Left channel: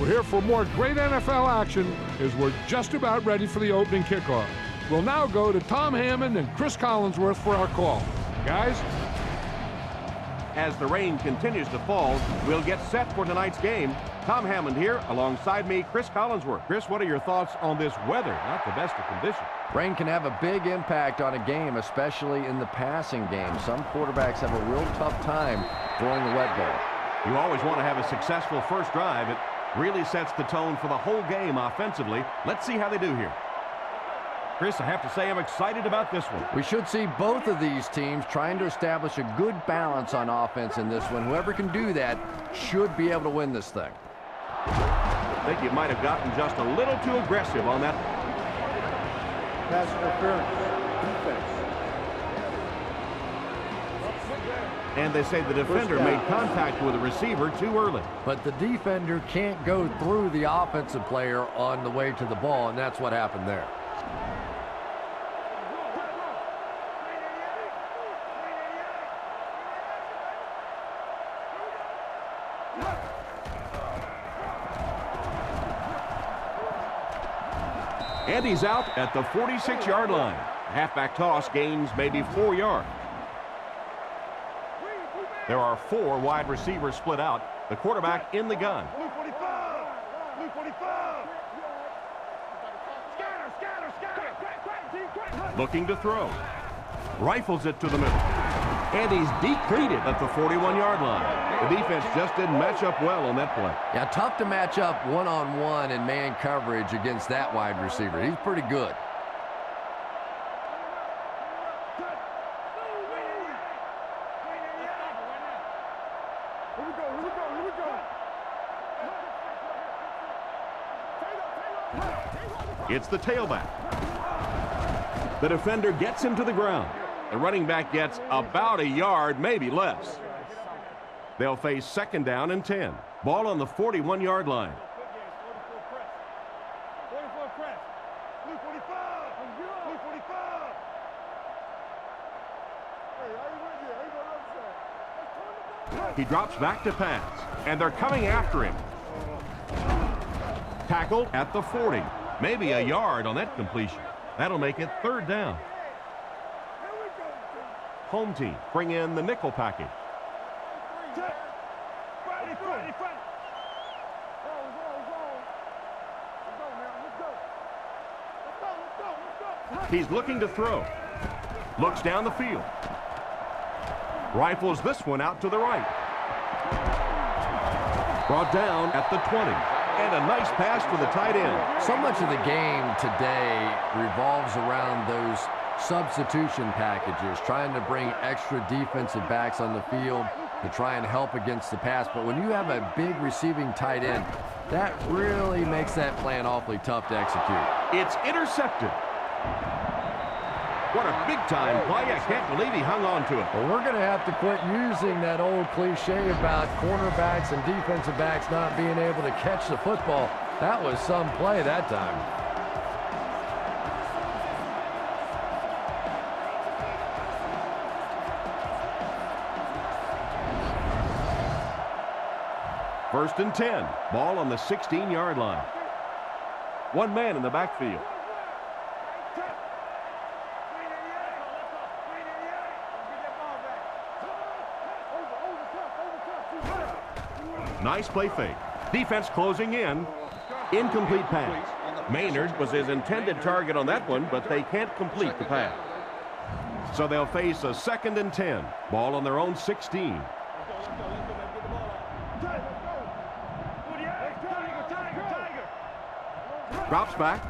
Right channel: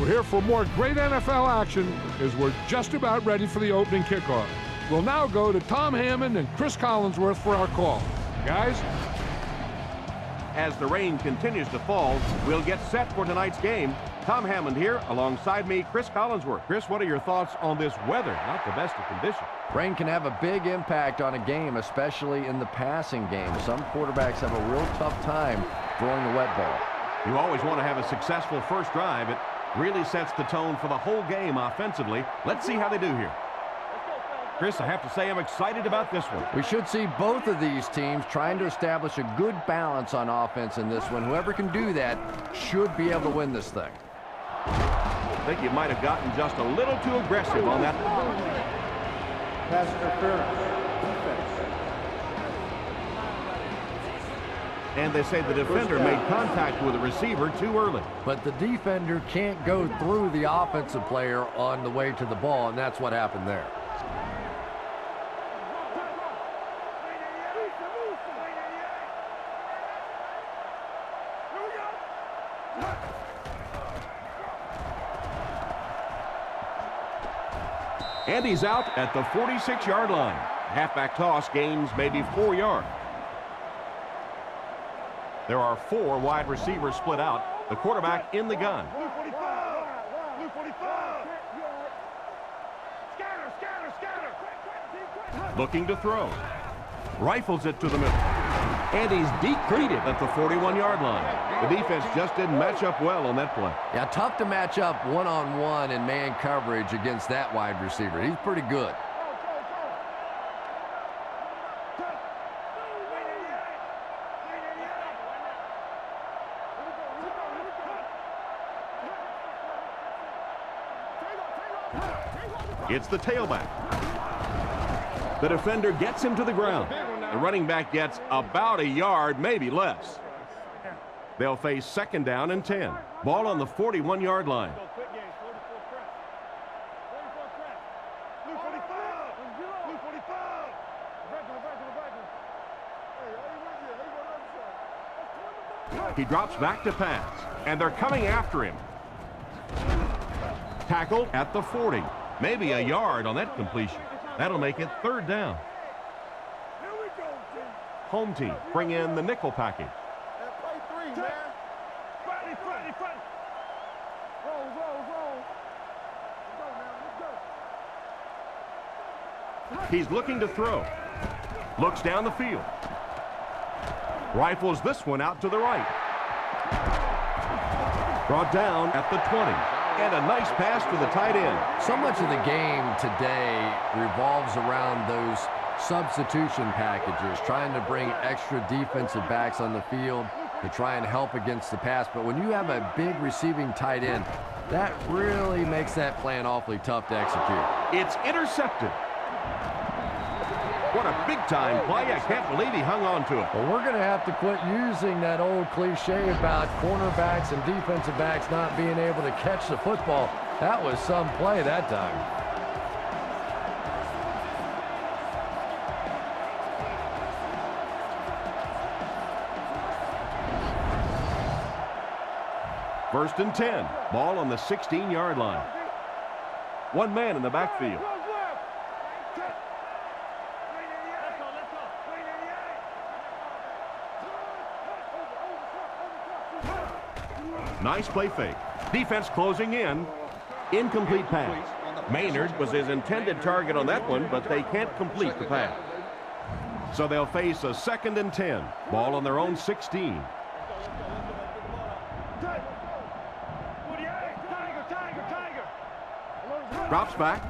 We're here for more great NFL action as we're just about ready for the opening kickoff. We'll now go to Tom Hammond and Chris Collinsworth for our call. Guys? As the rain continues to fall, we'll get set for tonight's game. Tom Hammond here, alongside me, Chris Collinsworth. Chris, what are your thoughts on this weather? Not the best of conditions. Rain can have a big impact on a game, especially in the passing game. Some quarterbacks have a real tough time throwing the wet ball. You always want to have a successful first drive. It really sets the tone for the whole game offensively. Let's see how they do here. Chris, I have to say I'm excited about this one. We should see both of these teams trying to establish a good balance on offense in this one. Whoever can do that should be able to win this thing. I think you might have gotten just a little too aggressive on that. Pass interference. Defense. And they say the defender made contact with the receiver too early. But the defender can't go through the offensive player on the way to the ball, and that's what happened there. And he's out at the 46-yard line. Halfback toss gains maybe 4 yards. There are 4 wide receivers split out. The quarterback in the gun. Blue 45. Blue 45. Scatter, scatter, scatter. Looking to throw. Rifles it to the middle. And he's decreed it at the 41-yard line. The defense just didn't match up well on that play. Yeah, tough to match up one-on-one in man coverage against that wide receiver. He's pretty good. It's the tailback. The defender gets him to the ground. The running back gets about a yard, maybe less. They'll face 2nd down and 10. Ball on the 41-yard line. Quick game, 44 press. 44 press. Blue 45. Blue 45. Hey, I ain't with you. I ain't going to upset. Let's turn the ball. He drops back to pass, and they're coming after him. Tackled at the 40. Maybe a yard on that completion. That'll make it 3rd down. Here we go, team. Home team bring in the nickel package. Play 3, man. Friday. Roll. Let's go now. Let's go. He's looking to throw. Looks down the field. Rifles this one out to the right. Brought down at the 20. And a nice pass to the tight end. So much of the game today revolves around those substitution packages, trying to bring extra defensive backs on the field to try and help against the pass. But when you have a big receiving tight end, that really makes that plan awfully tough to execute. It's intercepted. What a big-time play. I can't believe he hung on to it. Well, we're going to have to quit using that old cliche about cornerbacks and defensive backs not being able to catch the football. That was some play that time. First and 10. Ball on the 16-yard line. One man in the backfield. Nice play fake. Defense closing in. Incomplete pass. Maynard was his intended target on that one, but they can't complete the pass. So they'll face a 2nd and 10. Ball on their own 16. Let's go, baby. Get the ball out. Let's go. 48. Tiger. Drops back.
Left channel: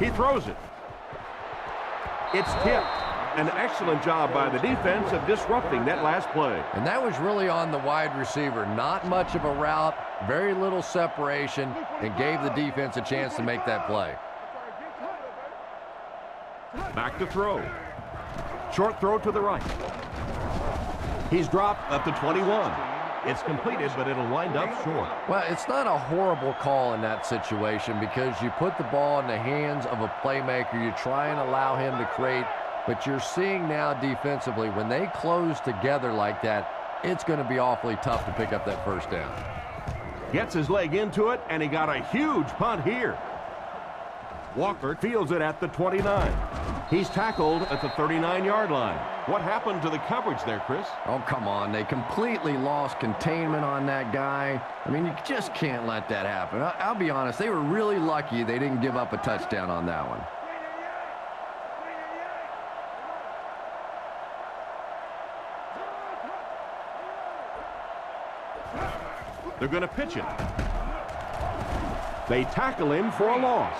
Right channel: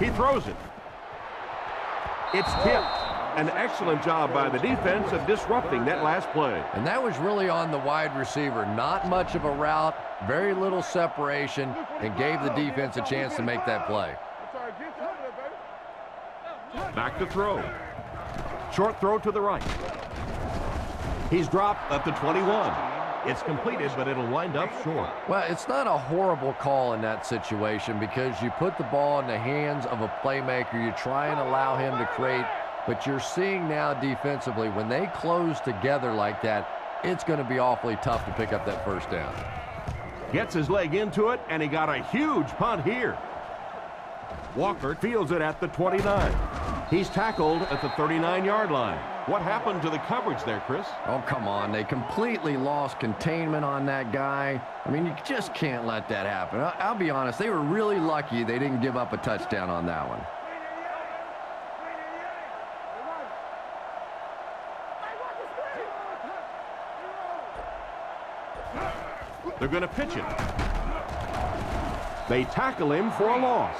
He throws it. It's tipped. An excellent job by the defense of disrupting that last play. And that was really on the wide receiver. Not much of a route, very little separation, and gave the defense a chance to make that play. Back to throw. Short throw to the right. He's dropped at the 21. It's completed, but it'll wind up short. Well, it's not a horrible call in that situation because you put the ball in the hands of a playmaker. You try and allow him to create. But you're seeing now defensively, when they close together like that, it's going to be awfully tough to pick up that first down. Gets his leg into it, and he got a huge punt here. Walker fields it at the 29. He's tackled at the 39-yard line. What happened to the coverage there, Chris? Oh, come on. They completely lost containment on that guy. I mean, you just can't let that happen. I'll be honest, they were really lucky they didn't give up a touchdown on that one. They're going to pitch it. They tackle him for a loss.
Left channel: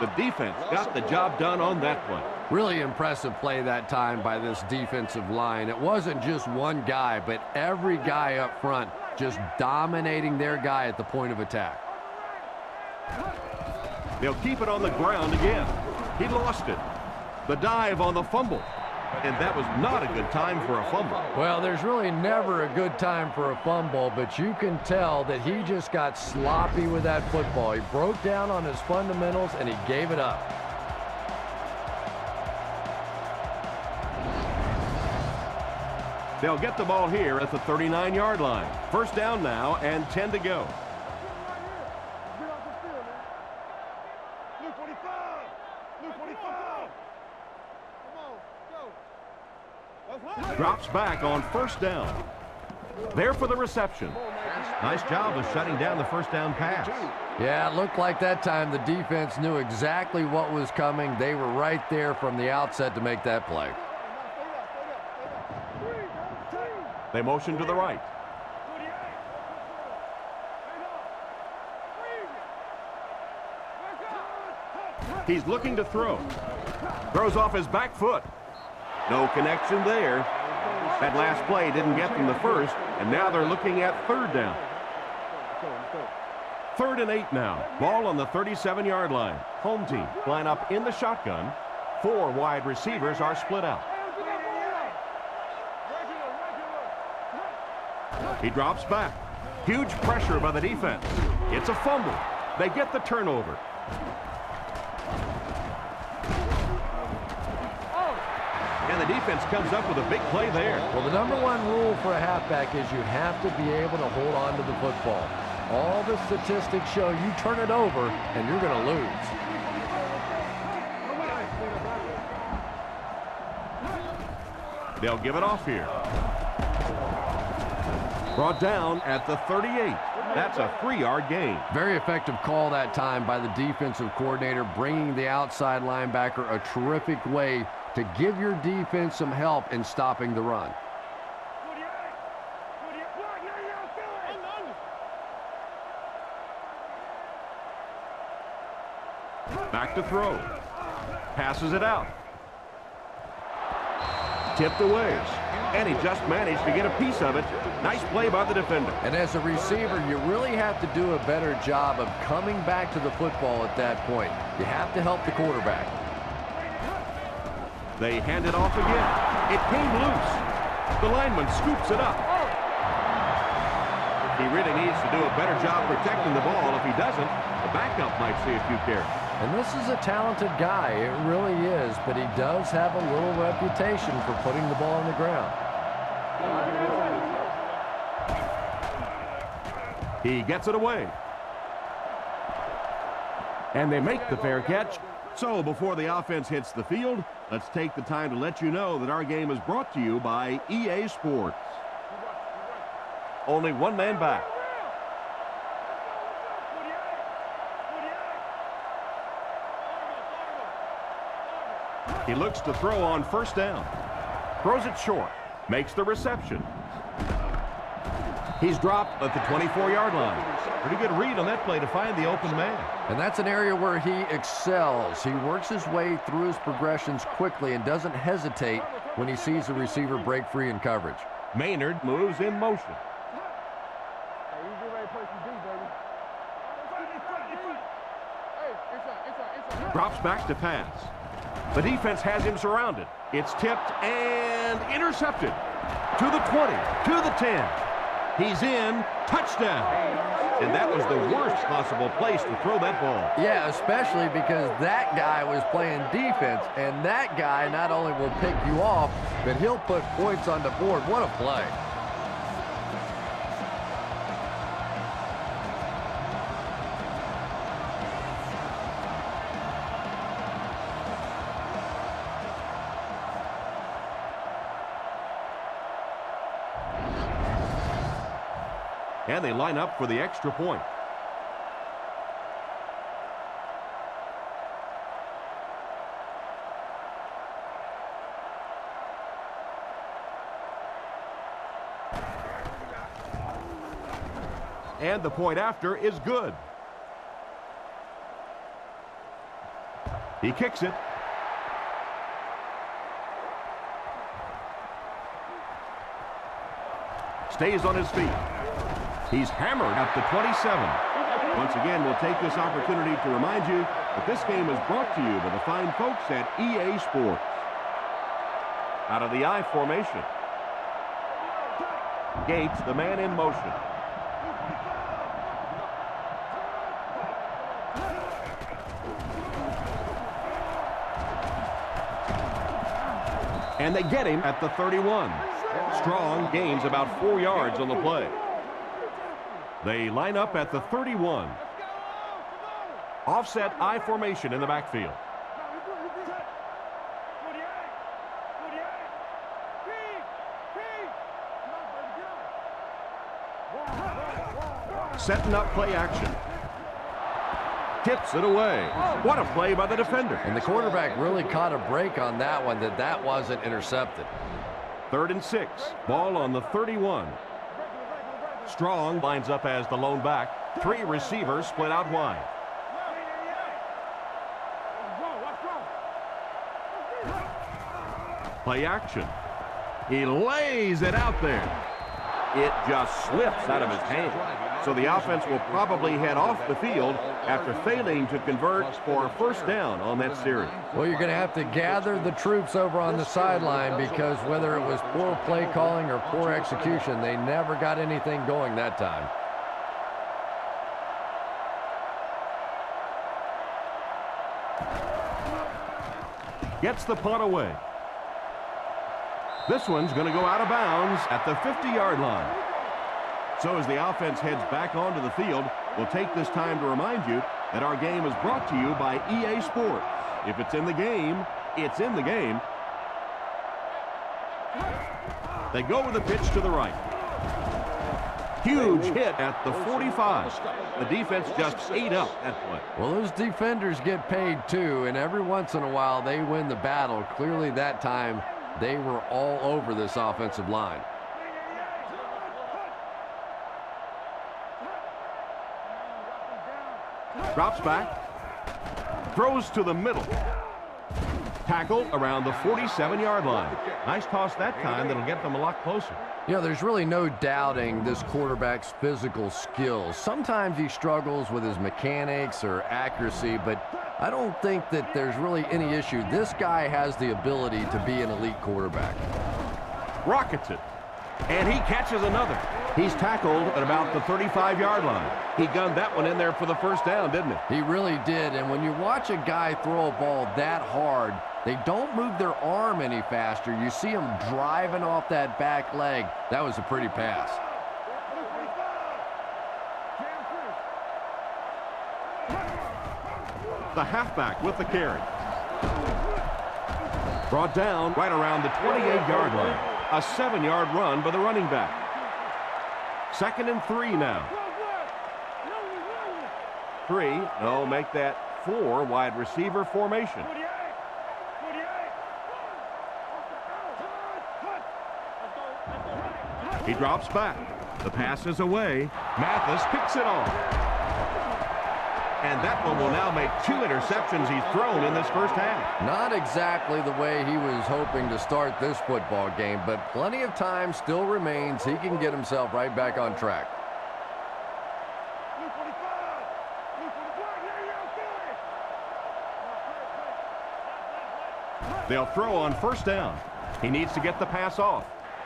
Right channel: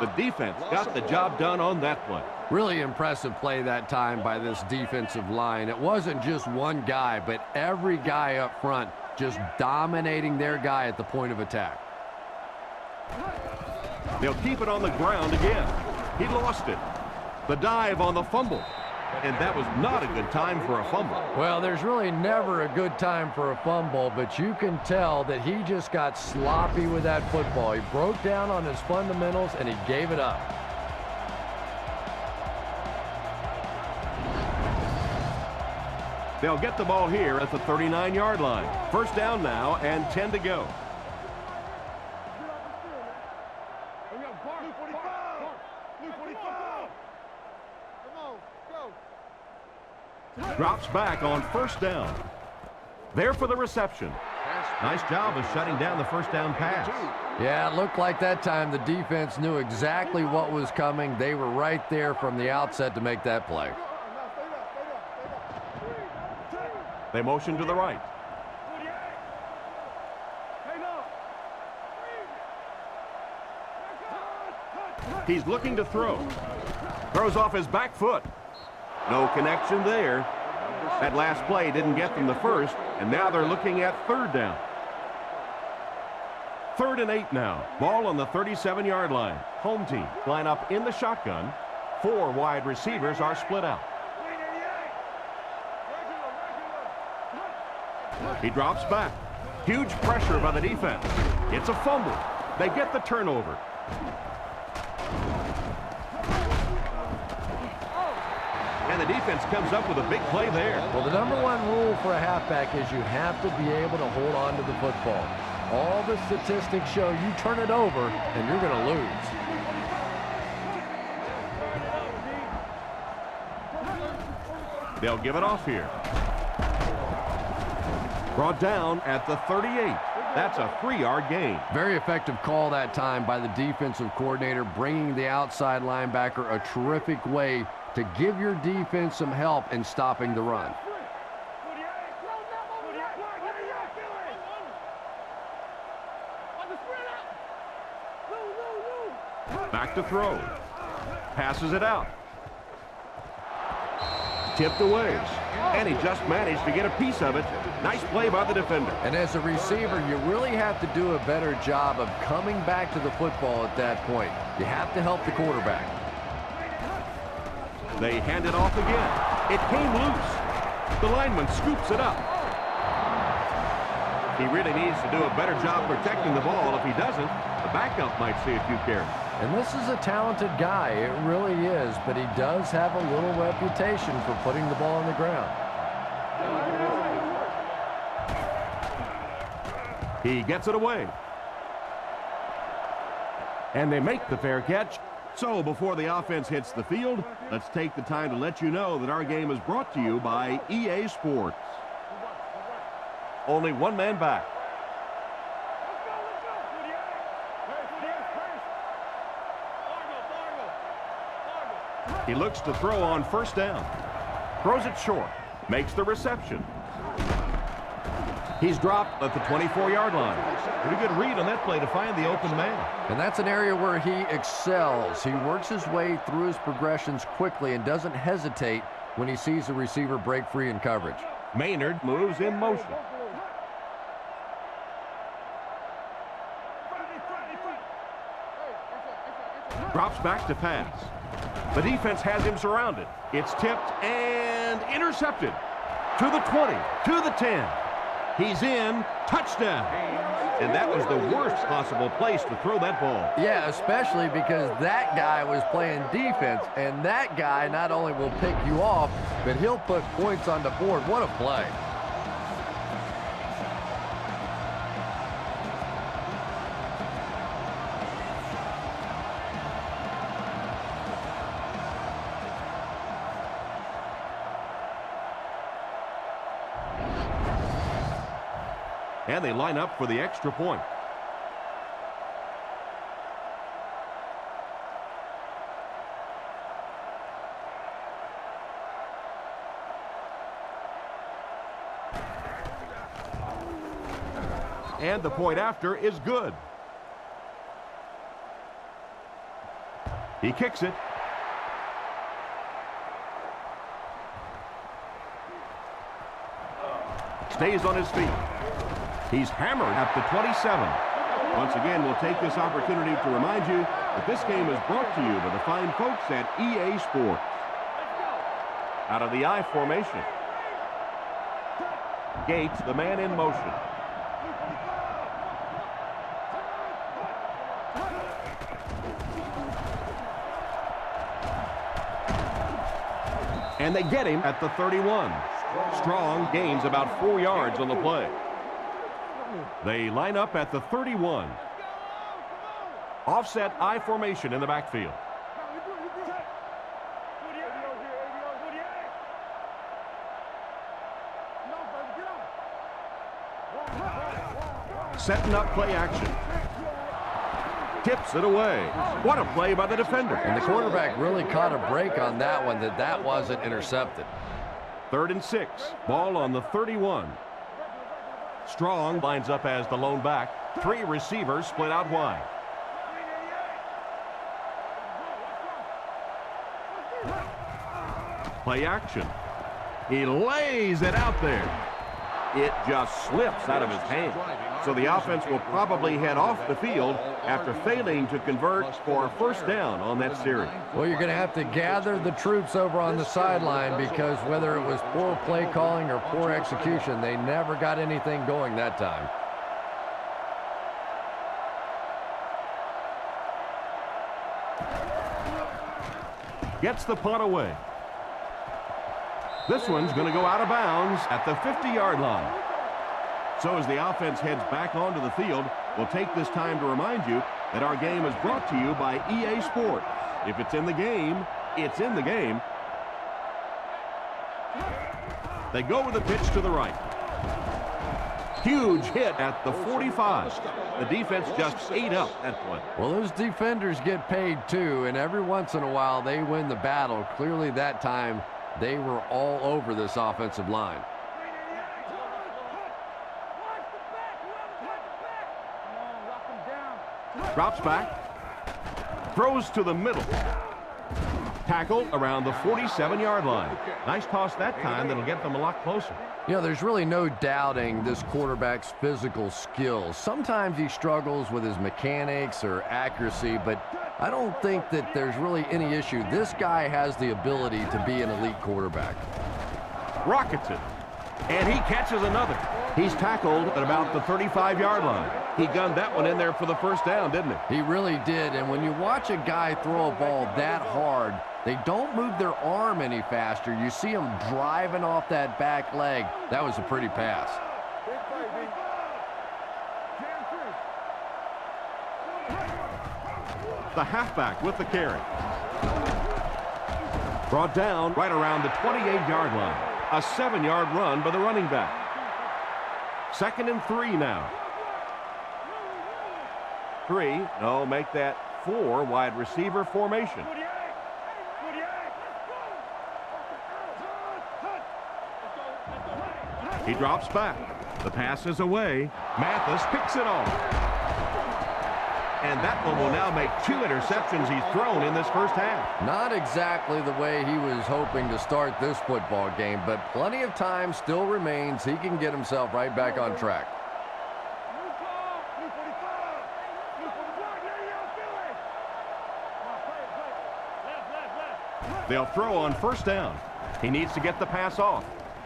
The defense got the job done on that play. Really impressive play that time by this defensive line. It wasn't just one guy, but every guy up front just dominating their guy at the point of attack. They'll keep it on the ground again. He lost it. The dive on the fumble. And that was not a good time for a fumble. Well, there's really never a good time for a fumble, but you can tell that he just got sloppy with that football. He broke down on his fundamentals, and he gave it up. They'll get the ball here at the 39-yard line. First down now and 10 to go. Luke 45! Luke 45! Come on, go! Drops back on first down. There for the reception. Nice job of shutting down the first down pass. Yeah, it looked like that time the defense knew exactly what was coming. They were right there from the outset to make that play. They motion to the right. He's looking to throw. Throws off his back foot. No connection there. That last play didn't get them the first, and now they're looking at third down. 3rd and 8 now. Ball on the 37-yard line. Home team line up in the shotgun. 4 wide receivers are split out. He drops back. Huge pressure by the defense. It's a fumble. They get the turnover. And the defense comes up with a big play there. Well, the number one rule for a halfback is you have to be able to hold on to the football. All the statistics show you turn it over and you're going to lose. They'll give it off here. Brought down at the 38. That's a 3-yard gain. Very effective call that time by the defensive coordinator, bringing the outside linebacker a terrific way to give your defense some help in stopping the run. Back to throw. Passes it out. Tipped away. And he just managed to get a piece of it. Nice play by the defender. And as a receiver, you really have to do a better job of coming back to the football at that point. You have to help the quarterback. They hand it off again. It came loose. The lineman scoops it up. He really needs to do a better job protecting the ball. If he doesn't, the backup might see a few carries. And this is a talented guy, it really is, but he does have a little reputation for putting the ball on the ground. He gets it away. And they make the fair catch. So before the offense hits the field, let's take the time to let you know that our game is brought to you by EA Sports. Only one man back. He looks to throw on first down. Throws it short. Makes the reception. He's dropped at the 24-yard line. Pretty good read on that play to find the open man. And that's an area where he excels. He works his way through his progressions quickly and doesn't hesitate when he sees the receiver break free in coverage. Maynard moves in motion. Drops back to pass. The defense has him surrounded. It's tipped and intercepted. To the 20, to the 10. He's in, touchdown. And that was the worst possible place to throw that ball. Yeah, especially because that guy was playing defense, and that guy not only will pick you off, but he'll put points on the board. What a play. And they line up for the extra point. And the point after is good. He kicks it. Stays on his feet. He's hammered at the 27. Once again, we'll take this opportunity to remind you that this game is brought to you by the fine folks at EA Sports. Out of the I formation. Gates, the man in motion. And they get him at the 31. Strong gains about 4 yards on the play. They line up at the 31. Offset I formation in the backfield. Setting up play action. Tips it away. What a play by the defender. And the quarterback really caught a break on that one, that wasn't intercepted. 3rd and 6. Ball on the 31. Strong lines up as the lone back. 3 receivers split out wide. Play action. He lays it out there. It just slips out of his hand. So the offense will probably head off the field after failing to convert for a first down on that series. Well, you're going to have to gather the troops over on the sideline because whether it was poor play calling or poor execution, they never got anything going that time. Gets the punt away. This one's going to go out of bounds at the 50-yard line. So as the offense heads back onto the field, we'll take this time to remind you that our game is brought to you by EA Sports. If it's in the game, it's in the game. They go with a pitch to the right. Huge hit at the 45. The defense just ate up that play. Well, those defenders get paid too, and every once in a while they win the battle. Clearly that time they were all over this offensive line. Drops back. Throws to the middle. Tackled around the 47-yard line. Nice toss that time that'll get them a lot closer. You know, there's really no doubting this quarterback's physical skills. Sometimes he struggles with his mechanics or accuracy, but I don't think that there's really any issue. This guy has the ability to be an elite quarterback. Rockets it. And he catches another. He's tackled at about the 35-yard line. He gunned that one in there for the first down, didn't he? He really did. And when you watch a guy throw a ball that hard, they don't move their arm any faster. You see him driving off that back leg. That was a pretty pass. The halfback with the carry. Brought down right around the 28-yard line. A 7-yard run by the running back. 2nd and 3 now. 3. No, make that 4 wide receiver formation. He drops back. The pass is away. Mathis picks it off. And that one will now make 2 interceptions he's thrown in this first half. Not exactly the way he was hoping to start this football game, but plenty of time still remains. He can get himself right back on track. They'll throw on first down. He needs to get the pass off.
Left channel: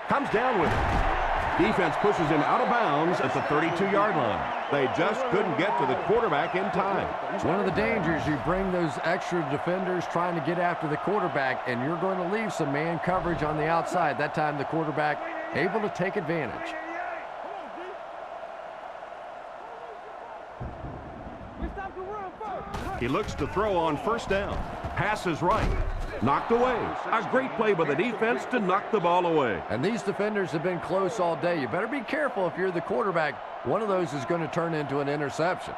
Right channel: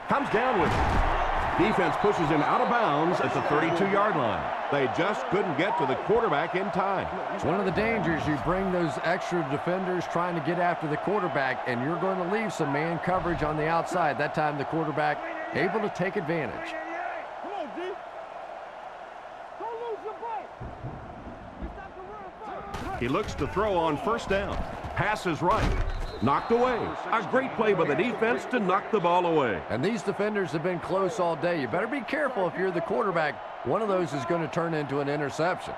Comes down with it. Defense pushes him out of bounds at the 32-yard line. They just couldn't get to the quarterback in time. It's one of the dangers. You bring those extra defenders trying to get after the quarterback, and you're going to leave some man coverage on the outside. That time the quarterback able to take advantage. Come on, G. Don't lose your bite. We stopped the run first. He looks to throw on first down. Pass is right. Knocked away. A great play by the defense to knock the ball away. And these defenders have been close all day. You better be careful if you're the quarterback. one of those is going to turn into an interception.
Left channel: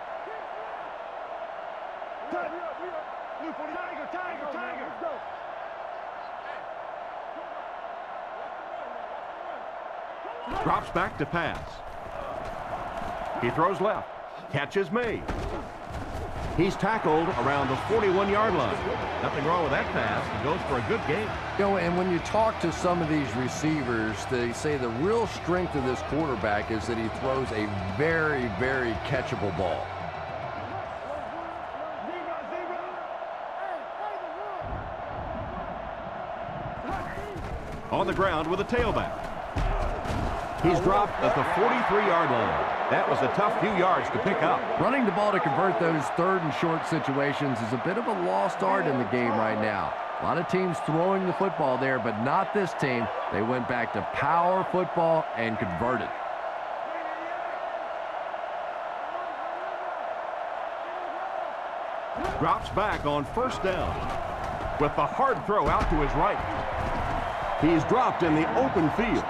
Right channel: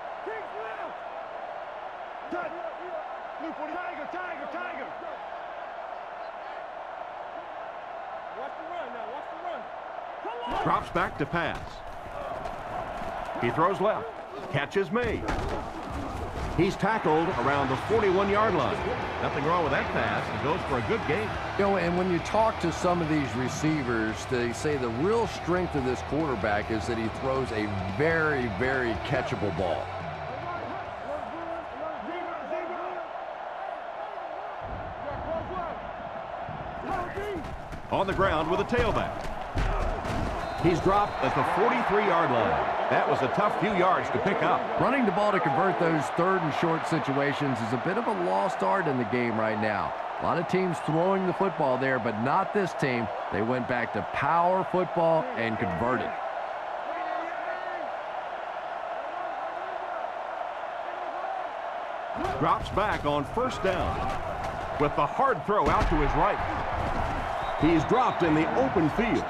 Luke, Tiger. Let's go. Hey, watch the run now. Watch the run. Come on. Drops back to pass. He throws left. Catch is made. He's tackled around the 41-yard line. Nothing wrong with that pass. He goes for a good gain. You know, and when you talk to some of these receivers, they say the real strength of this quarterback is that he throws a very, very catchable ball. On the ground with a tailback. He's dropped at the 43-yard line. That was a tough few yards to pick up. Running the ball to convert those third and short situations is a bit of a lost art in the game right now. A lot of teams throwing the football there, but not this team. They went back to power football and converted. Drops back on first down with the hard throw out to his right. He's dropped in the open field.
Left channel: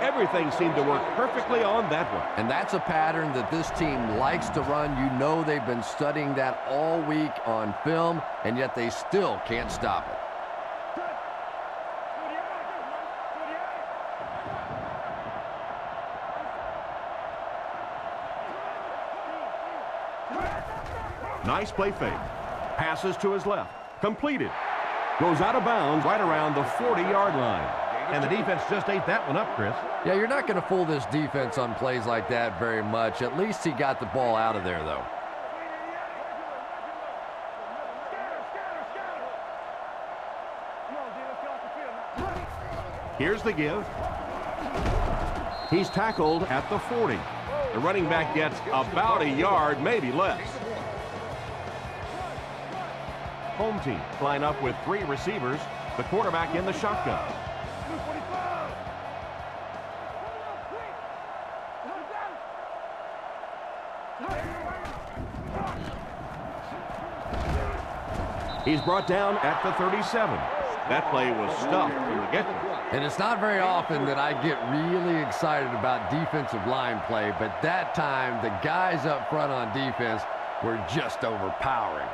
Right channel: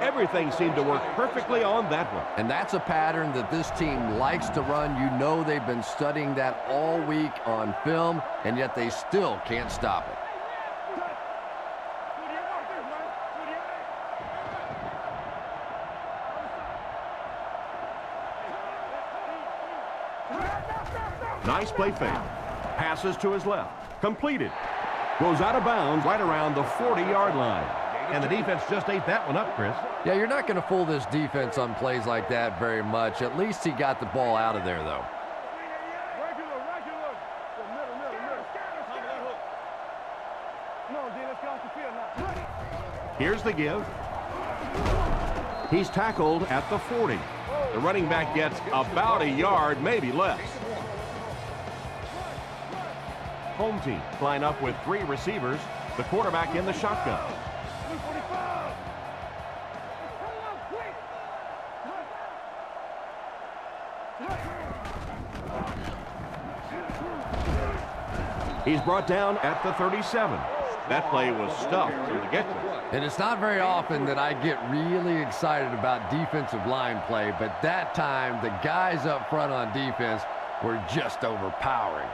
Everything seemed to work perfectly on that one. And that's a pattern that this team likes to run. You know they've been studying that all week on film, and yet they still can't stop it. Nice play fake. Passes to his left. Completed. Goes out of bounds right around the 40-yard line. And the defense just ate that one up, Chris. Yeah, you're not going to fool this defense on plays like that very much. At least he got the ball out of there, though. Scatter. Come on, D, let's get off the field now. Here's the give. He's tackled at the 40. The running back gets about a yard, maybe less. Home team line up with 3 receivers. The quarterback in the shotgun. Luke 45. He's brought down at the 37. That play was stuffed from the get-go. And it's not very often that I get really excited about defensive line play, but that time the guys up front on defense were just overpowering.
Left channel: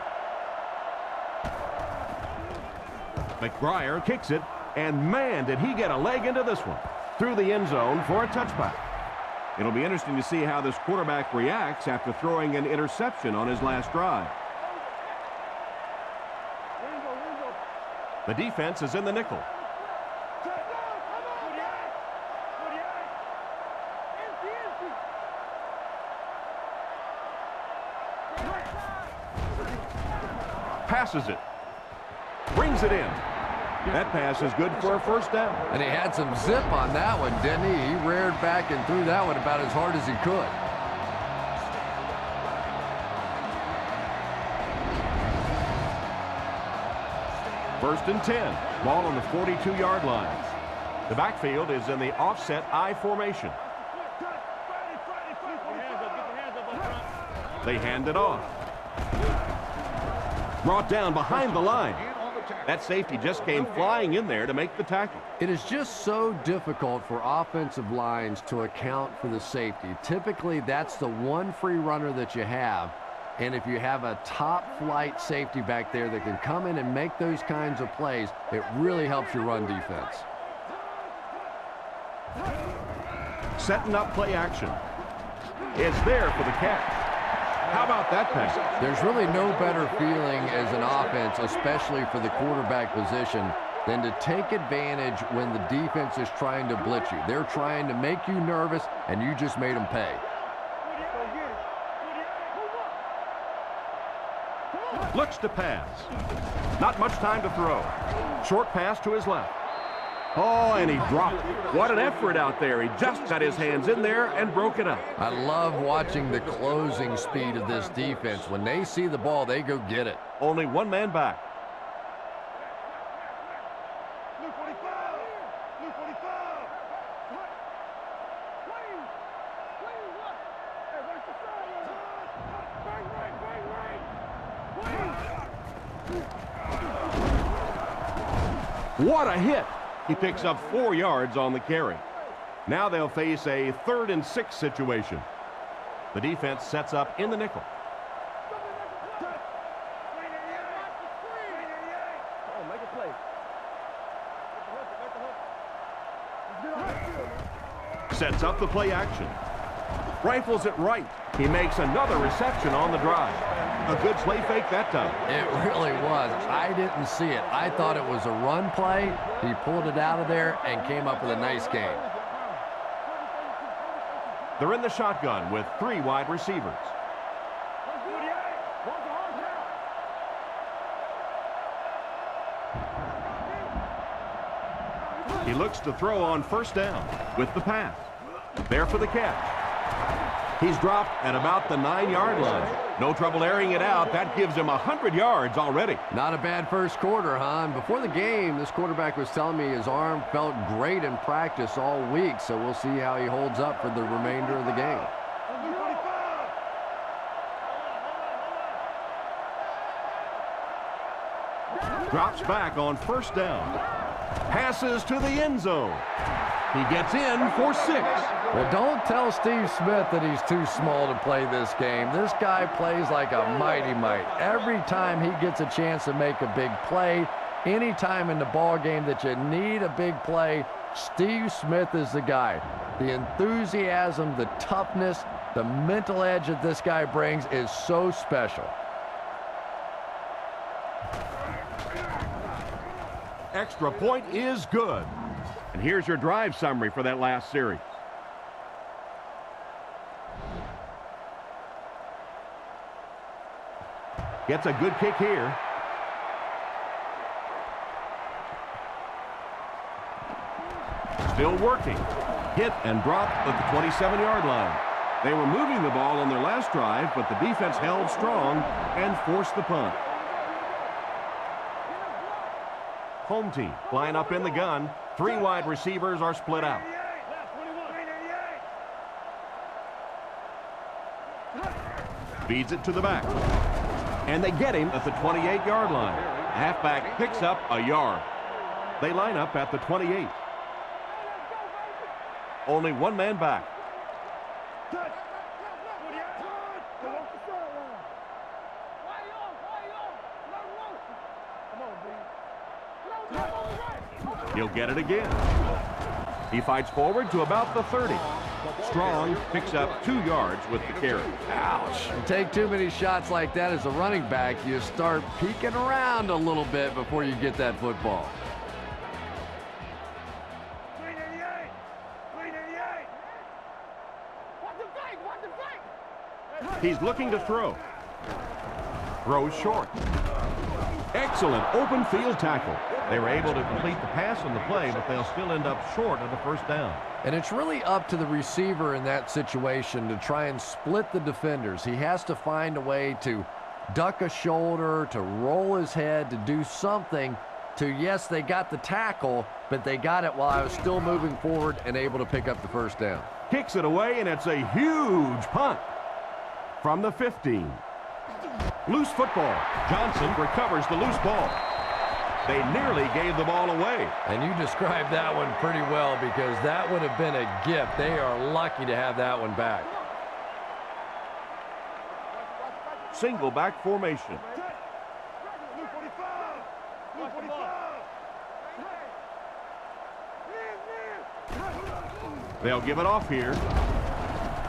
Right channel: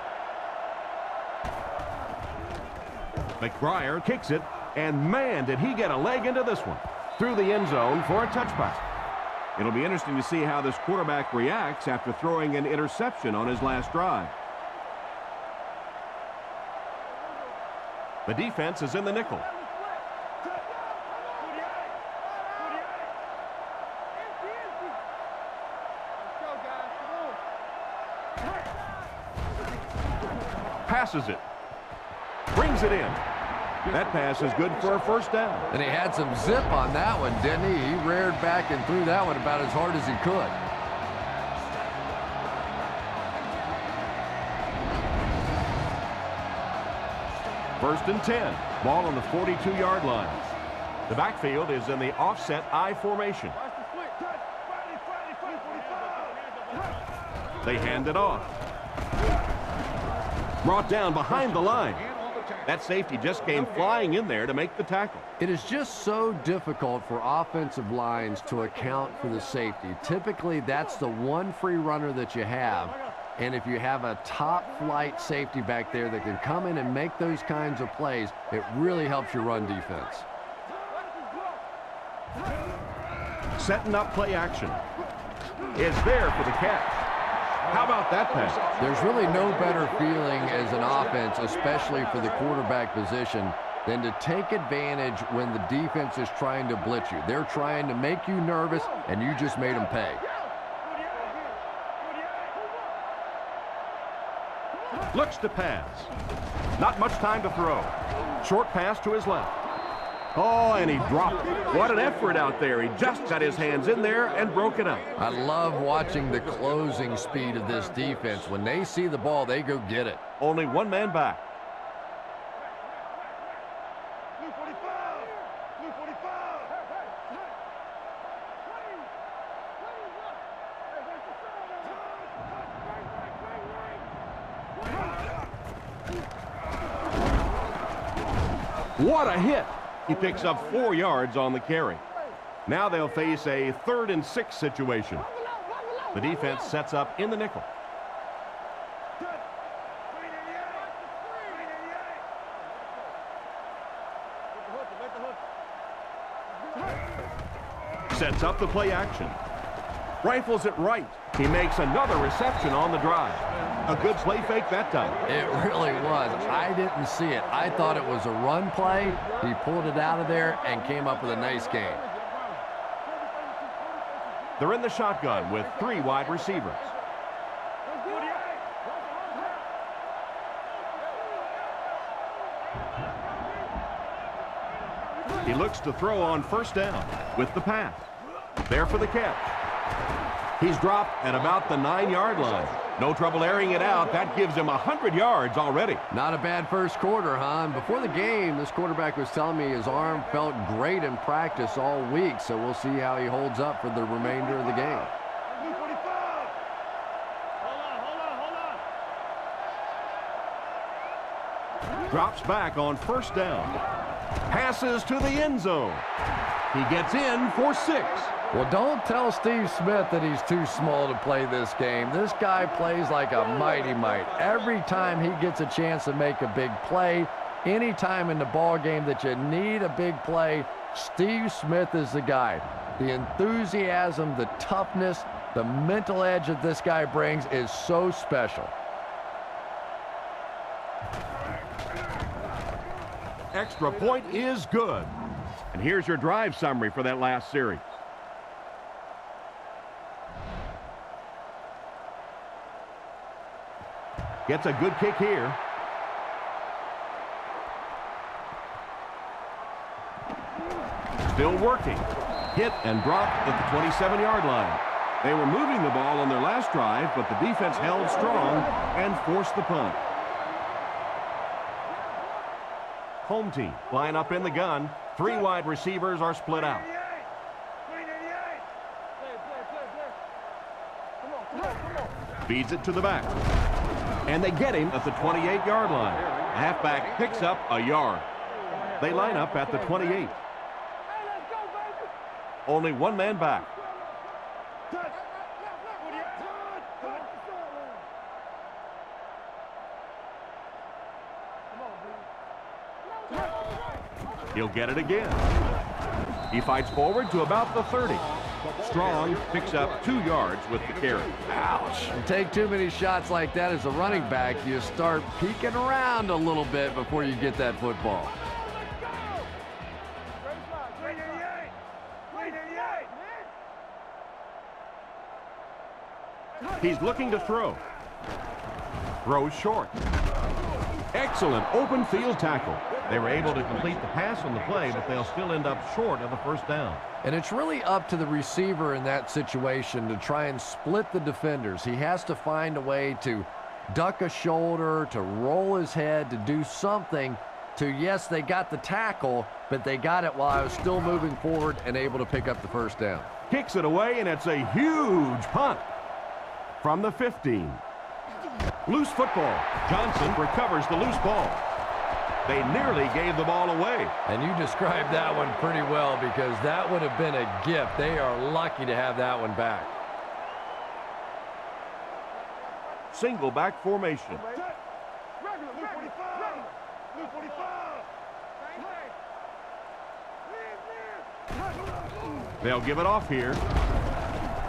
McBriar kicks it, and man, did he get a leg into this one. Through the end zone for a touchback. It'll be interesting to see how this quarterback reacts after throwing an interception on his last drive. The defense is in the nickel. Passes it. Brings it in. That pass is good for a first down. And he had some zip on that one, didn't he? He reared back and threw that one about as hard as he could. First and 10. Ball on the 42-yard line. The backfield is in the offset I formation. They hand it off. Brought down behind the line. That safety just came flying in there to make the tackle. It is just so difficult for offensive lines to account for the safety. Typically, that's the one free runner that you have. And if you have a top-flight safety back there that can come in and make those kinds of plays, it really helps your run defense. Setting up play action. It's there for the catch. How about that pass? There's really no better feeling as an offense, especially for the quarterback position, than to take advantage when the defense is trying to blitz you. They're trying to make you nervous, and you just made them pay. Looks to pass. Not much time to throw. Short pass to his left. Oh, and he dropped it. What an effort out there. He just got his hands in there and broke it up. I love watching the closing speed of this defense. When they see the ball, they go get it. Only one man back. Luke 45. Luke 45. Please, look. Hey, watch the sideline. Bang right. What a hit. He picks up 4 yards on the carry. Now they'll face a 3rd and 6 situation. The defense sets up in the nickel. Come on, make a play. Let the hook it. Sets up the play action. Rifles it right. He makes another reception on the drive. A good play fake that time. It really was. I didn't see it. I thought it was a run play. He pulled it out of there and came up with a nice game. They're in the shotgun with 3 wide receivers. He looks to throw on first down with the pass. There for the catch. He's dropped at about the 9-yard line. No trouble airing it out. That gives him 100 yards already. Not a bad first quarter, huh? And before the game, this quarterback was telling me his arm felt great in practice all week, so we'll see how he holds up for the remainder of the game. Drops back on first down. Passes to the end zone. He gets in for 6. Well, don't tell Steve Smith that he's too small to play this game. This guy plays like a mighty mite. Every time he gets a chance to make a big play, any time in the ball game that you need a big play, Steve Smith is the guy. The enthusiasm, the toughness, the mental edge that this guy brings is so special. Extra point is good. And here's your drive summary for that last series. Gets a good kick here. Still working. Hit and dropped at the 27-yard line. They were moving the ball on their last drive, but the defense held strong and forced the punt. Home team line up in the gun. 3 wide receivers are split out. Feeds it to the back. And they get him at the 28-yard line. Halfback picks up a yard. They line up at the 28. Only 1 man back. He'll get it again. He fights forward to about the 30. Strong picks up 2 yards with the carry. Ouch. You take too many shots like that as a running back, you start peeking around a little bit before you get that football. He's looking to throw. Throws short. Excellent open field tackle. They were able to complete the pass on the play, but they'll still end up short of the first down. And it's really up to the receiver in that situation to try and split the defenders. He has to find a way to duck a shoulder, to roll his head, to do something to, yes, they got the tackle, but they got it while I was still moving forward and able to pick up the first down. Kicks it away, and it's a huge punt from the 15. Loose football. Johnson recovers the loose ball. They nearly gave the ball away. And you described that one pretty well because that would have been a gift. They are lucky to have that one back. Single back formation. They'll give it off here.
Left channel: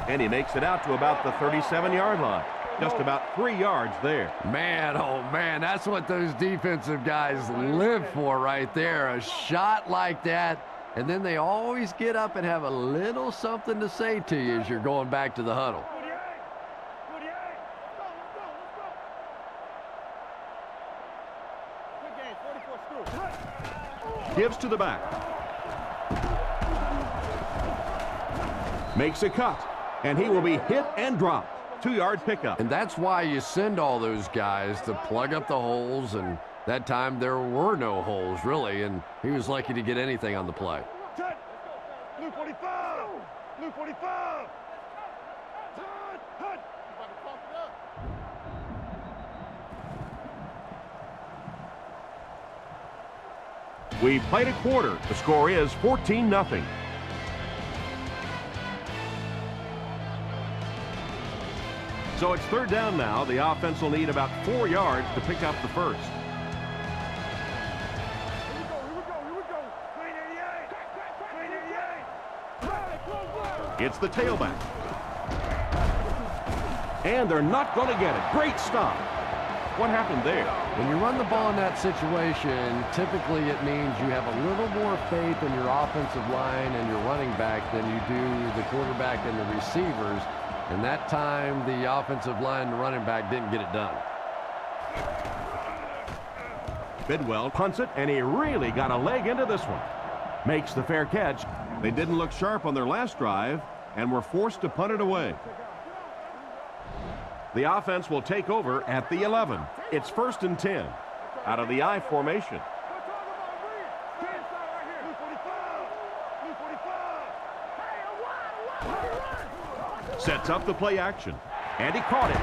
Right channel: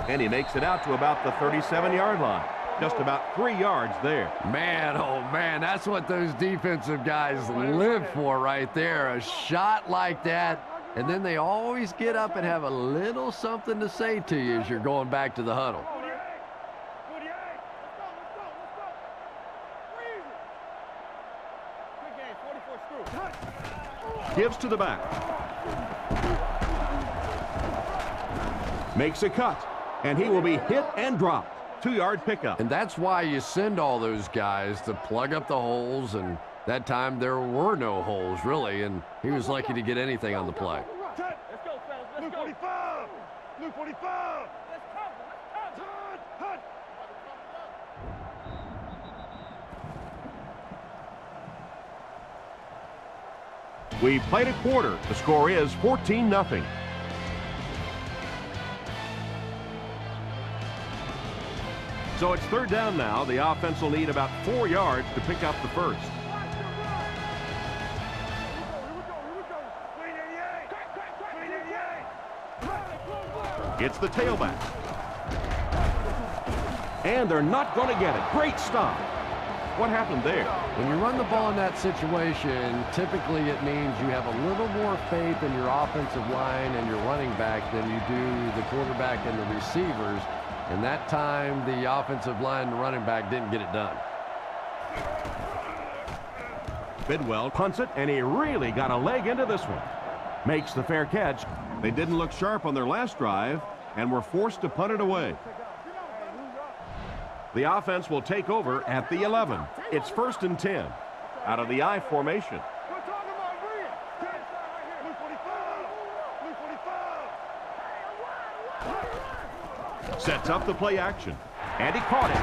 And he makes it out to about the 37-yard line. Just about 3 yards there. Man, oh man, that's what those defensive guys live for right there. A shot like that, and then they always get up and have a little something to say to you as you're going back to the huddle. Gives to the back. Makes a cut, and he will be hit and dropped. 2-yard pickup. And that's why you send all those guys to plug up the holes, and that time there were no holes, really, and he was lucky to get anything on the play. Let's go, fellas. Let's go. 45. Blue 45. Let's cover. Hut. You about to cough it up. We played a quarter. The score is 14-0. So it's third down now. The offense will need about 4 yards to pick up the first. Here we go. Green 88. Green 88. It's the tailback. And they're not going to get it. Great stop. What happened there? When you run the ball in that situation, typically it means you have a little more faith in your offensive line and your running back than you do the quarterback and the receivers. And that time, the offensive line and the running back didn't get it done. Bidwell punts it, and he really got a leg into this one. Makes the fair catch. They didn't look sharp on their last drive and were forced to punt it away. The offense will take over at the 11. It's 1st and 10 out of the I formation. We're talking about Green. Stand inside right here. Blue 45. Blue 45. Hey, I'm wide. Run. Sets up the play action, and he caught it.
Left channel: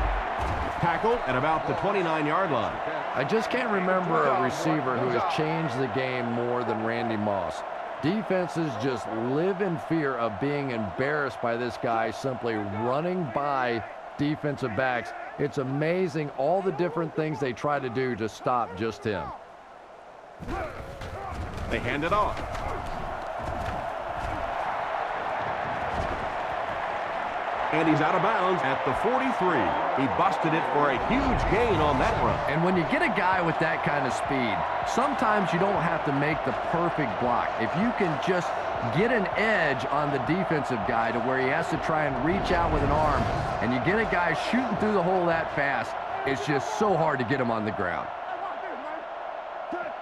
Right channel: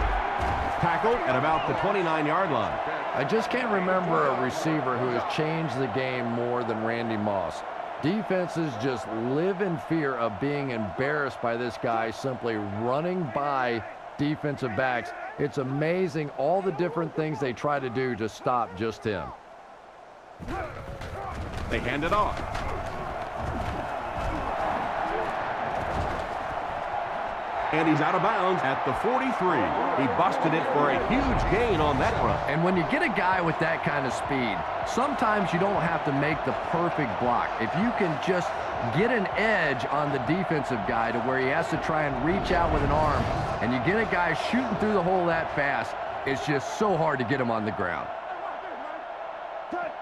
Tackled at about the 29-yard line. I just can't remember a receiver who has changed the game more than Randy Moss. Defenses just live in fear of being embarrassed by this guy simply running by defensive backs. It's amazing all the different things they try to do to stop just him. They hand it off. And he's out of bounds at the 43. He busted it for a huge gain on that run. And when you get a guy with that kind of speed, sometimes you don't have to make the perfect block. If you can just get an edge on the defensive guy to where he has to try and reach out with an arm, and you get a guy shooting through the hole that fast, it's just so hard to get him on the ground. Hey, watch this, man. Touch.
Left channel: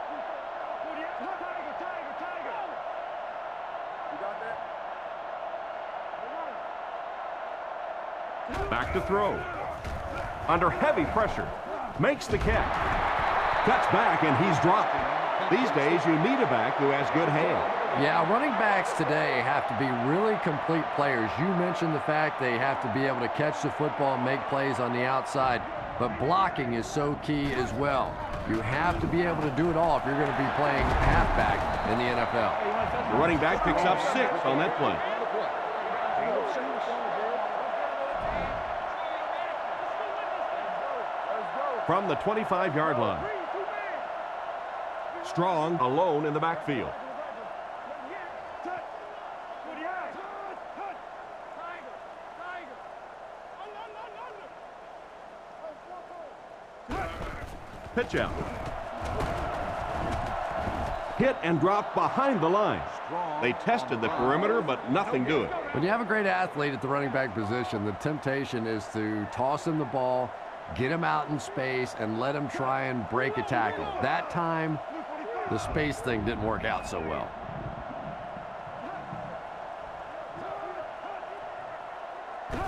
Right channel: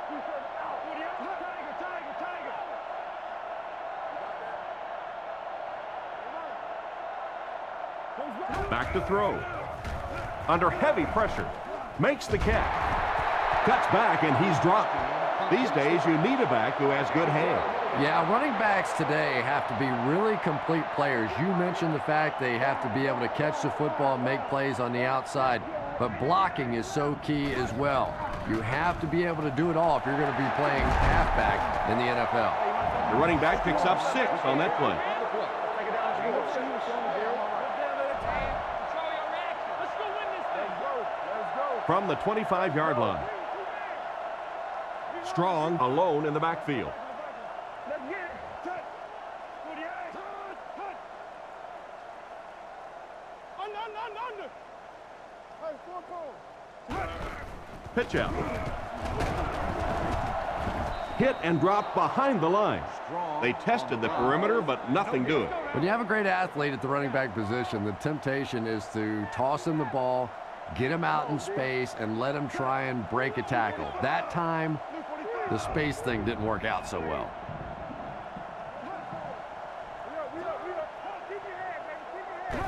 Tiger. You got that? All right. Back to throw. Under heavy pressure. Makes the catch. Cuts back, and he's dropped. These days, you need a back who has good hands. Yeah, running backs today have to be really complete players. You mentioned the fact they have to be able to catch the football and make plays on the outside, but blocking is so key as well. You have to be able to do it all if you're going to be playing halfback in the NFL. The running back picks up 6 on that play. From the 25-yard line. Strong alone in the backfield. Let's get it. Touch. 48. Touch. Tiger. Under. Hey, 4 cones. Pitch out. Hit and dropped behind the line. They tested the perimeter, but nothing doing. When you have a great athlete at the running back position, the temptation is to toss him the ball, get him out in space, and let him try and break a tackle. That time, the space thing didn't work out so well.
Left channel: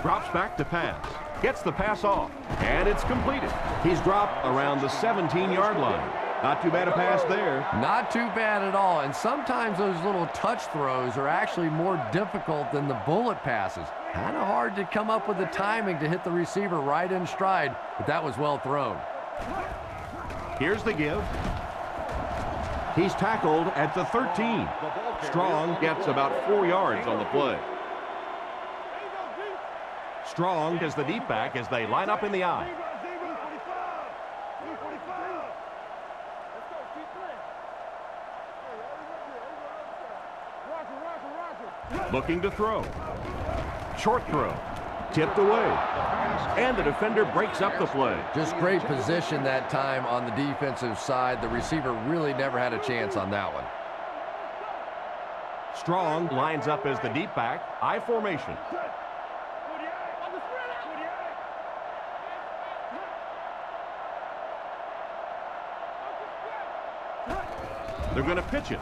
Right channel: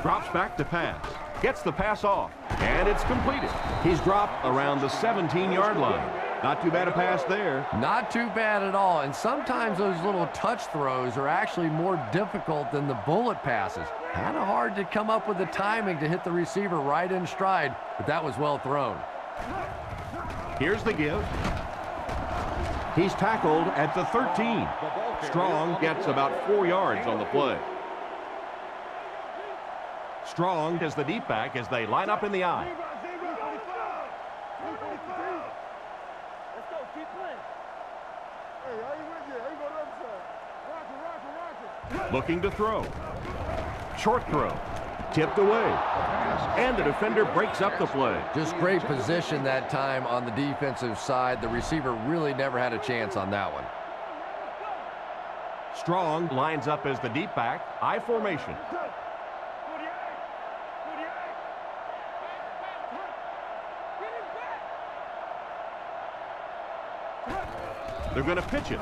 Drops back to pass. Gets the pass off, and it's completed. He's dropped around the 17-yard line. Not too bad a pass there. Not too bad at all, and sometimes those little touch throws are actually more difficult than the bullet passes. Kind of hard to come up with the timing to hit the receiver right in stride, but that was well thrown. Here's the give. He's tackled at the 13. Strong gets about 4 yards on the play. Strong is the deep back as they line up in the I. Let's go. Keep playing. Hey, I ain't with you. I ain't go to the other side. Roger. Looking to throw. Short throw. Tipped away. And the defender breaks up the play. Just great position that time on the defensive side. The receiver really never had a chance on that one. Strong lines up as the deep back. I formation. 48. They're going to pitch it.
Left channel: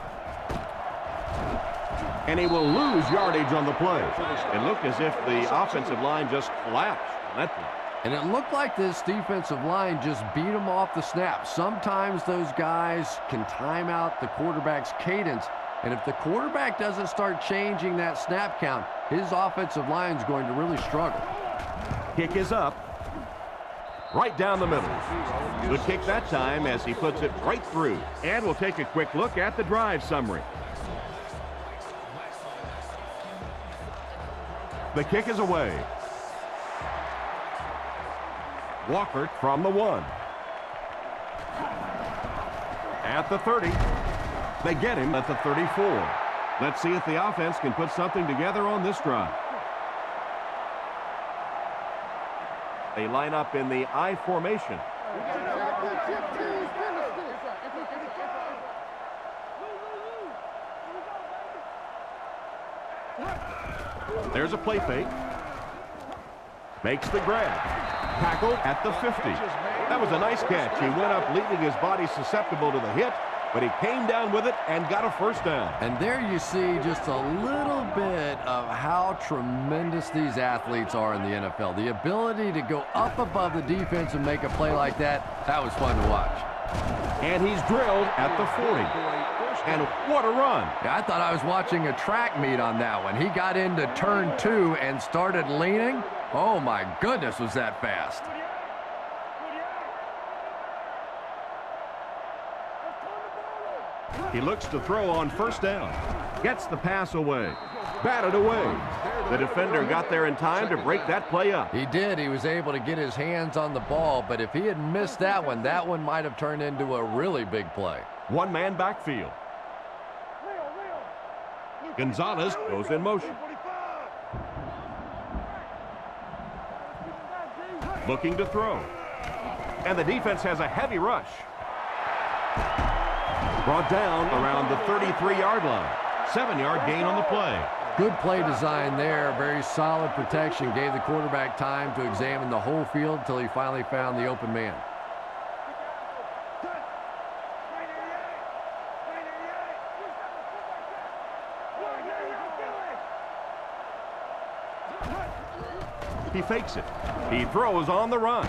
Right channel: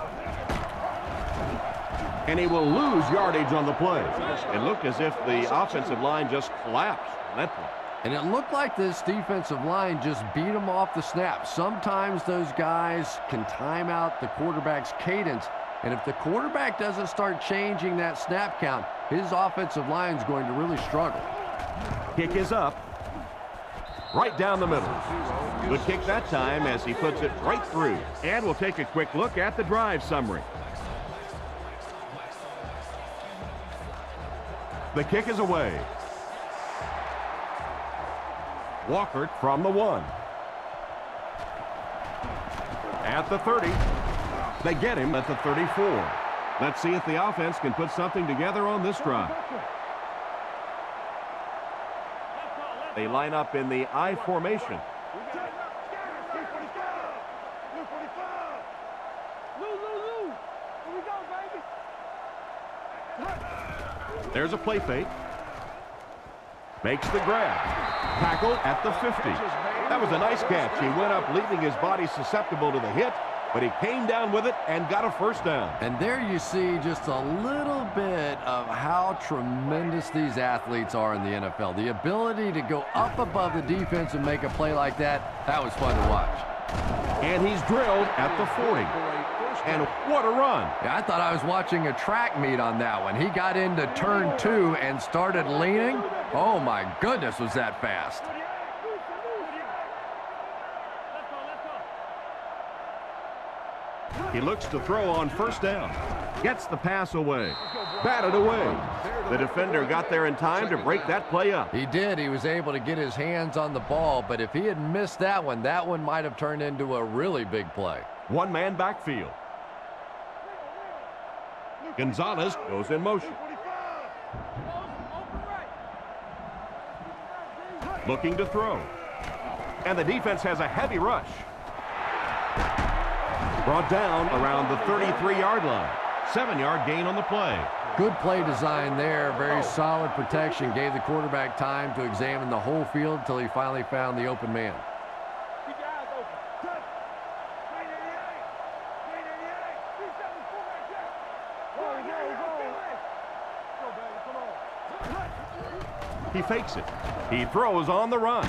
And he will lose yardage on the play. It looked as if the offensive line just collapsed on that play. And it looked like this defensive line just beat him off the snap. Sometimes those guys can time out the quarterback's cadence. And if the quarterback doesn't start changing that snap count, his offensive line is going to really struggle. Kick is up. Right down the middle. Good kick that time as he puts it right through. And we'll take a quick look at the drive summary. The kick is away. Walker from the 1. At the 30. They get him at the 34. Let's see if the offense can put something together on this drive. They line up in the I formation. There's a play fake. Makes the grab. Tackle at the 50. That was a nice catch. He went up leaving his body susceptible to the hit, but he came down with it and got a first down. And there you see just a little bit of how tremendous these athletes are in the NFL. The ability to go up above the defense and make a play like that, that was fun to watch. And he's drilled at the 40. And what a run. Yeah, I thought I was watching a track meet on that one. He got into turn 2 and started leaning. Oh my goodness, was that fast. He looks to throw on first down. Gets the pass away. Batted away. The defender got there in time to break that play up. He did. He was able to get his hands on the ball, but if he had missed that one might have turned into a really big play. One-man backfield. Gonzalez goes in motion. Looking to throw. And the defense has a heavy rush. Brought down around the 33-yard line. 7-yard gain on the play. Good play design there. Very solid protection. Gave the quarterback time to examine the whole field until he finally found the open man. Keep your eyes open. Touch. 988. 988. 37 fullback jack. Go, Billy. Go, baby. Come on. He fakes it. He throws on the run.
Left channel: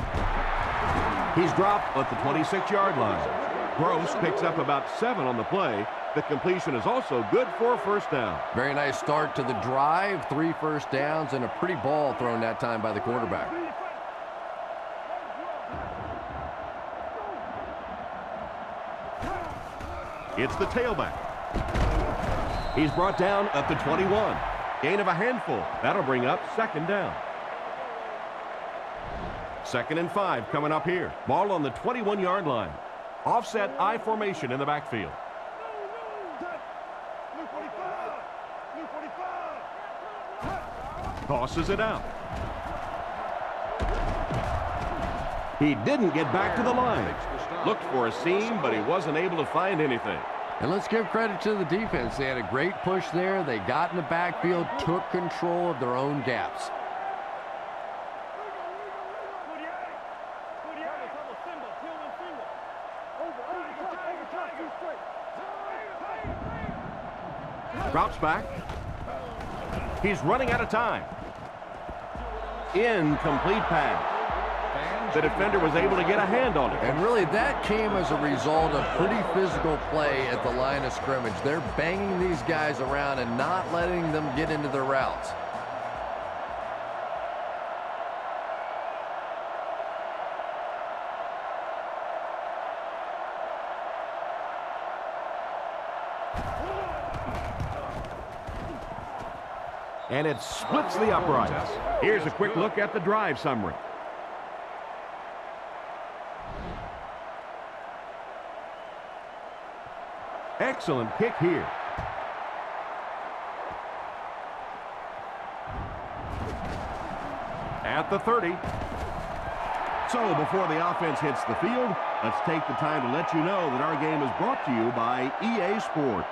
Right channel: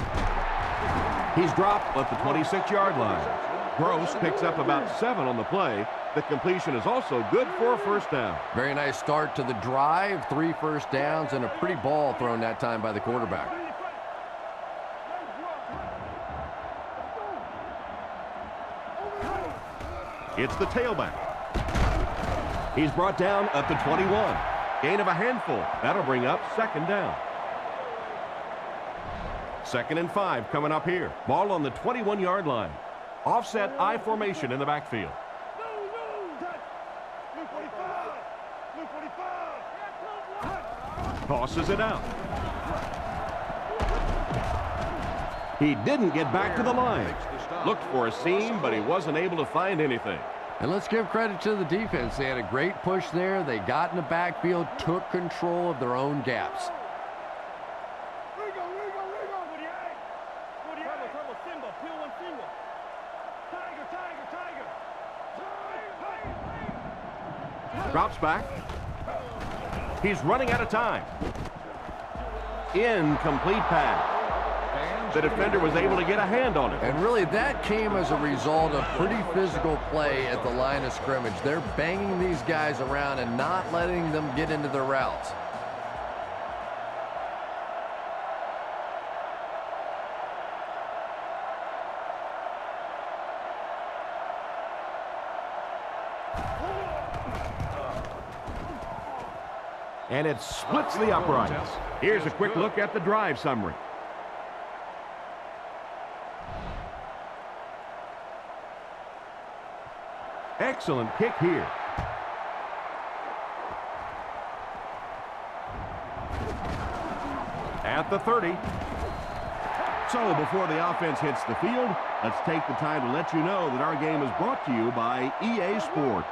He's dropped at the 26-yard line. Gross picks up about 7 on the play. The completion is also good for a first down. Very nice start to the drive. 3 first downs and a pretty ball thrown that time by the quarterback. It's the tailback. He's brought down at the 21. Gain of a handful. That'll bring up second down. 2nd and 5 coming up here. Ball on the 21-yard line. Offset I formation in the backfield. Blue 45. Blue 45. Tosses it out. He didn't get back to the line. Looked for a seam, but he wasn't able to find anything. And let's give credit to the defense. They had a great push there. They got in the backfield, took control of their own gaps. Trouble, Simba, peel one finger. Tiger. Drops back. He's running out of time. Incomplete pass. The defender was able to get a hand on it. And really, that came as a result of pretty physical play at the line of scrimmage. They're banging these guys around and not letting them get into their routes. And it splits the uprights. Here's a quick look at the drive summary. Excellent kick here. At the 30. So before the offense hits the field, let's take the time to let you know that our game is brought to you by EA Sports.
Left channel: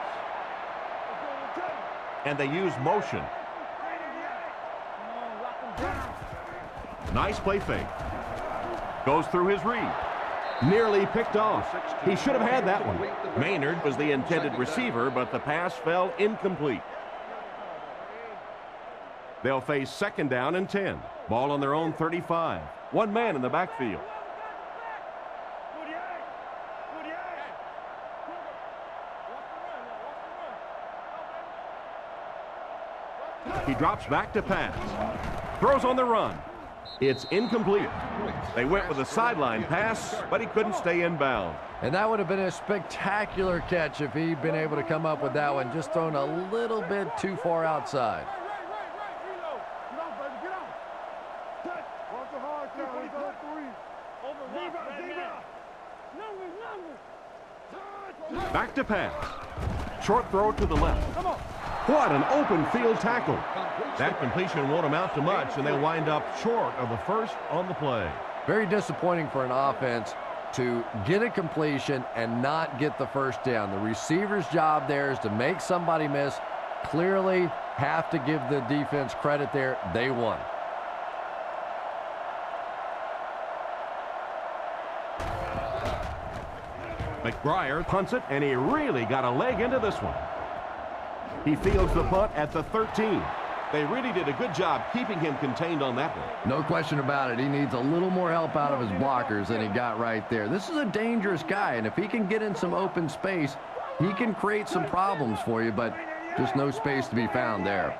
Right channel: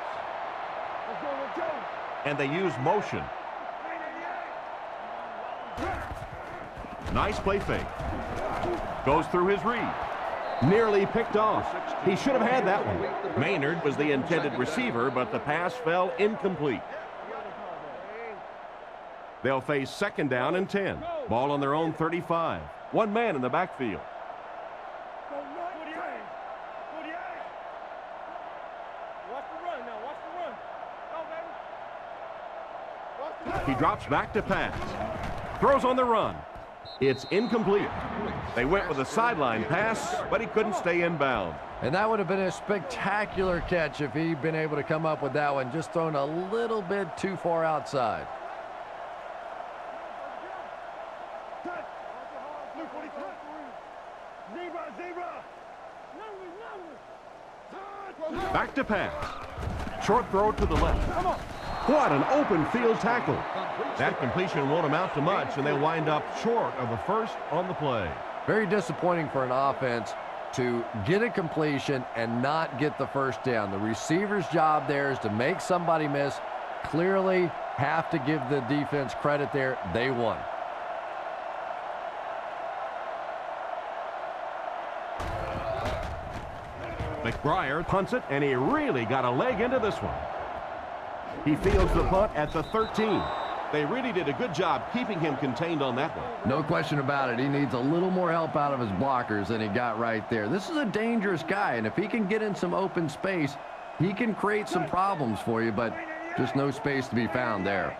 And they use motion. Nice play fake. Goes through his read. Nearly picked off. He should have had that one. Maynard was the intended receiver, but the pass fell incomplete. They'll face 2nd down and 10. Ball on their own 35. One man in the backfield. Watch the run now. Watch the run. Go, baby. He drops back to pass. Throws on the run. It's incomplete. They went with a sideline pass, but he couldn't stay inbound. And that would have been a spectacular catch if he'd been able to come up with that one, just thrown a little bit too far outside. Get off, baby. Get off. Touch. Walk the hard count. 3. Zebra. Numbers. Back to pass. Short throw to the left. Come on. What an open field tackle. That completion won't amount to much, and they wind up short of the first on the play. Very disappointing for an offense to get a completion and not get the first down. The receiver's job there is to make somebody miss. Clearly have to give the defense credit there. They won. McBriar punts it, and he really got a leg into this one. He fields the punt at the 13. They really did a good job keeping him contained on that one. No question about it. He needs a little more help out of his blockers than he got right there. This is a dangerous guy, and if he can get in some open space, he can create some problems for you, but just no space to be found there.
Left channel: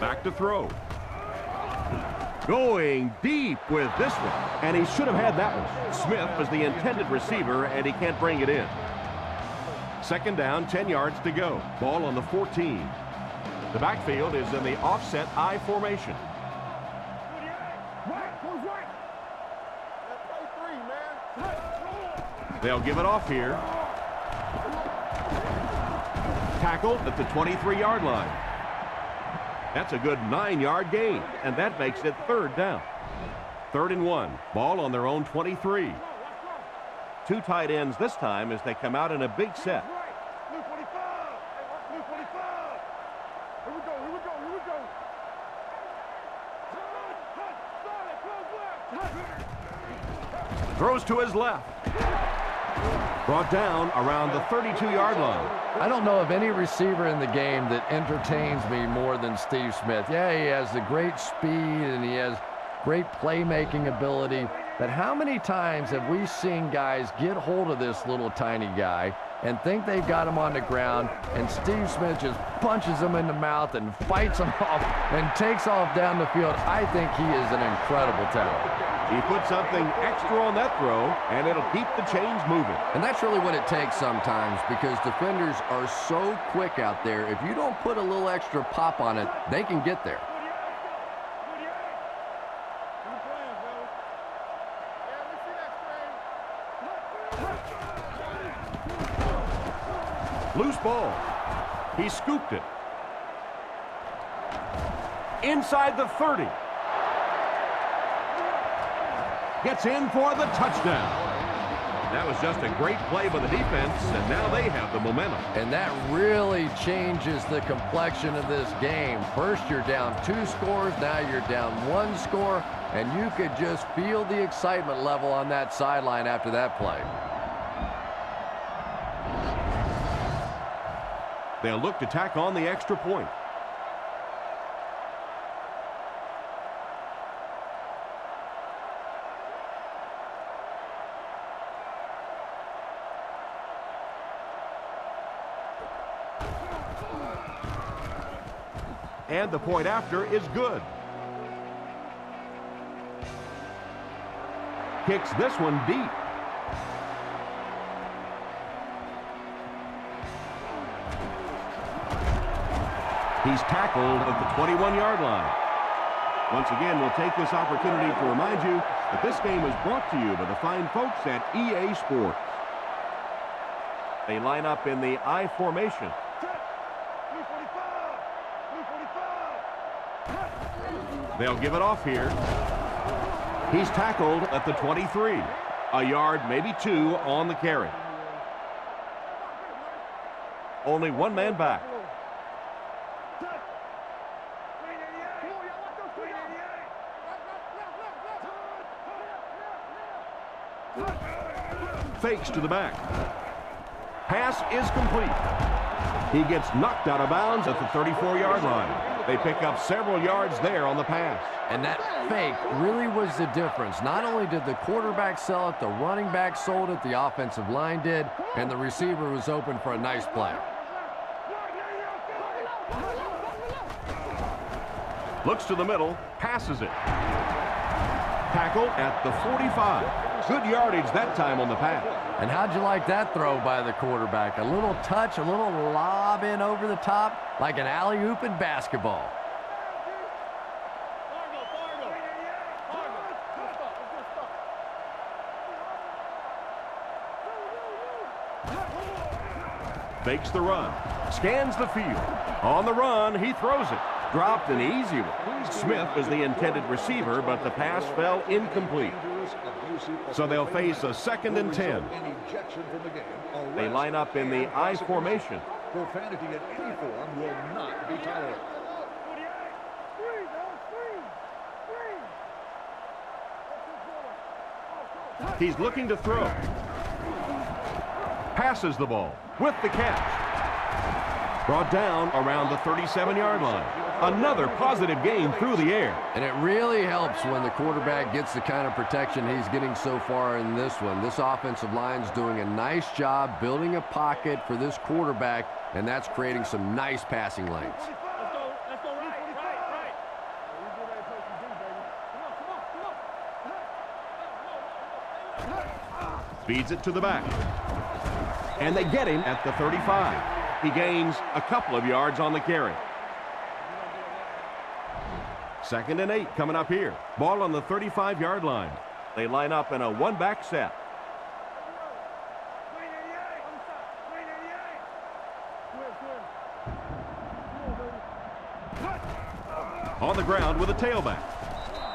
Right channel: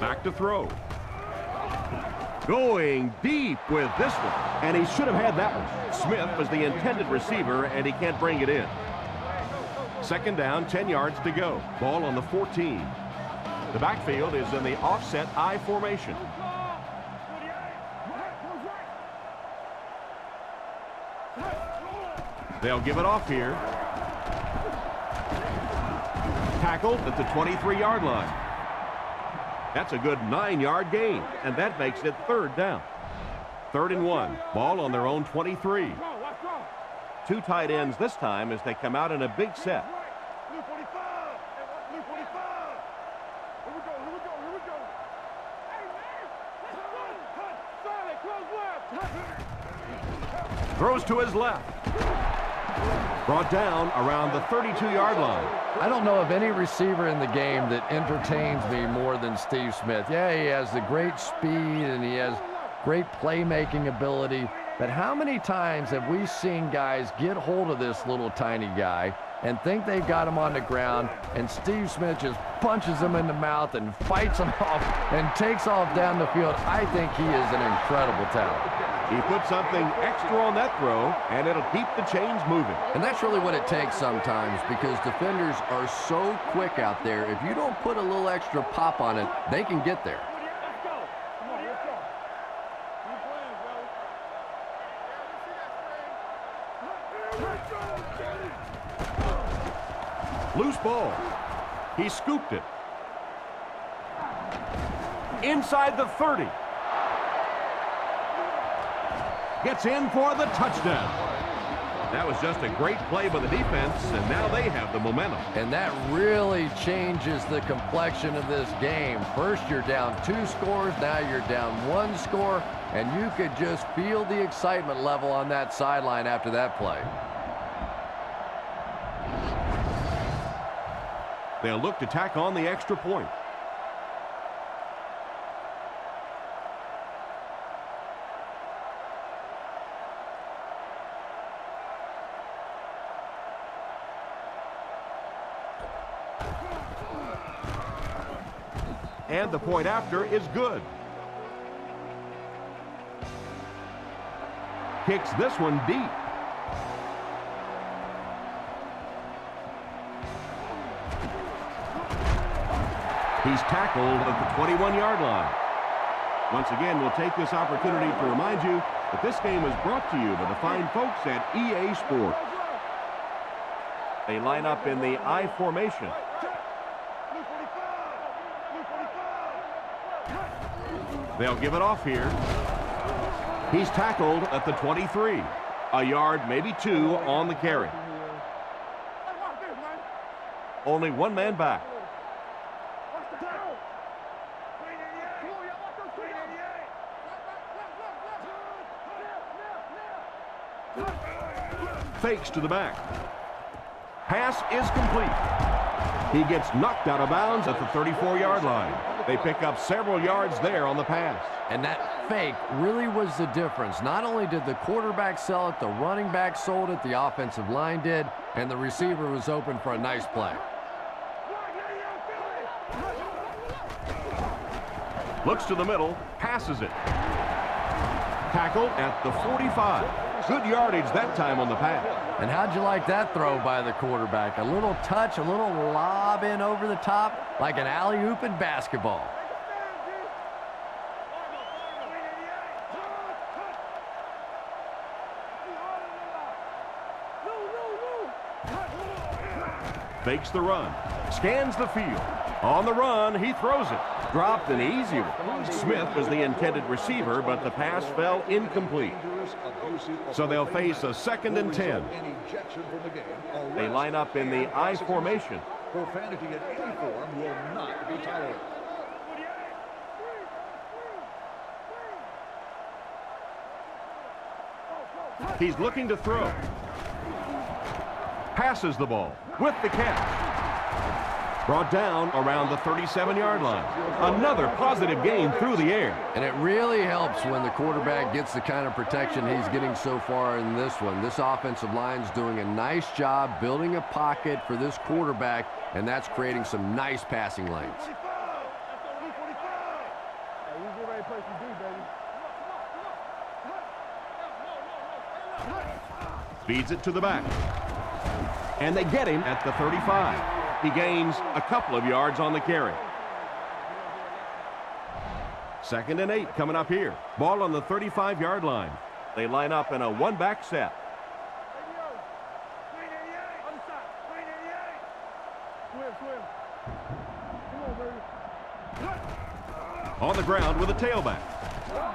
Back to throw. Going deep with this one, and he should have had that one. Smith was the intended receiver, and he can't bring it in. Second down, 10 yards to go. Ball on the 14. The backfield is in the offset I formation. They'll give it off here. Tackled at the 23-yard line. That's a good 9-yard gain, and that makes it third down. 3rd and 1. Ball on their own 23. Two tight ends this time as they come out in a big set. Blue 45. Hey, Blue 45. Here we go. Hey, man. Let's go. Sorry, close left. Throws to his left. Brought down around the 32-yard line. I don't know of any receiver in the game that entertains me more than Steve Smith. Yeah, he has the great speed and he has great playmaking ability, but how many times have we seen guys get hold of this little tiny guy and think they've got him on the ground, and Steve Smith just punches him in the mouth and fights him off and takes off down the field? I think he is an incredible talent. He put something extra on that throw, and it'll keep the chains moving. And that's really what it takes sometimes, because defenders are so quick out there. If you don't put a little extra pop on it, they can get there. Let's go. Keep playing, fellas. Yeah, we see that screen. Loose ball. He scooped it. Inside the 30. Gets in for the touchdown. That was just a great play by the defense, and now they have the momentum. And that really changes the complexion of this game. First, you're down 2 scores. Now you're down 1 score, and you could just feel the excitement level on that sideline after that play. They'll look to tack on the extra point. And the point after is good. Kicks this one deep. He's tackled at the 21-yard line. Once again, we'll take this opportunity to remind you that this game is brought to you by the fine folks at EA Sports. They line up in the I formation. Blue 45. Blue 45. They'll give it off here. He's tackled at the 23. A yard, maybe 2 on the carry. Hey, watch this, man. Only one man back. Watch the hell. Green 88. Come on, y'all. Watch those quick out. Left. Fakes to the back. Pass is complete. He gets knocked out of bounds at the 34-yard line. They pick up several yards there on the pass. And that fake really was the difference. Not only did the quarterback sell it, the running back sold it, the offensive line did, and the receiver was open for a nice play. Looks to the middle, passes it. Tackle at the 45. Good yardage that time on the pass. And how'd you like that throw by the quarterback? A little touch, a little lob in over the top, like an alley-oop in basketball. Fakes the run. Scans the field. On the run, he throws it. Dropped an easy one. Smith was the intended receiver, but the pass fell incomplete. So they'll face a 2nd and 10. They line up in the I formation. Profanity in any form will not be tolerated. He's looking to throw. Passes the ball with the catch. Brought down around the 37-yard line. Another positive gain through the air. And it really helps when the quarterback gets the kind of protection he's getting so far in this one. This offensive line's doing a nice job building a pocket for this quarterback, and that's creating some nice passing lanes. Let's go, right. Hey, you get ready to play some D, baby. Come on. Feeds it to the back. And they get him at the 35. He gains a couple of yards on the carry. 2nd and 8 coming up here. Ball on the 35-yard line. They line up in a one-back set. Swim. Come on, baby. On the ground with a tailback.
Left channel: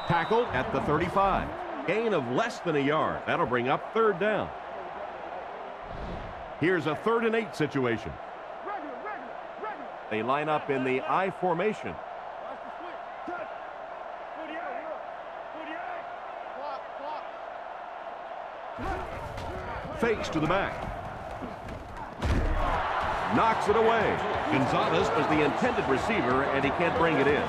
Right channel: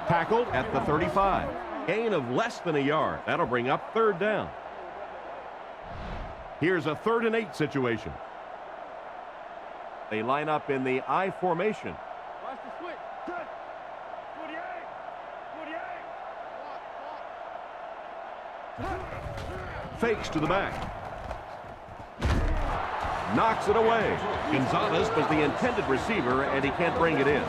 Tackled at the 35. Gain of less than a yard. That'll bring up 3rd down. Here's a 3rd and 8 situation. Regular. They line up in the I formation. Watch the switch. Touch. 48. Clock. Fakes to the back. Knocks it away. Gonzalez was the intended receiver, and he can't bring it in.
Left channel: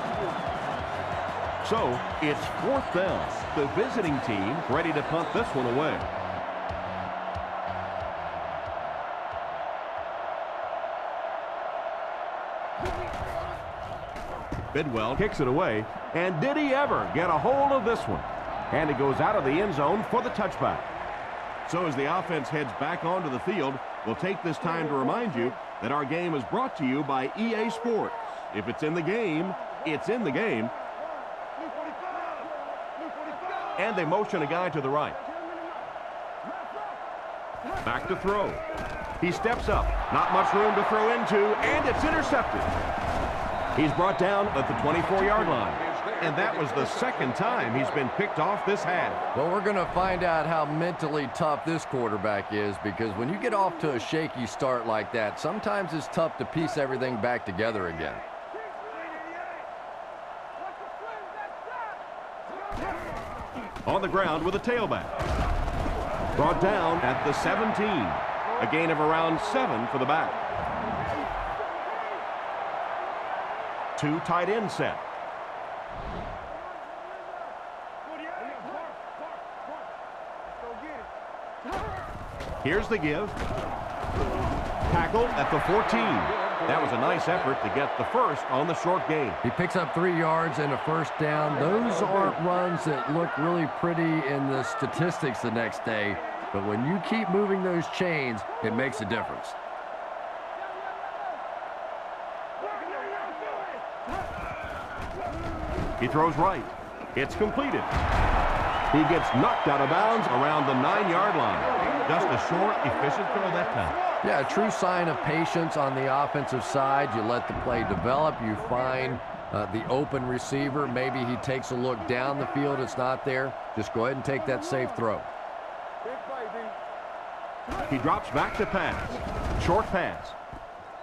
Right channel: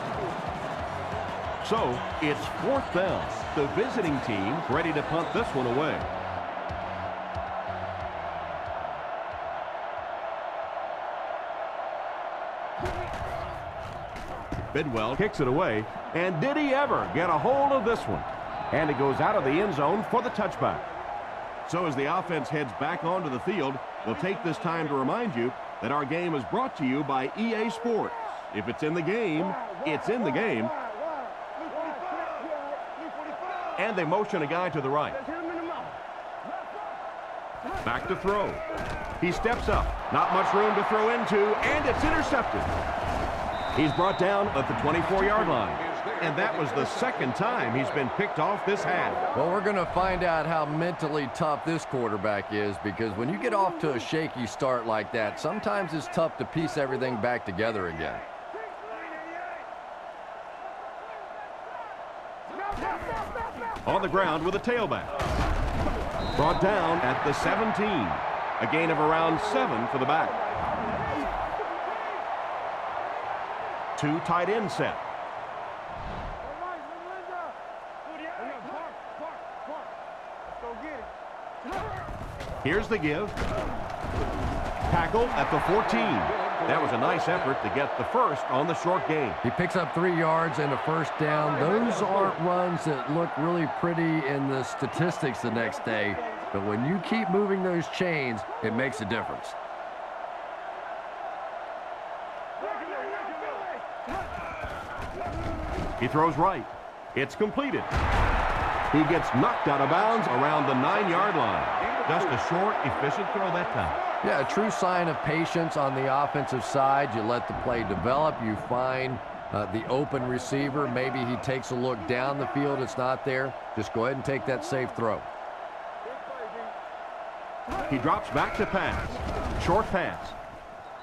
So it's 4th down. The visiting team ready to punt this one away. Bidwell kicks it away, and did he ever get a hold of this one? And it goes out of the end zone for the touchback. So as the offense heads back onto the field, we'll take this time to remind you that our game is brought to you by EA Sports. If it's in the game, it's in the game. And they motion a guy to the right. Back to throw. He steps up. Not much room to throw into, and it's intercepted. He's brought down at the 24-yard line. And that was the 2nd time he's been picked off this half. Well, we're going to find out how mentally tough this quarterback is, because when you get off to a shaky start like that, sometimes it's tough to piece everything back together again. On the ground with a tailback. Brought down at the 17. A gain of around 7 for the back. 2 tight end set. Let's go get it. Here's the give. Tackled at the 14. That was a nice effort to get the first on the short game. He picks up 3 yards and a 1st down. Those aren't runs that look really pretty in the statistics the next day, but when you keep moving those chains, it makes a difference. He throws right. It's completed. He gets knocked out of bounds around the 9-yard line. Just a short, efficient throw that time. Yeah, a true sign of patience on the offensive side. You let the play develop. You find the open receiver. Maybe he takes a look down the field. It's not there. Just go ahead and take that safe throw. Big play, D. He drops back to pass. Short pass.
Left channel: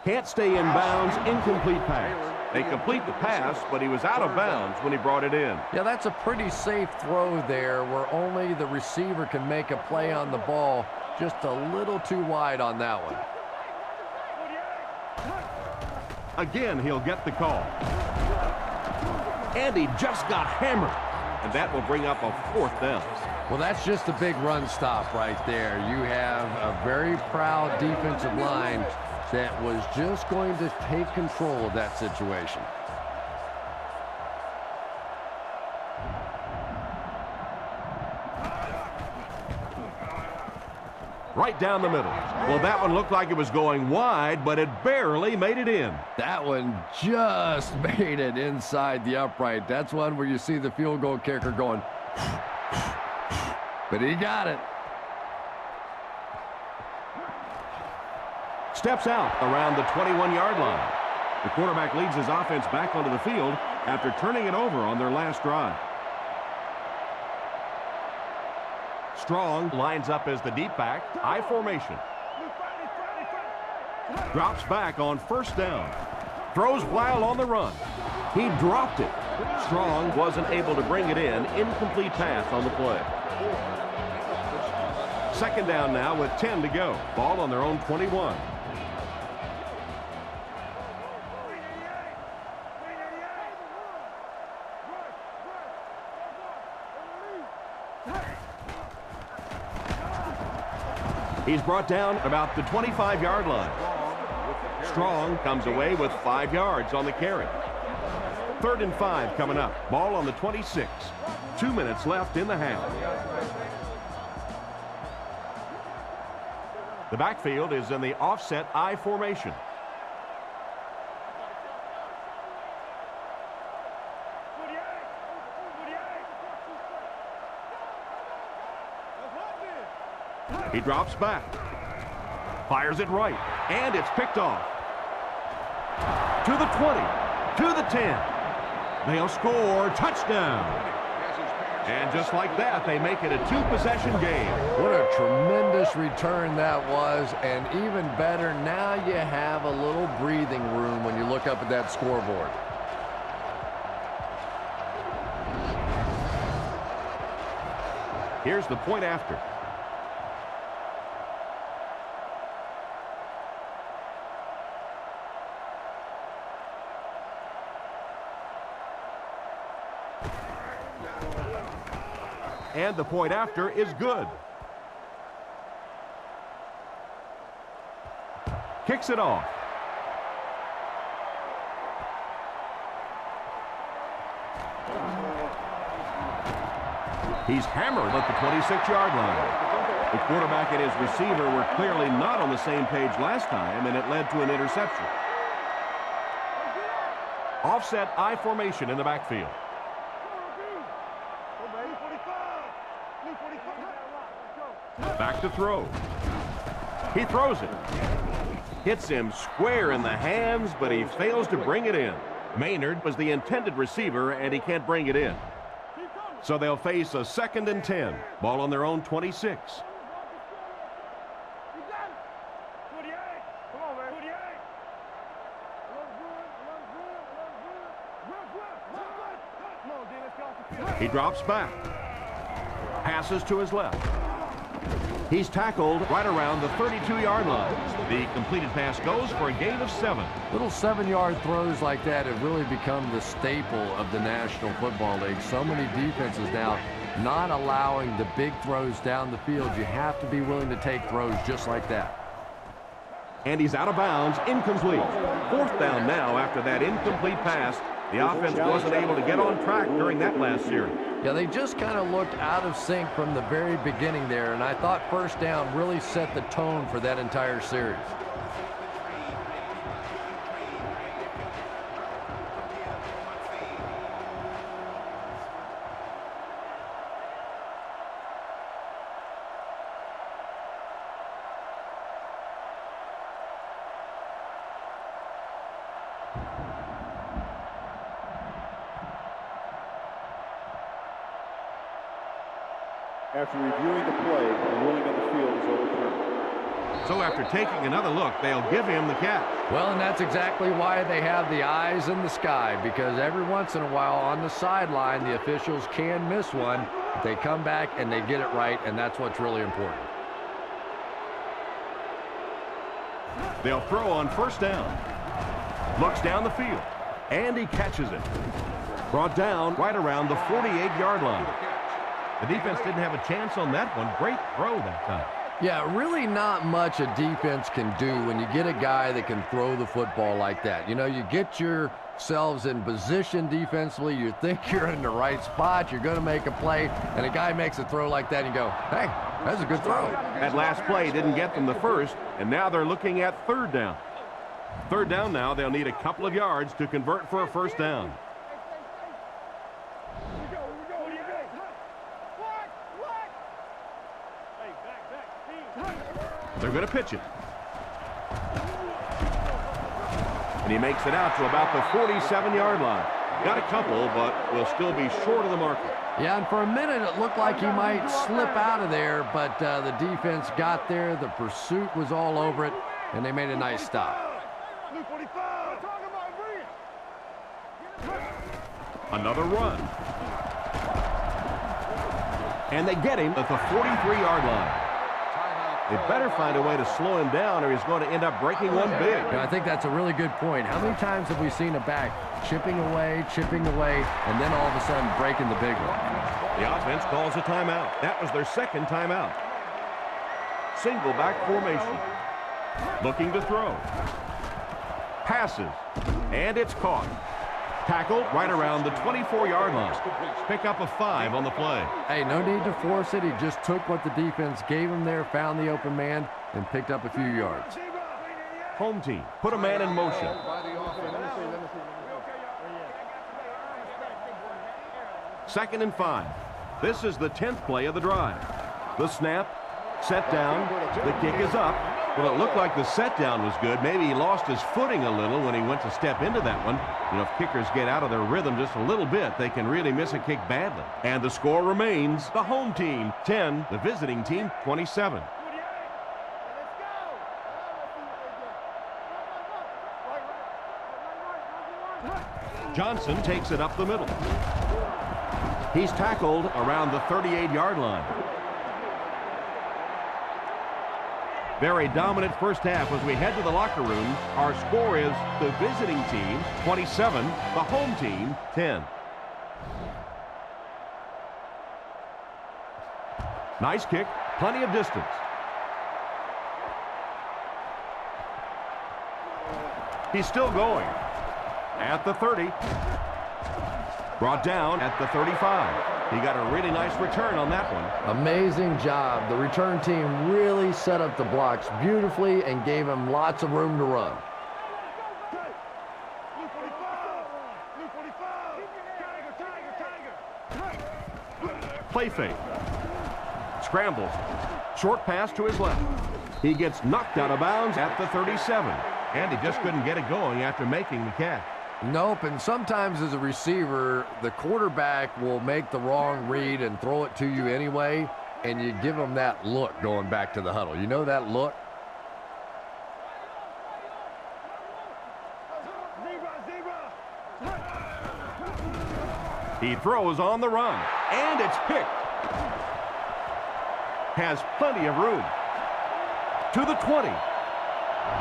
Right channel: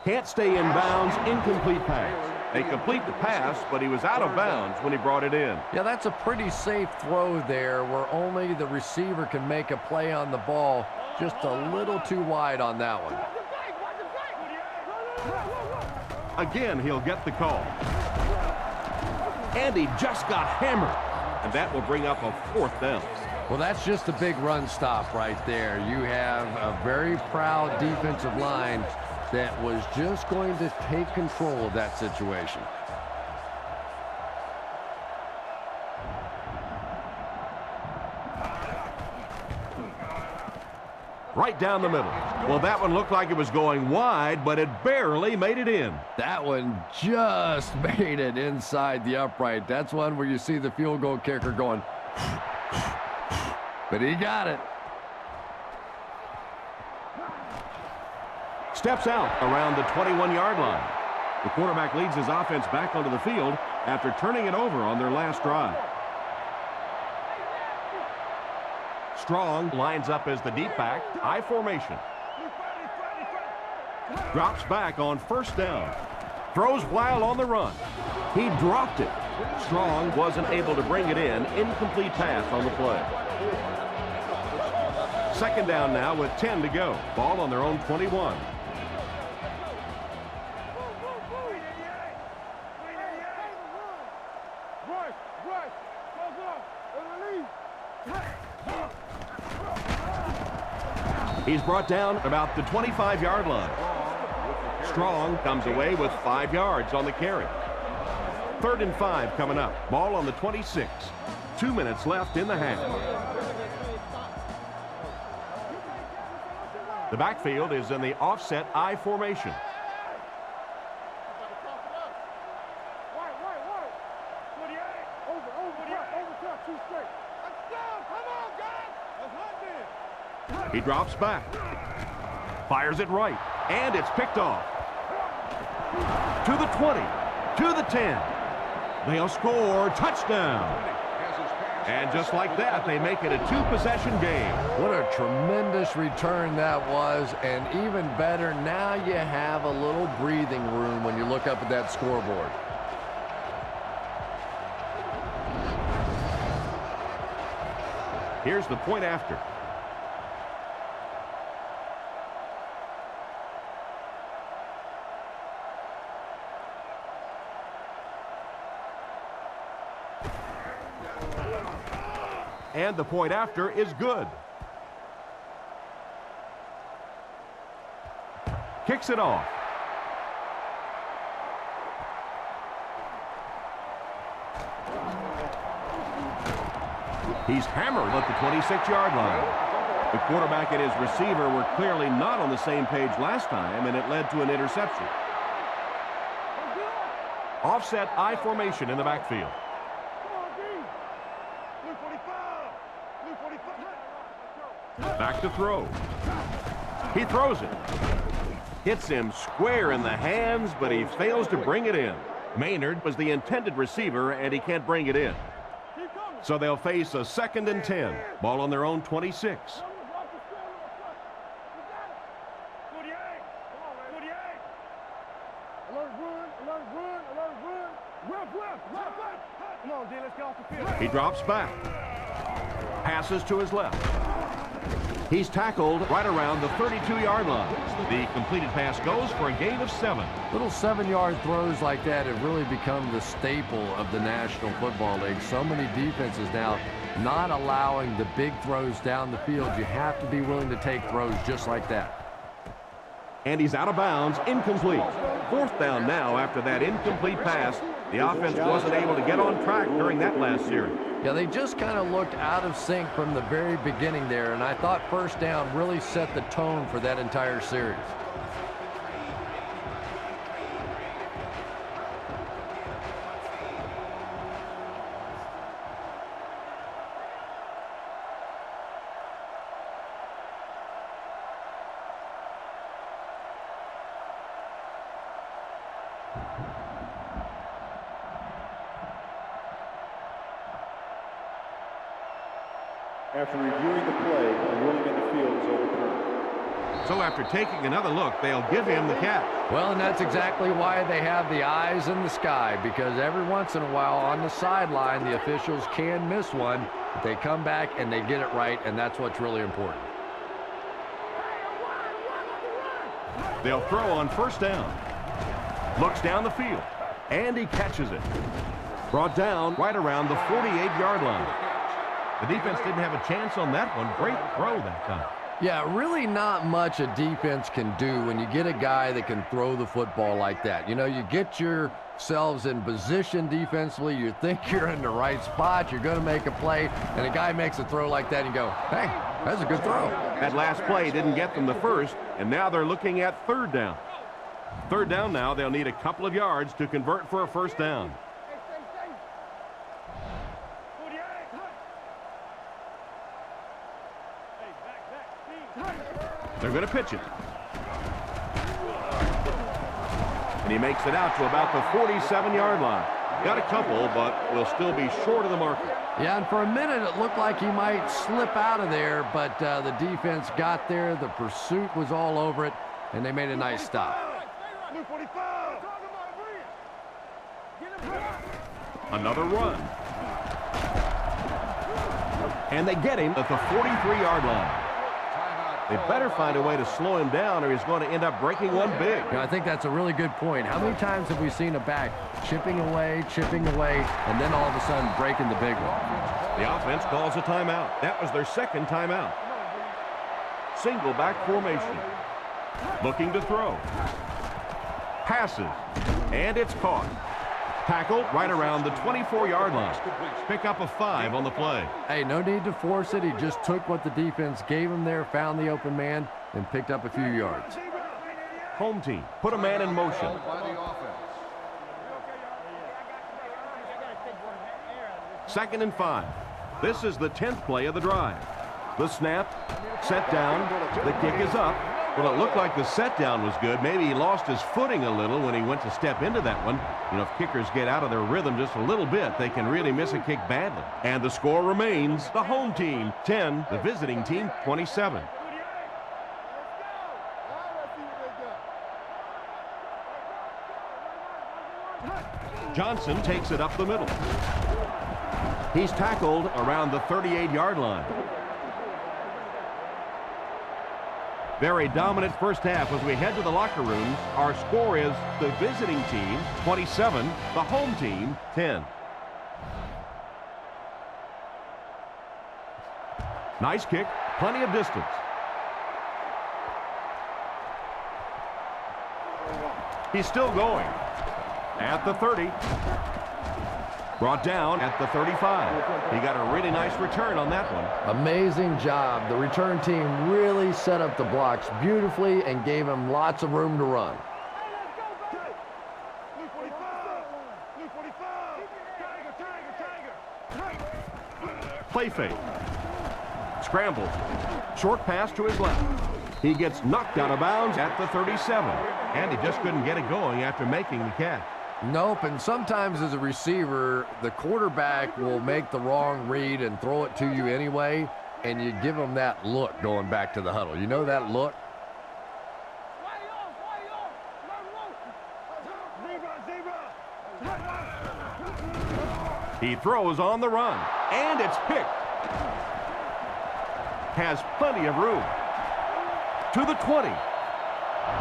Can't stay in bounds. Incomplete pass. They complete the pass, but he was out of bounds when he brought it in. Yeah, that's a pretty safe throw there where only the receiver can make a play on the ball. Just a little too wide on that one. Again, he'll get the call. And he just got hammered. And that will bring up a 4th down. Well, that's just a big run stop right there. You have a very proud defensive line that was just going to take control of that situation. Right down the middle. Well, that one looked like it was going wide, but it barely made it in. That one just made it inside the upright. That's one where you see the field goal kicker going, but he got it. Steps out around the 21-yard line. The quarterback leads his offense back onto the field after turning it over on their last drive. Strong lines up as the deep back, I formation. Drops back on first down. Throws while on the run. He dropped it. Strong wasn't able to bring it in. Incomplete pass on the play. Second down now with 10 to go. Ball on their own 21. He's brought down about the 25-yard line. Strong comes away with 5 yards on the carry. 3rd and 5 coming up. Ball on the 26. 2 minutes left in the half. The backfield is in the offset I formation. He drops back. Fires it right. And it's picked off. To the 20. To the 10. They'll score. Touchdown. And just like that, they make it a 2-possession game. What a tremendous return that was. And even better, now you have a little breathing room when you look up at that scoreboard. Here's the point after. And the point after is good. Kicks it off. He's hammered at the 26-yard line. The quarterback and his receiver were clearly not on the same page last time, and it led to an interception. Offset I formation in the backfield. Back to throw. He throws it. Hits him square in the hands, but he fails to bring it in. Maynard was the intended receiver, and he can't bring it in. So they'll face a 2nd and 10. Ball on their own 26. Come on, D, let's get off the field. He drops back. Passes to his left. He's tackled right around the 32-yard line. The completed pass goes for a gain of 7. Little 7-yard throws like that have really become the staple of the National Football League. So many defenses now not allowing the big throws down the field. You have to be willing to take throws just like that. And he's out of bounds, incomplete. 4th down now after that incomplete pass. The offense wasn't able to get on track during that last series. Yeah, they just kind of looked out of sync from the very beginning there, and I thought 1st down really set the tone for that entire series. After reviewing the play, the ruling on the field is overturned. So after taking another look, they'll give him the catch. Well, and that's exactly why they have the eyes in the sky, because every once in a while on the sideline, the officials can miss one. They come back and they get it right, and that's what's really important. They'll throw on 1st down. Looks down the field, and he catches it. Brought down right around the 48-yard line. The defense didn't have a chance on that one. Great throw that time. Yeah, really not much a defense can do when you get a guy that can throw the football like that. You know, you get yourselves in position defensively. You think you're in the right spot. You're going to make a play, and a guy makes a throw like that, and you go, hey, that's a good throw. That last play didn't get them the first, and now they're looking at 3rd down. 3rd down now, they'll need a couple of yards to convert for a 1st down. They're going to pitch it. And he makes it out to about the 47-yard line. Got a couple, but will still be short of the marker. Yeah, and for a minute it looked like he might slip out of there, but the defense got there. The pursuit was all over it, and they made a nice stop. Luke 45. Another run. And they get him at the 43-yard line. They better find a way to slow him down or he's going to end up breaking one big. Yeah, I think that's a really good point. How many times have we seen a back chipping away, and then all of a sudden breaking the big one? The offense calls a timeout. That was their second timeout. Single back formation. Looking to throw. Passes. And it's caught. Tackled right around the 24-yard line. Pick up a 5 on the play. Hey, no need to force it. He just took what the defense gave him there, found the open man, and picked up a few yards. Home team put a man in motion. Second and 5. This is the 10th play of the drive. The snap, set down, the kick is up. Well, it looked like the set down was good. Maybe he lost his footing a little when he went to step into that one. You know, if kickers get out of their rhythm just a little bit, they can really miss a kick badly. And the score remains the home team 10, the visiting team 27. Johnson takes it up the middle. He's tackled around the 38-yard line. Very dominant first half as we head to the locker rooms. Our score is the visiting team 27, the home team 10. Nice kick, plenty of distance. He's still going. At the 30. Brought down at the 35. He got a really nice return on that one. Amazing job. The return team really set up the blocks beautifully and gave him lots of room to run. Luke 45. Luke 45. Tiger. Play fake. Scrambles. Short pass to his left. He gets knocked out of bounds at the 37. And he just couldn't get it going after making the catch. Nope, and sometimes as a receiver, the quarterback will make the wrong read and throw it to you anyway, and you give them that look going back to the huddle. You know that look? He throws on the run, and it's picked. Has plenty of room. To the 20.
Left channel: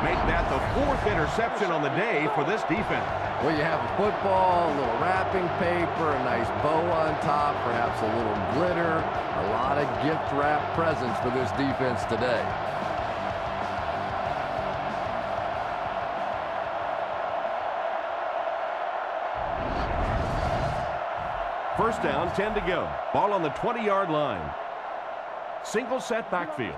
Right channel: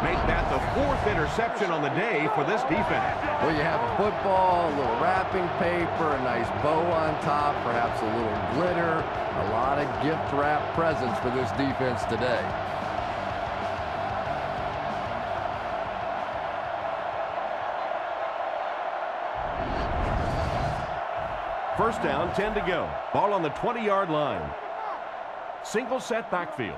Make that the 4th interception on the day for this defense. Well, you have a football, a little wrapping paper, a nice bow on top, perhaps a little glitter, a lot of gift wrap presents for this defense today. First down, 10 to go. Ball on the 20-yard line. Single set backfield.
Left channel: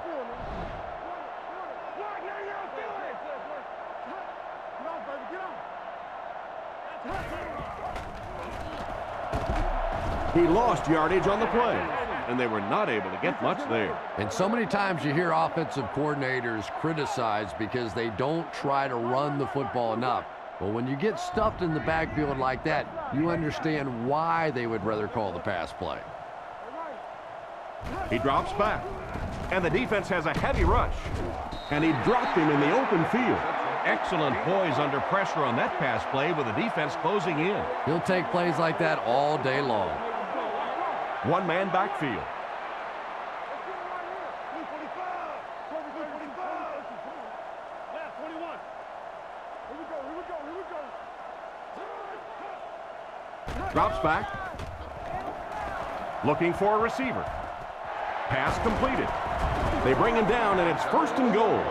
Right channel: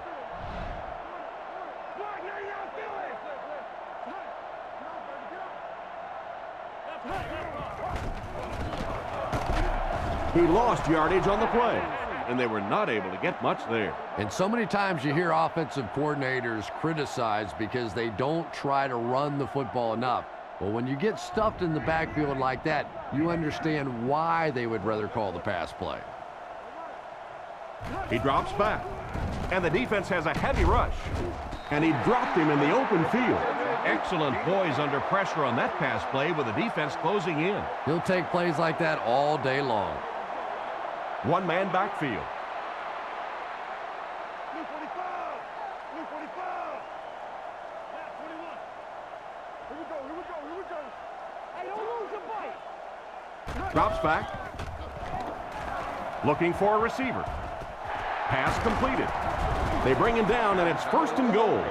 He lost yardage on the play, and they were not able to get much there. And so many times you hear offensive coordinators criticized because they don't try to run the football enough. Well, when you get stuffed in the backfield like that, you understand why they would rather call the pass play. He drops back, and the defense has a heavy rush. And he dropped him in the open field. Excellent poise under pressure on that pass play with the defense closing in. He'll take plays like that all day long. One-man backfield. Luke 45. Luke 45. Last 21. Here we go. Hey, don't lose the ball. Drops back. Looking for a receiver. Pass completed. They bring him down, and it's 1st and goal.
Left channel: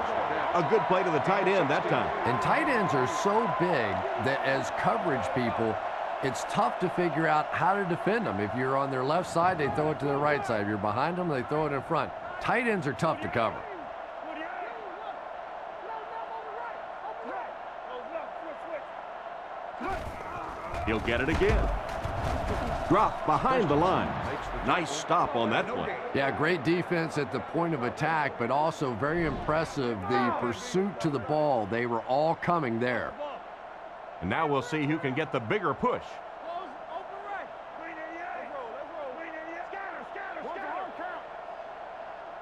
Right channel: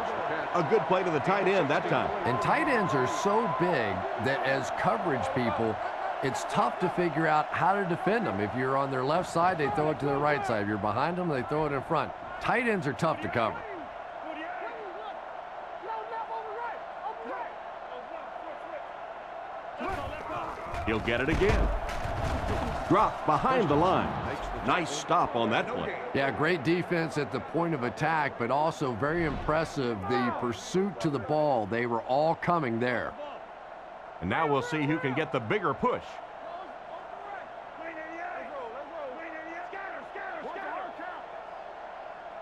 A good play to the tight end that time. And tight ends are so big that as coverage people, it's tough to figure out how to defend them. If you're on their left side, they throw it to their right side. If you're behind them, they throw it in front. Tight ends are tough to cover. He'll get it again. Dropped behind the line. Nice stop on that play. Yeah, great defense at the point of attack, but also very impressive the pursuit to the ball. They were all coming there. And now we'll see who can get the bigger push. Close, open right. Green 88. Let's roll, let's roll. Green 88. Scatter, scatter, Watch scatter. the hard count.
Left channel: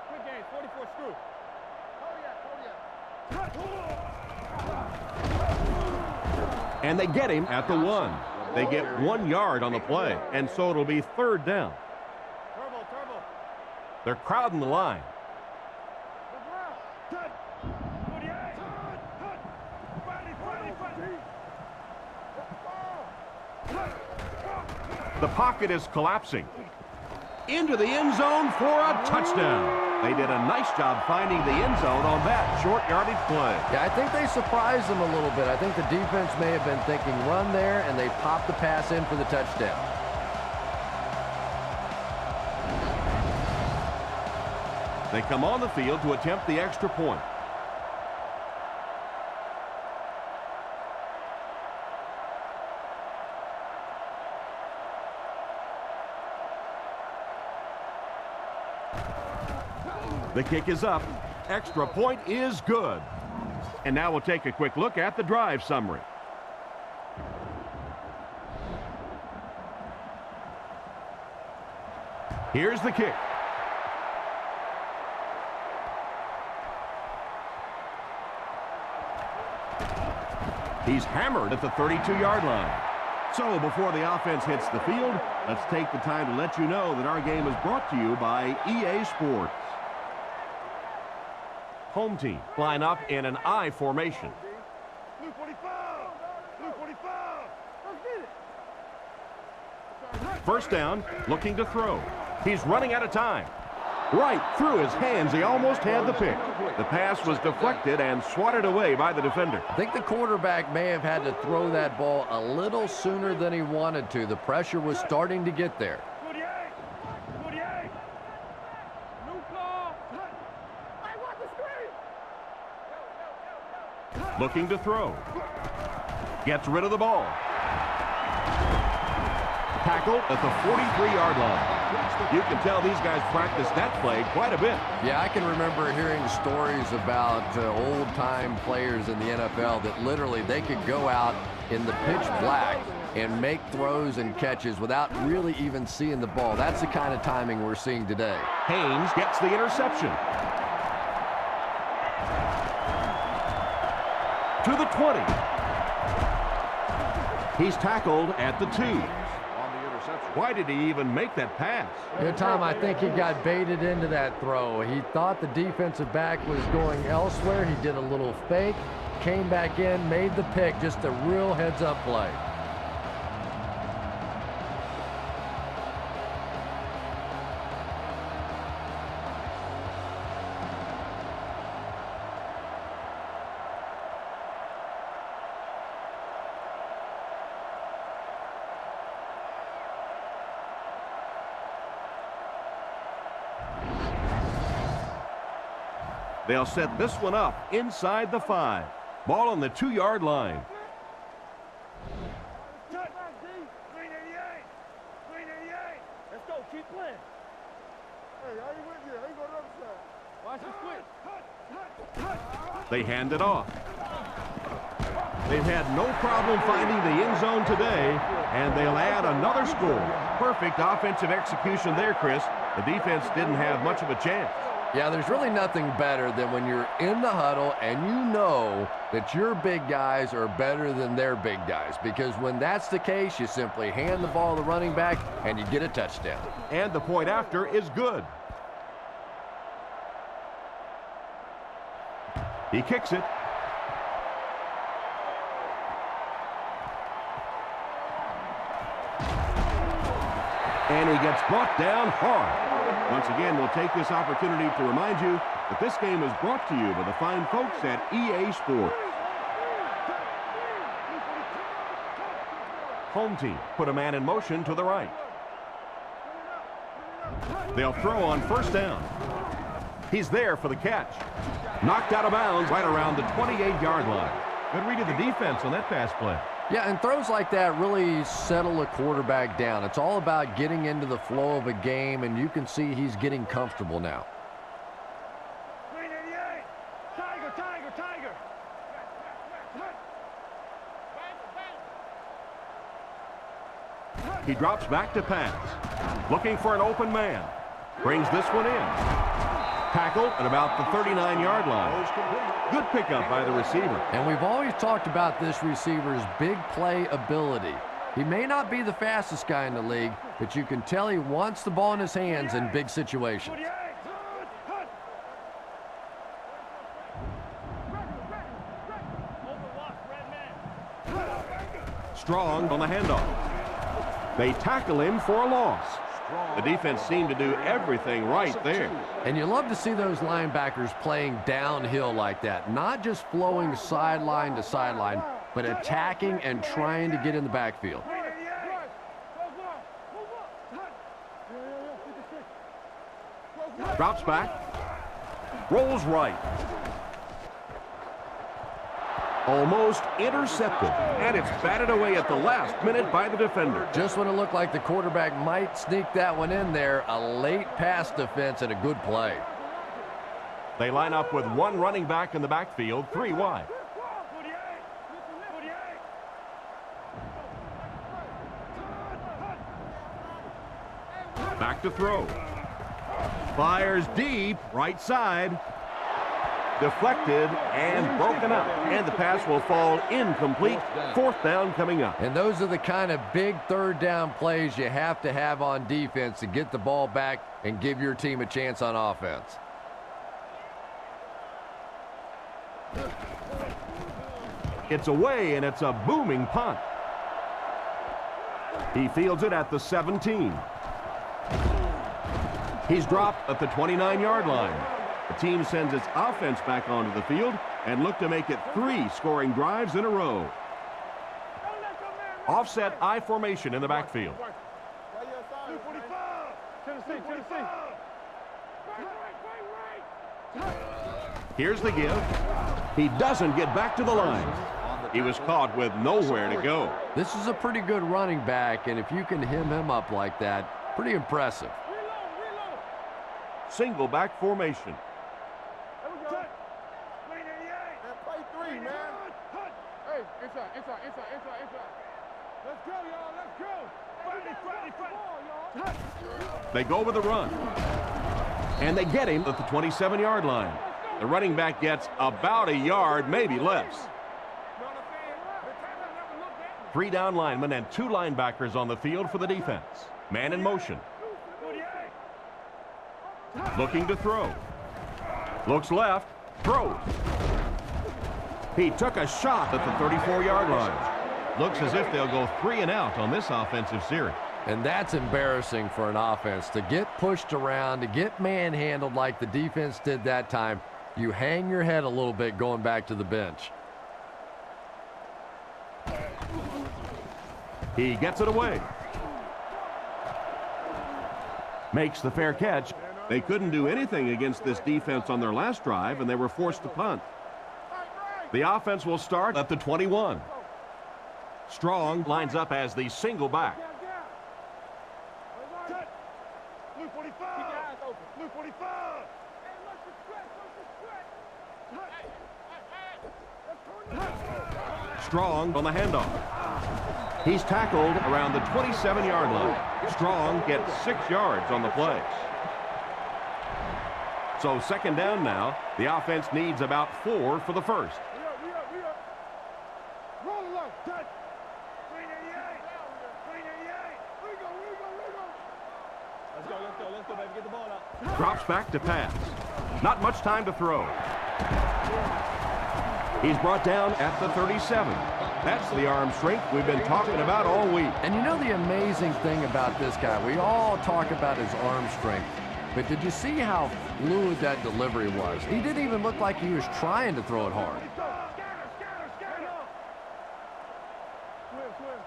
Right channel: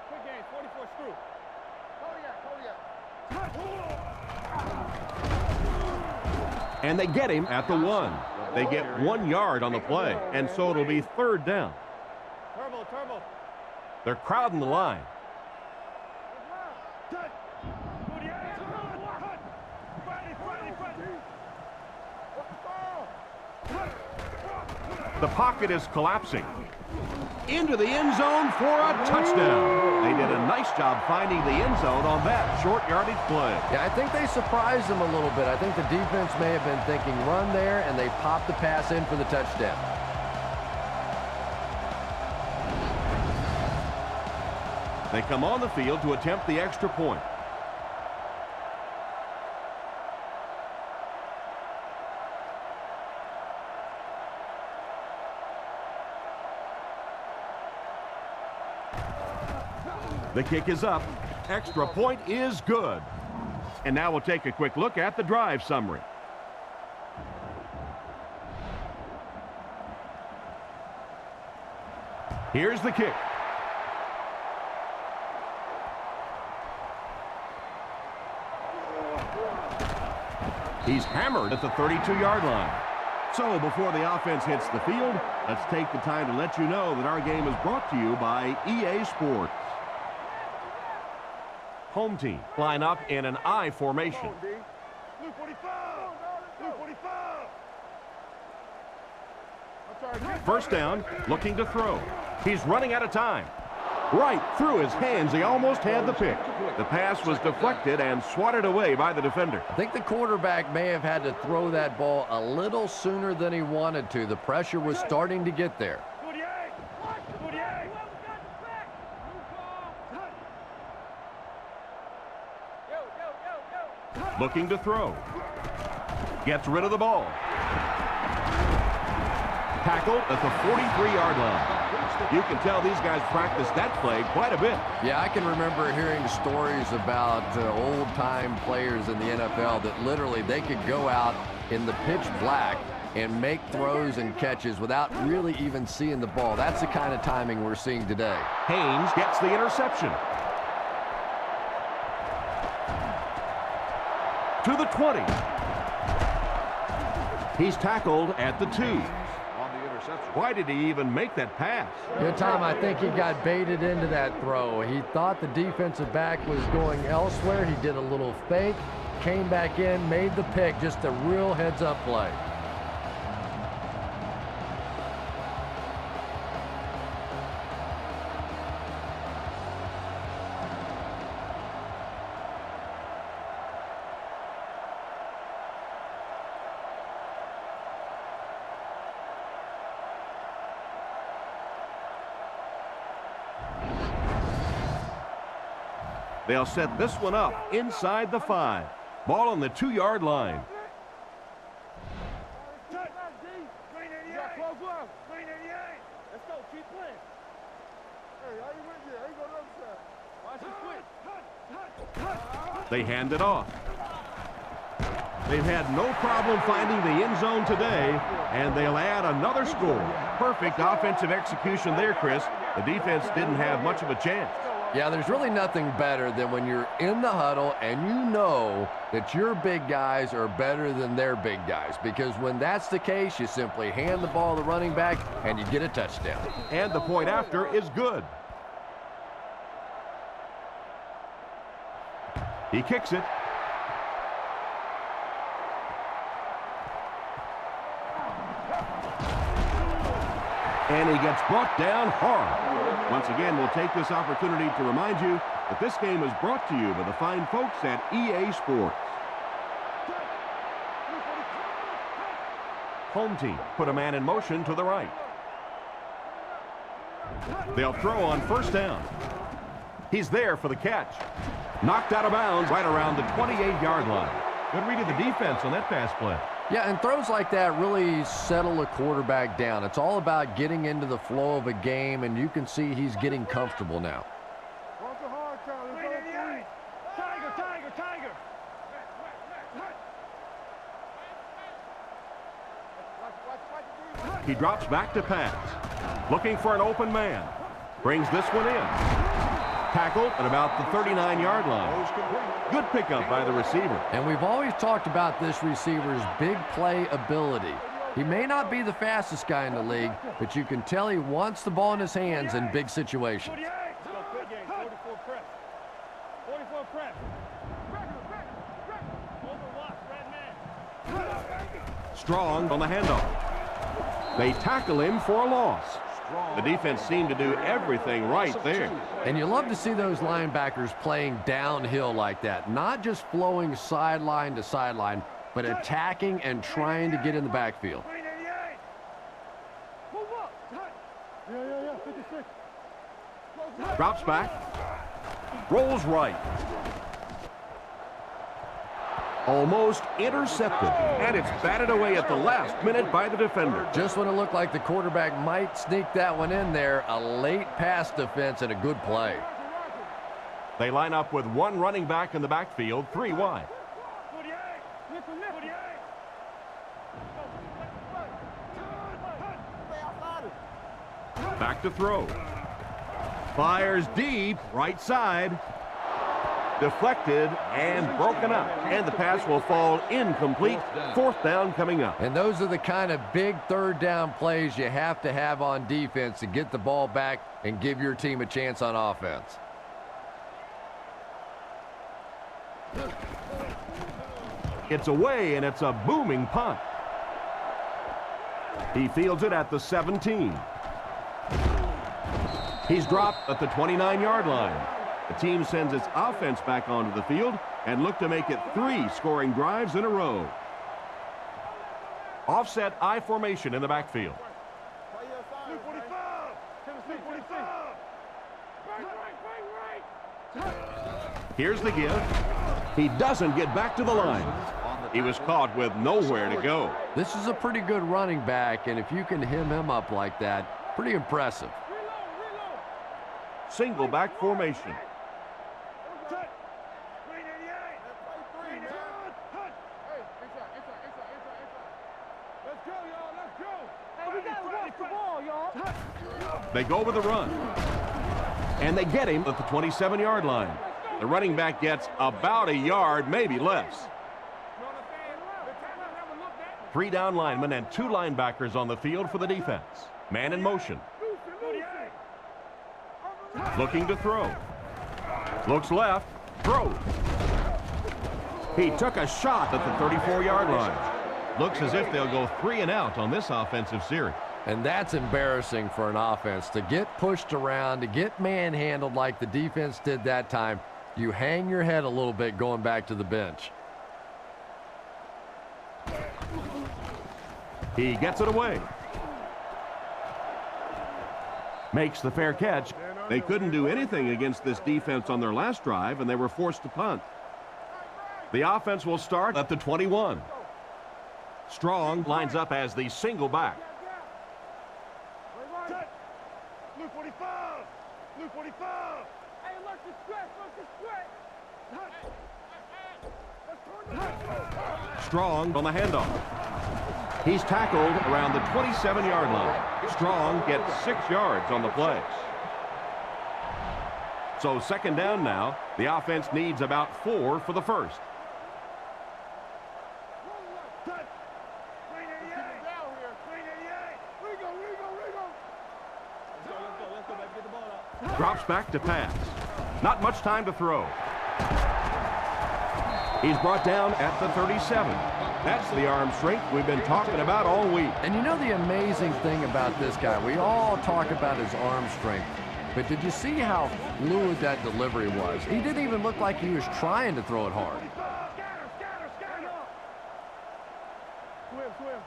Quick games, 44 screw. Kodiak. And they get him at the 1. They get 1 yard on the play, and so it'll be 3rd down. Turbo. They're crowding the line. Let's round. Touch. 48. Touch. Friday. What's the call? The pocket is collapsing. Into the end zone for a touchdown. They did a nice job finding the end zone on that short yardage play. Yeah, I think they surprised them a little bit. I think the defense may have been thinking run there, and they popped the pass in for the touchdown. They come on the field to attempt the extra point. The kick is up. Extra point is good. And now we'll take a quick look at the drive summary. Here's the kick. He's hammered at the 32-yard line. So before the offense hits the field, let's take the time to let you know that our game is brought to you by EA Sports. Home team line up in an I formation. Blue 45. Blue 45. Let's get it. First down, looking to throw. He's running out of time. Right through his hands, he almost had the pick. The pass was deflected and swatted away by the defender. I think the quarterback may have had to throw that ball a little sooner than he wanted to. The pressure was starting to get there. 48. 48. New call. Touch. Yo. Looking to throw. Gets rid of the ball. Tackled at the 43-yard line. You can tell these guys practice that play quite a bit. Yeah, I can remember hearing stories about old-time players in the NFL that literally they could go out in the pitch black and make throws and catches without really even seeing the ball. That's the kind of timing we're seeing today. Haynes gets the interception. To the 20. He's tackled at the 2. Why did he even make that pass? Good time. I think he got baited into that throw. He thought the defensive back was going elsewhere. He did a little fake, came back in, made the pick. Just a real heads-up play. They'll set this one up inside the 5. Ball on the 2-yard line. Touch. Green 88. Green 88. Let's go. Keep playing. Hey, I ain't with you. I ain't going to the other side. Watch the switch. They hand it off. They've had no problem finding the end zone today, and they'll add another score. Perfect offensive execution there, Chris. The defense didn't have much of a chance. Yeah, there's really nothing better than when you're in the huddle and you know that your big guys are better than their big guys, because when that's the case, you simply hand the ball to the running back and you get a touchdown. And the point after is good. He kicks it. And he gets brought down hard. Once again, we'll take this opportunity to remind you that this game is brought to you by the fine folks at EA Sports. Home team put a man in motion to the right. They'll throw on first down. He's there for the catch. Knocked out of bounds right around the 28-yard line. Good read of the defense on that pass play. Yeah, and throws like that really settle a quarterback down. It's all about getting into the flow of a game, and you can see he's getting comfortable now. Watch the hard count. Green 88. Tiger. He drops back to pass. Looking for an open man. Brings this one in. Tackled at about the 39-yard line. Good pickup by the receiver. And we've always talked about this receiver's big play ability. He may not be the fastest guy in the league, but you can tell he wants the ball in his hands in big situations. 44 press. 44 press. Regular. Over Watts, red man. Strong on the handoff. They tackle him for a loss. The defense seemed to do everything right there. And you love to see those linebackers playing downhill like that, not just flowing sideline to sideline, but attacking and trying to get in the backfield. Yeah, 56. Drops back. Rolls right. Almost intercepted. And it's batted away at the last minute by the defender. Just when it looked like the quarterback might sneak that one in there, a late pass defense and a good play. They line up with one running back in the backfield, 3 wide. 48. Back to throw. Fires deep, right side. Deflected and broken up. And the pass will fall incomplete. 4th down coming up. And those are the kind of big 3rd down plays you have to have on defense to get the ball back and give your team a chance on offense. It's away, and it's a booming punt. He fields it at the 17. He's dropped at the 29-yard line. The team sends its offense back onto the field and look to make it 3 scoring drives in a row. Offset I formation in the backfield. Play your side, Blue 45. Tennessee. Bang right. Here's the give. He doesn't get back to the line. He was caught with nowhere to go. This is a pretty good running back, and if you can hem him up like that, pretty impressive. Reload. Single back formation. There we go. Touch. Green 88. And play 3, man. Touch. Hey, inside. Let's go, y'all. Let's go. Hey, we gotta watch the ball, y'all. They go with a run. And they get him at the 27-yard line. The running back gets about a yard, maybe less. 3 down linemen and 2 linebackers on the field for the defense. Man in motion. Looking to throw. Looks left. Throws. He took a shot at the 34-yard line. Looks as if they'll go 3 and out on this offensive series. And that's embarrassing for an offense to get pushed around, to get manhandled like the defense did that time. You hang your head a little bit going back to the bench. He gets it away. Makes the fair catch. They couldn't do anything against this defense on their last drive, and they were forced to punt. The offense will start at the 21. Strong lines up as the single back. Touch. Blue 45. Blue 45. Hey, look the stretch. Touch. Strong on the handoff. He's tackled around the 27-yard line. Strong gets 6 yards on the play. So 2nd down now. The offense needs about 4 for the first. We up. Roll it left. Touch. Green 88. Down here. Green 88. Rigo. Let's go, baby. Get the ball out. Drops back to pass. Not much time to throw. He's brought down at the 37. That's the arm strength we've been talking about all week. And you know the amazing thing about this guy, we all talk about his arm strength, but did you see how fluid that delivery was? He didn't even look like he was trying to throw it hard. Scatter. Swim.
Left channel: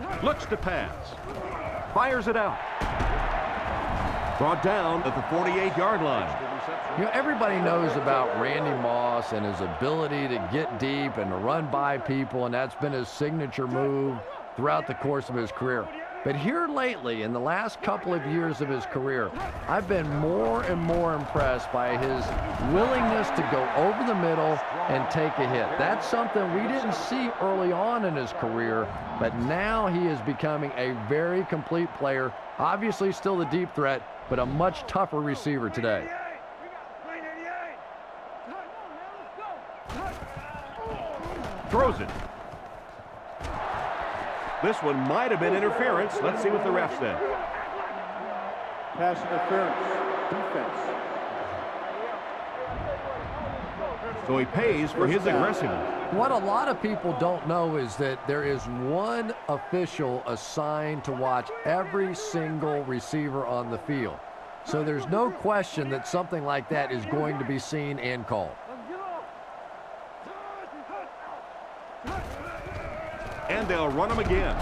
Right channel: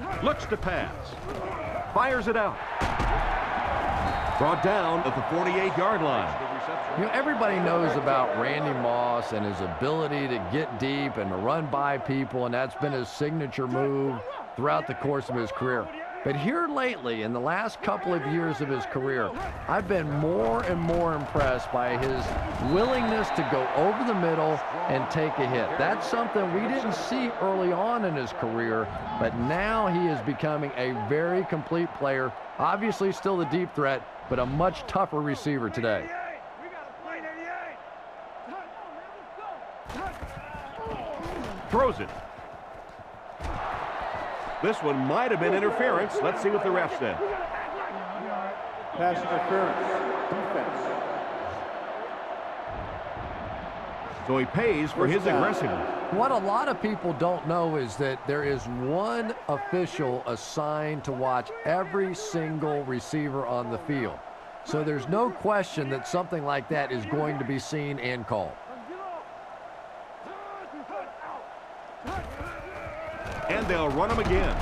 Clock. Looks to pass. Fires it out. Brought down at the 48-yard line. You know, everybody knows about Randy Moss and his ability to get deep and to run by people, and that's been his signature move throughout the course of his career. But here lately, in the last couple of years of his career, I've been more and more impressed by his willingness to go over the middle and take a hit. That's something we didn't see early on in his career, but now he is becoming a very complete player. Obviously still the deep threat, but a much tougher receiver today. We got to play 88. Come on, man, let's go. Throws it. This one might have been interference. Let's see what the ref said. Pass interference. Defense. So he pays for his aggressiveness. What a lot of people don't know is that there is one official assigned to watch every single receiver on the field. So there's no question that something like that is going to be seen and called. And they'll run him again.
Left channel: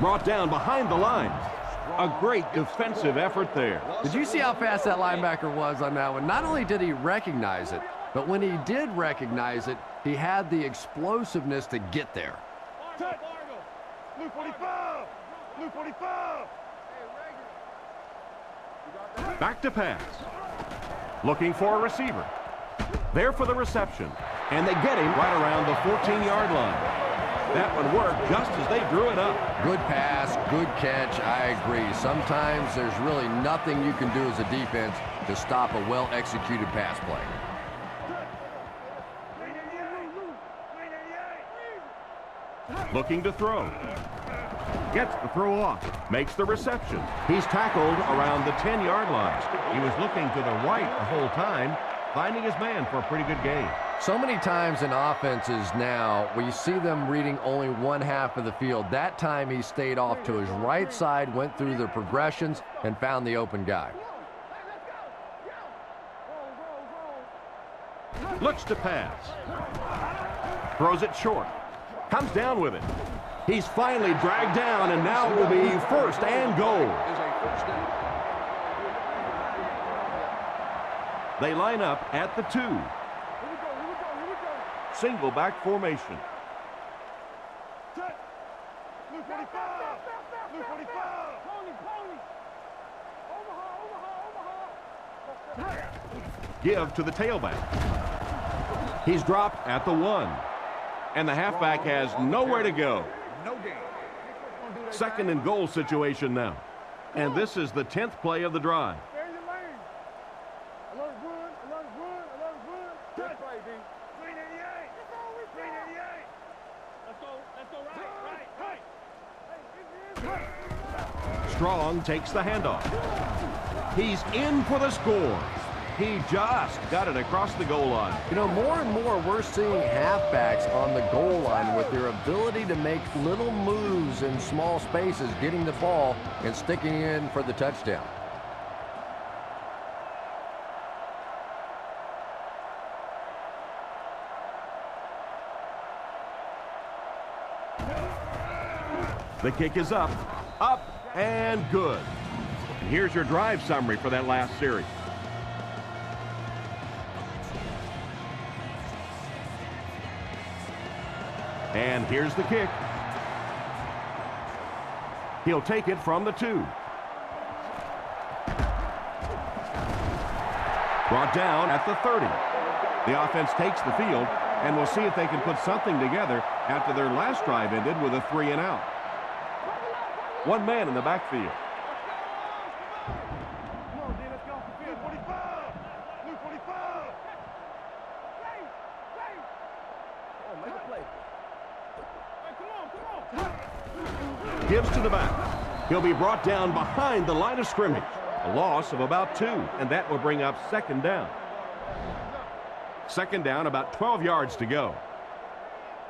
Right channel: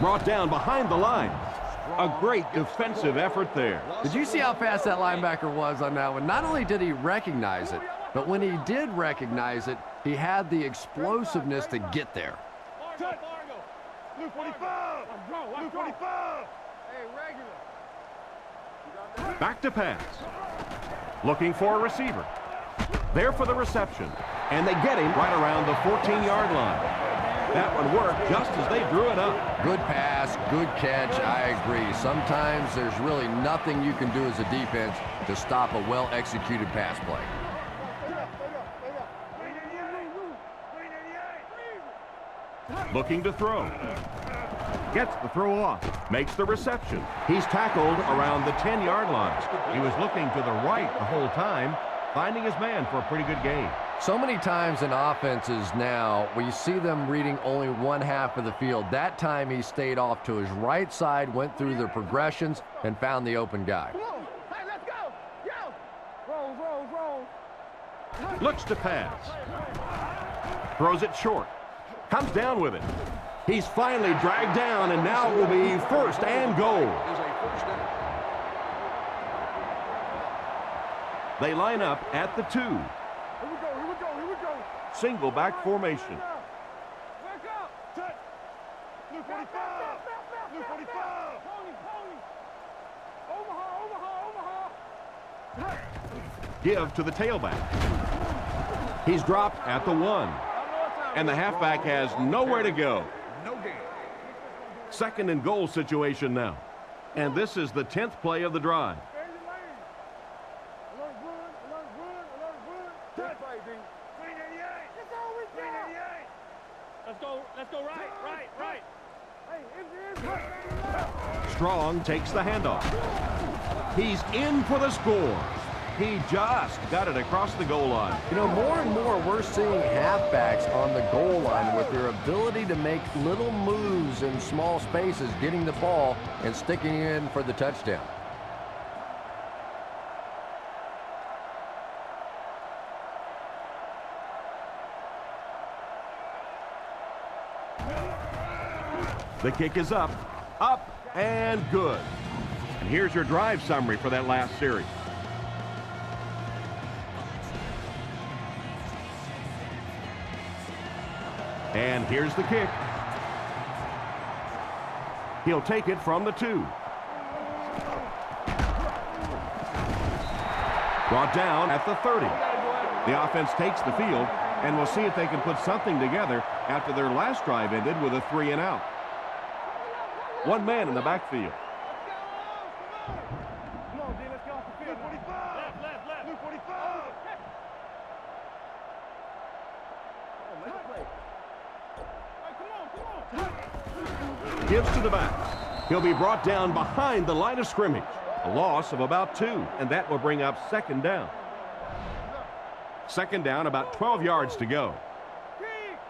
Brought down behind the line. A great defensive effort there. Did you see how fast that linebacker was on that one? Not only did he recognize it, but when he did recognize it, he had the explosiveness to get there. Fargo. Blue 45. Blue 45. Hey, regular. Back to pass. Looking for a receiver. There for the reception. And they get him right around the 14-yard line. That one worked just as they drew it up. Good pass, good catch, I agree. Sometimes there's really nothing you can do as a defense to stop a well-executed pass play. Looking to throw. Gets the throw off. Makes the reception. He's tackled around the 10-yard line. He was looking to the right the whole time, finding his man for a pretty good gain. So many times in offenses now, we see them reading only one half of the field. That time he stayed off to his right side, went through the progressions, and found the open guy. Come on. Hey, let's go. Yo. Rolls. Looks to pass. Throws it short. Comes down with it. He's finally dragged down, and now will be first and goal. They line up at the 2. Here we go. Single back formation. Touch. Blue 45. Blue 45. Pony. Omaha. Give to the tailback. He's dropped at the 1. And the halfback has nowhere to go. Second and goal situation now. And this is the 10th play of the drive. Stay in your lane. Alert run. Touch. Green 88. That's all we Green got. 88. Let's go right. Hey, it's Strong takes the handoff. He's in for the score. He just got it across the goal line. You know, more and more we're seeing halfbacks on the goal line with their ability to make little moves in small spaces, getting the ball and sticking in for the touchdown. The kick is up, and good. And here's your drive summary for that last series. And here's the kick. He'll take it from the 2. Brought down at the 30. The offense takes the field, and we'll see if they can put something together after their last drive ended with a 3 and out. One man in the backfield. Come on, D, let's get off the field. Blue 45. Left. Blue 45. Oh, make a play. Hey, come on. Gives to the back. He'll be brought down behind the line of scrimmage. A loss of about 2, and that will bring up second down. Second down, about 12 yards to go.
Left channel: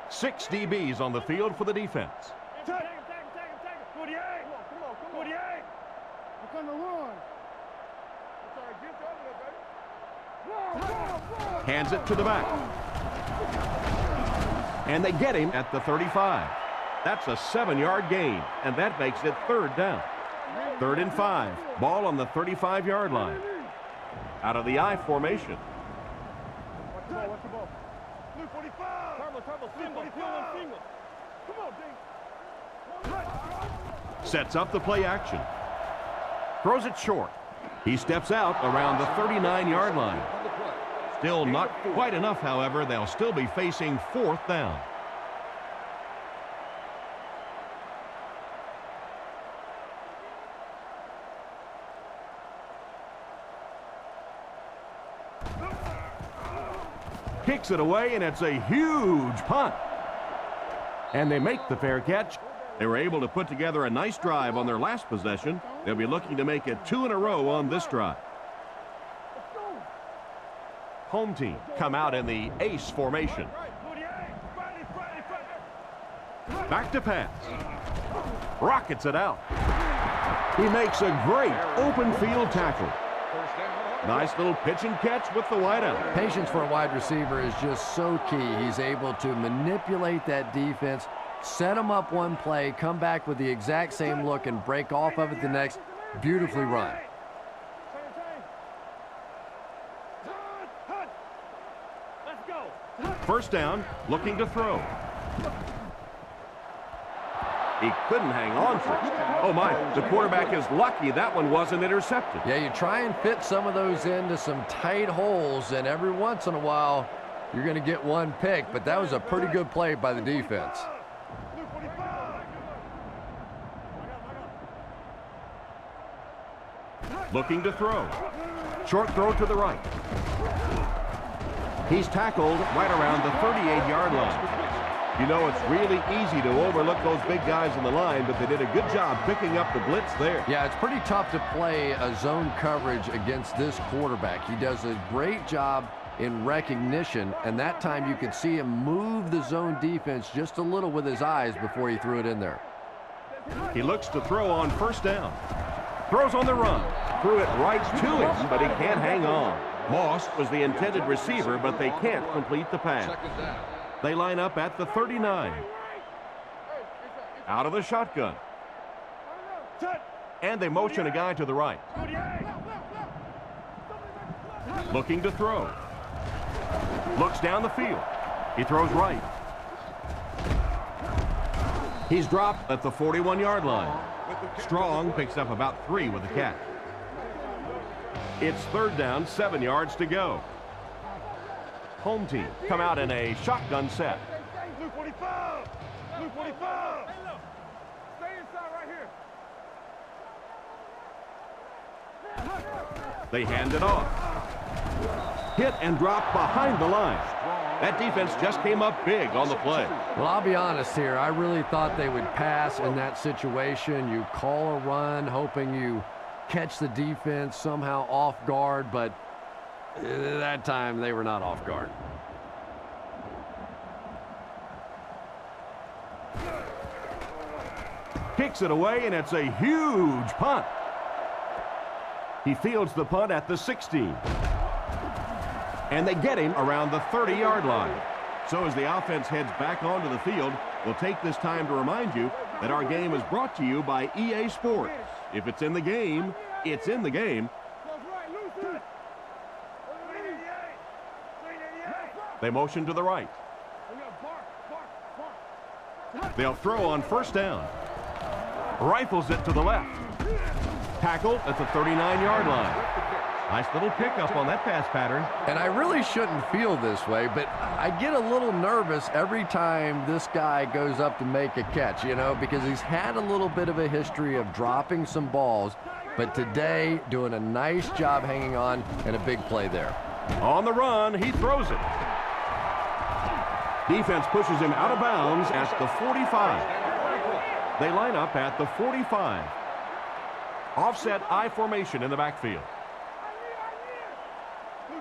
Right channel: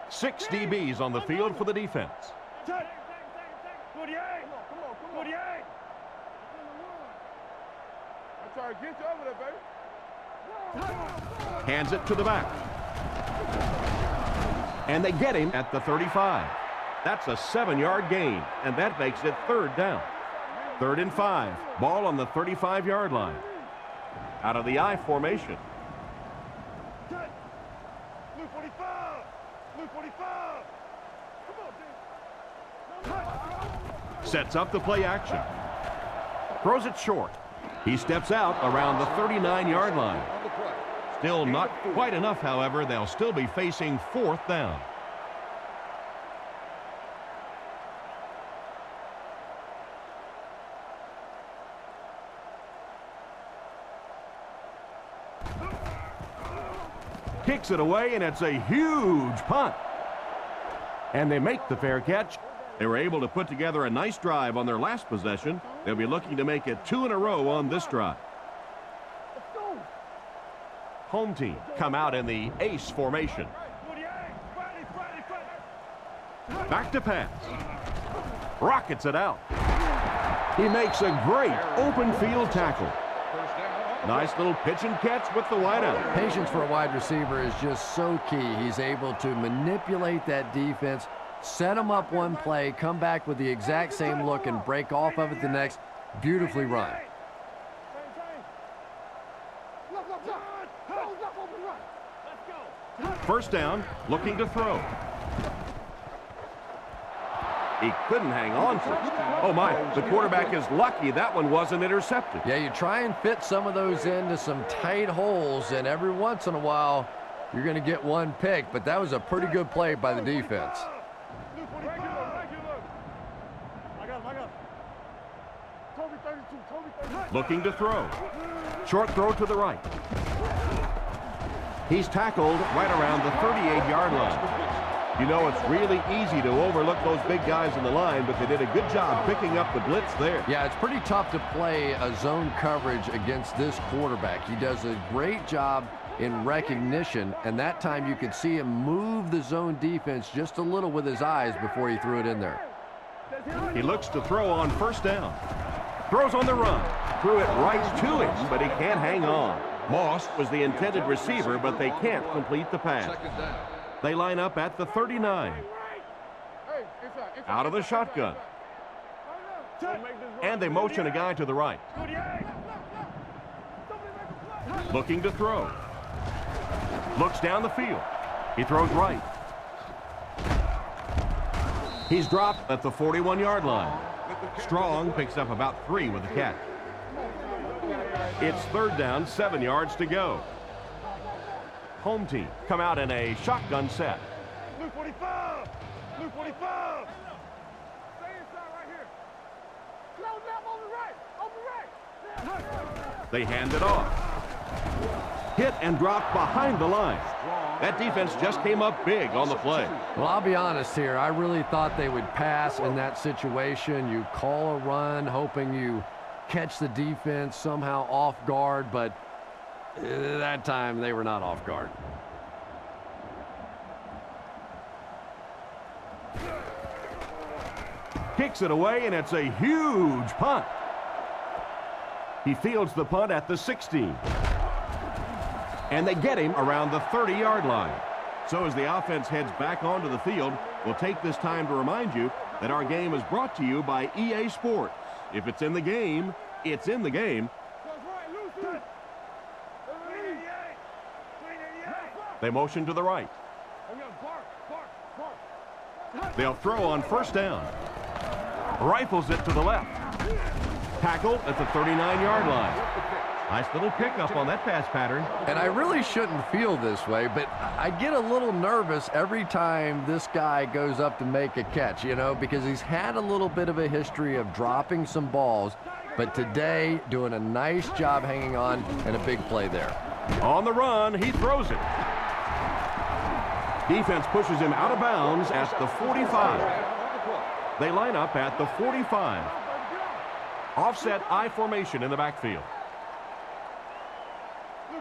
6 DBs on the field for the defense. Tag him. 48. Come on. 48. We're gonna run. I'm trying to get you over there, baby. Hands it to the back. And they get him at the 35. That's a 7-yard gain, and that makes it third down. 3rd and 5. Ball on the 35-yard line. Out of the I formation. Blue 45. Blue 45. Come on, D. Sets up the play action. Throws it short. He steps out around the 39-yard line. Still not quite enough, however. They'll still be facing 4th down. Kicks it away, and it's a huge punt. And they make the fair catch. They were able to put together a nice drive on their last possession. They'll be looking to make it 2 in a row on this drive. Home team come out in the ace formation. Back to pass. Rockets it out. He makes a great open field tackle. Nice little pitch and catch with the wideout. Patience for a wide receiver is just so key. He's able to manipulate that defense, set them up one play, come back with the exact same look, and break off of it the next. Beautifully run. First down, looking to throw. He couldn't hang on to it. Oh my, the quarterback is lucky that one wasn't intercepted. Yeah, you try and fit some of those into some tight holes, and every once in a while you're going to get one pick, but that was a pretty good play by the defense. Looking to throw. Short throw to the right. He's tackled right around the 38-yard line. You know, it's really easy to overlook those big guys in the line, but they did a good job picking up the blitz there. Yeah, it's pretty tough to play a zone coverage against this quarterback. He does a great job in recognition, and that time you could see him move the zone defense just a little with his eyes before he threw it in there. He looks to throw on first down. Throws on the run. Threw it right to him, but he can't hang on. Moss was the intended receiver, but they can't complete the pass. They line up at the 39. Out of the shotgun. And they motion a guy to the right. Looking to throw. Looks down the field. He throws right. He's dropped at the 41-yard line. Strong picks up about 3 with the catch. It's third down, 7 yards to go. Home team come out in a shotgun set. Luke 45! Luke 45! Hey, look. Stay inside right here. Close left over right. They hand it off. Hit and dropped behind the line. That defense just came up big on the play. Well, I'll be honest here. I really thought they would pass in that situation. You call a run, hoping you catch the defense somehow off guard, but that time they were not off guard. Kicks it away, and it's a huge punt. He fields the punt at the 16. And they get him around the 30-yard line. So as the offense heads back onto the field, we'll take this time to remind you that our game is brought to you by EA Sports. If it's in the game, it's in the game. They motion to the right. They'll throw on first down. Rifles it to the left. Tackled at the 39-yard line. Nice little pickup on that pass pattern. And I really shouldn't feel this way, but I get a little nervous every time this guy goes up to make a catch, you know, because he's had a little bit of a history of dropping some balls, but today doing a nice job hanging on and a big play there. On the run, he throws it. Defense pushes him out of bounds at the 45. They line up at the 45. Offset I formation in the backfield.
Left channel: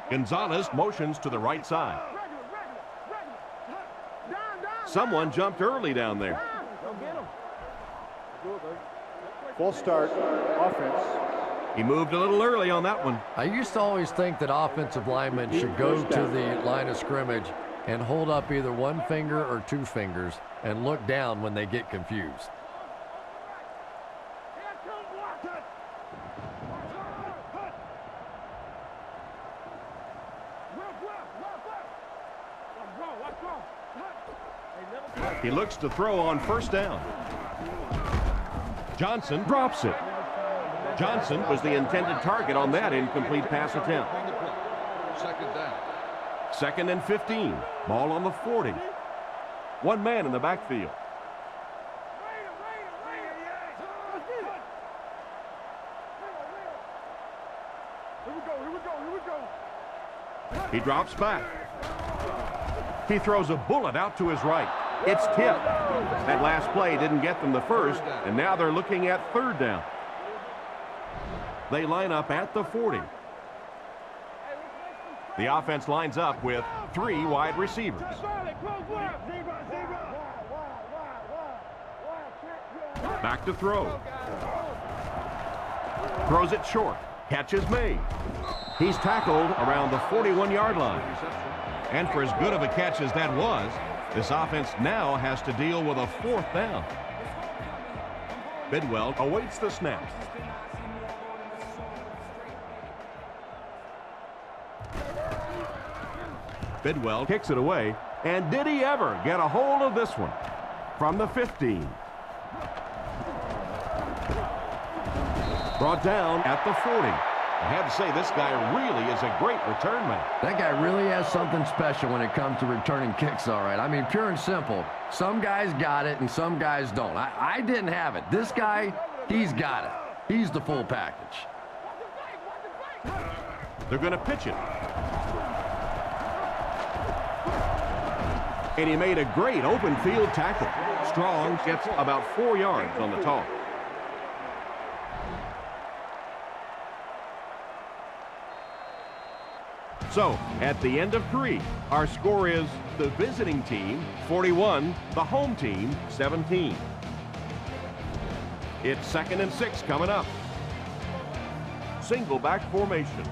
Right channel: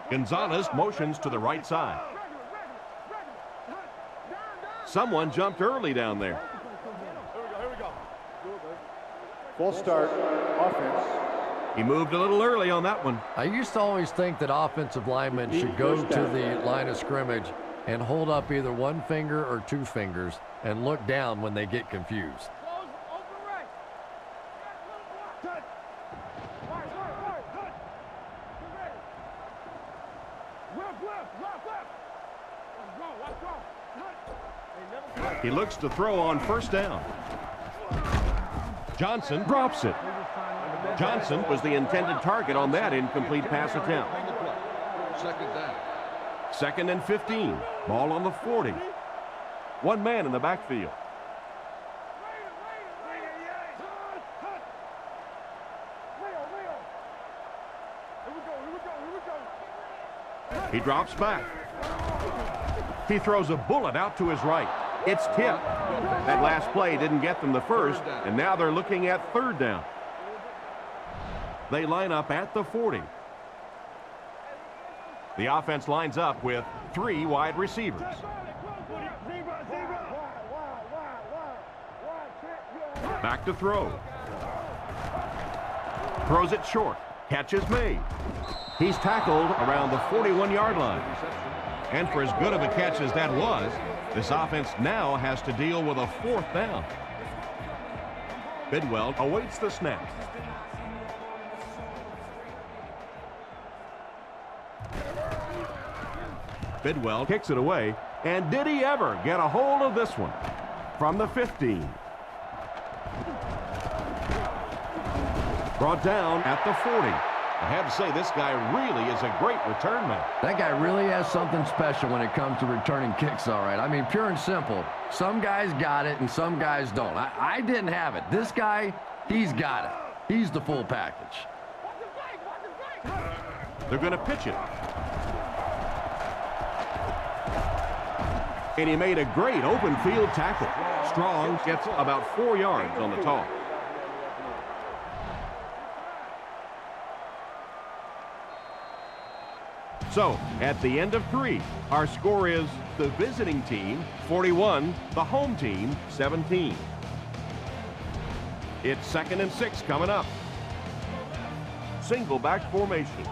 Gonzalez motions to the right side. Someone jumped early down there. Full start, offense. He moved a little early on that one. I used to always think that offensive linemen should go to the line of scrimmage and hold up either one finger or two fingers and look down when they get confused. Left. Let's go. He looks to throw on first down. Johnson drops it. Johnson was the intended target on that incomplete pass attempt. Second down. 2nd and 15. Ball on the 40. One man in the backfield. Here we go. He drops back. He throws a bullet out to his right. It's tipped. That last play didn't get them the first, and now they're looking at 3rd down. They line up at the 40. The offense lines up with 3 wide receivers. Back to throw. Throws it short. Catch is made. He's tackled around the 41-yard line. And for as good of a catch as that was, this offense now has to deal with a 4th down. Bidwell awaits the snap. Bidwell kicks it away, and did he ever get a hold of this one? From the 15. Brought down at the 40. I have to say, this guy really is a great return man. That guy really has something special when it comes to returning kicks, all right. I mean, pure and simple. Some guys got it and some guys don't. I didn't have it. This guy, he's got it. He's the full package. They're going to pitch it. And he made a great open field tackle. Strong gets about 4 yards on the toss. So, at the end of 3, our score is the visiting team 41, the home team 17. It's 2nd and 6 coming up. Single back formation.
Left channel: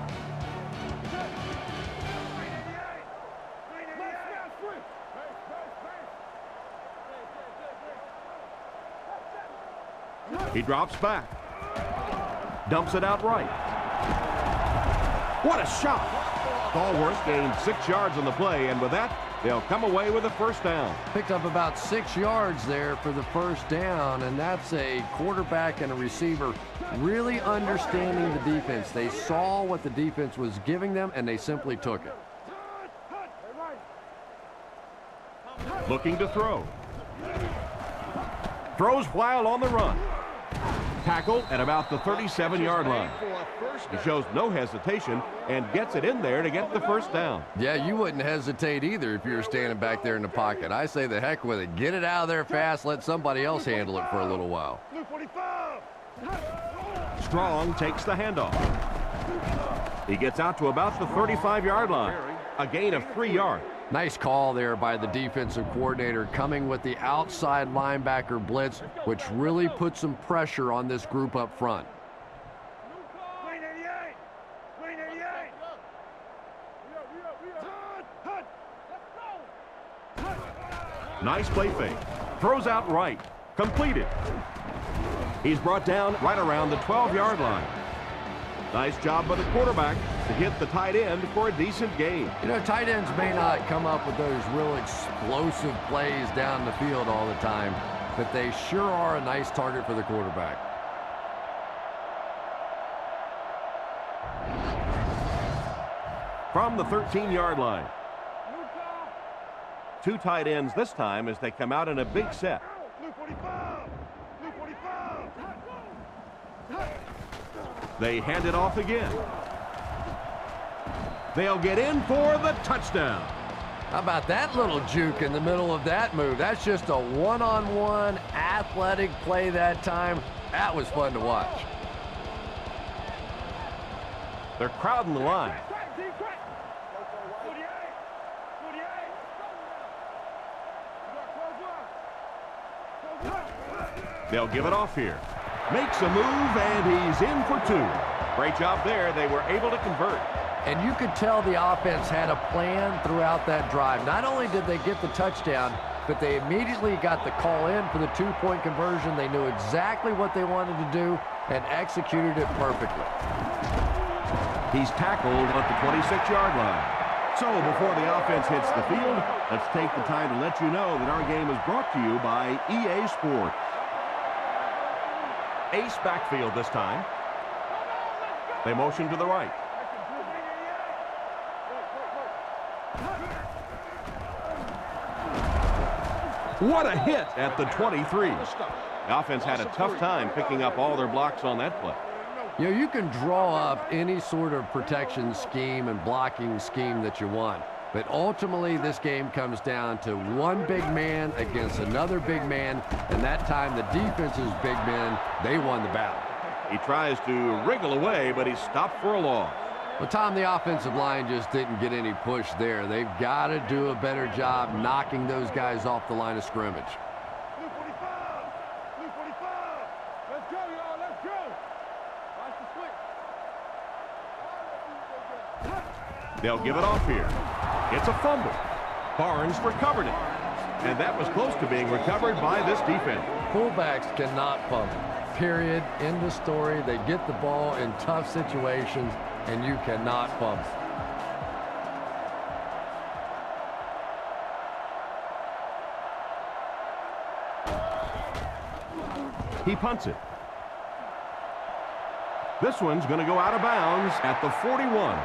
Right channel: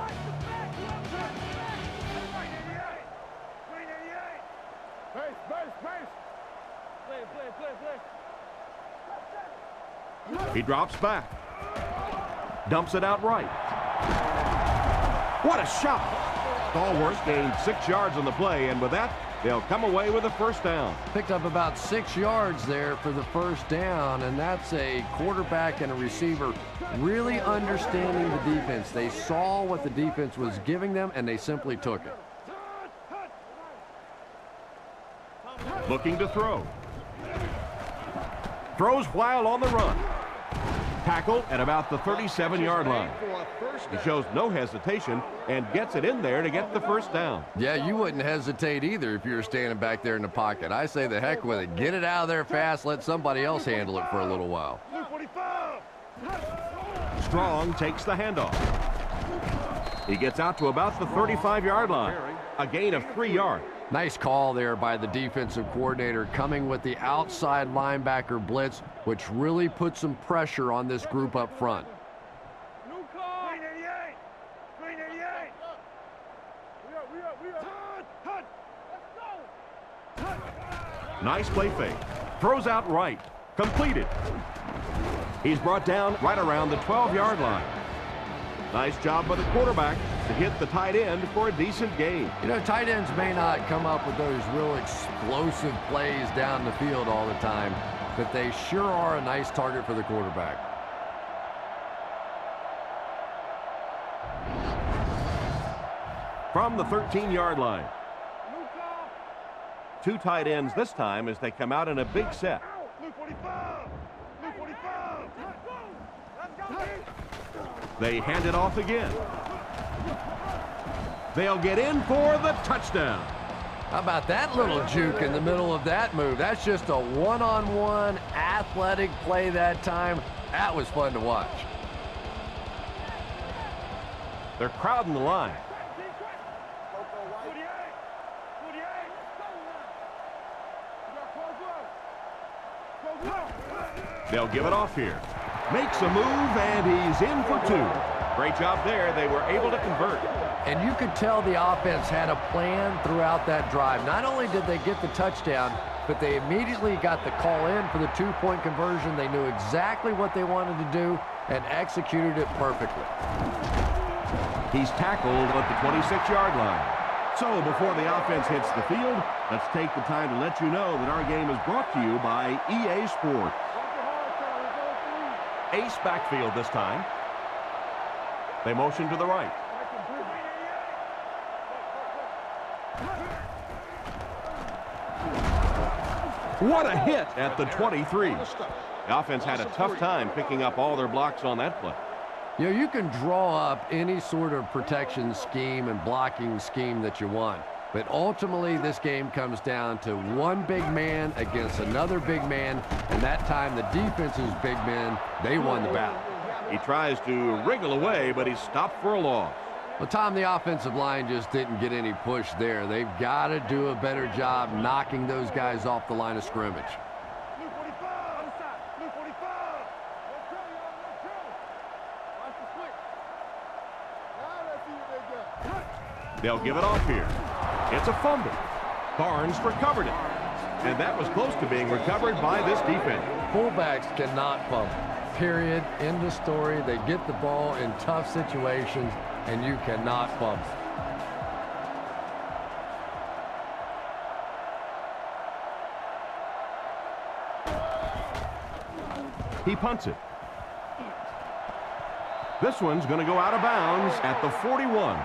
He drops back. Dumps it out right. What a shot! Stallworth gained 6 yards on the play, and with that, they'll come away with a 1st down. Picked up about 6 yards there for the 1st down, and that's a quarterback and a receiver really understanding the defense. They saw what the defense was giving them, and they simply took it. Looking to throw. Throws while on the run. Tackle at about the 37-yard line. He shows no hesitation and gets it in there to get the 1st down. Yeah, you wouldn't hesitate either if you were standing back there in the pocket. I say the heck with it. Get it out of there fast. Let somebody else handle it for a little while. Strong takes the handoff. He gets out to about the 35-yard line. A gain of 3 yards. Nice call there by the defensive coordinator, coming with the outside linebacker blitz, which really put some pressure on this group up front. Green 88! We up! Let's go! Nice play fake. Throws out right. Completed. He's brought down right around the 12-yard line. Nice job by the quarterback to hit the tight end for a decent gain. You know, tight ends may not come up with those real explosive plays down the field all the time, but they sure are a nice target for the quarterback. From the 13-yard line. New call. 2 tight ends this time as they come out in a big set. Blue 45! Blue 45! Let's go! Let's go! They hand it off again. They'll get in for the touchdown. How about that little juke in the middle of that move? That's just a one-on-one athletic play that time. That was fun to watch. They're crowding the line. 48! 48! Let's go now! We got close one! They'll give it off here. Makes a move, and he's in for 2. Great job there. They were able to convert. And you could tell the offense had a plan throughout that drive. Not only did they get the touchdown, but they immediately got the call in for the 2-point conversion. They knew exactly what they wanted to do and executed it perfectly. He's tackled at the 26-yard line. So before the offense hits the field, let's take the time to let you know that our game is brought to you by EA Sports. Ace backfield this time. They motion to the right. What a hit at the 23. The offense had a tough time picking up all their blocks on that play. You know, you can draw up any sort of protection scheme and blocking scheme that you want, but ultimately this game comes down to one big man against another big man, and that time the defense's big men, they won the battle. He tries to wriggle away, but he's stopped for a loss. Well, Tom, the offensive line just didn't get any push there. They've got to do a better job knocking those guys off the line of scrimmage. Blue 45! Blue 45! Let's go, y'all, let's go! Watch the switch. Now let's see what they got. They'll give it off here. It's a fumble. Barnes recovered it. And that was close to being recovered by this defense. Fullbacks cannot fumble. Period. End of story. They get the ball in tough situations, and you cannot fumble. He punts it. This one's going to go out of bounds at the 41.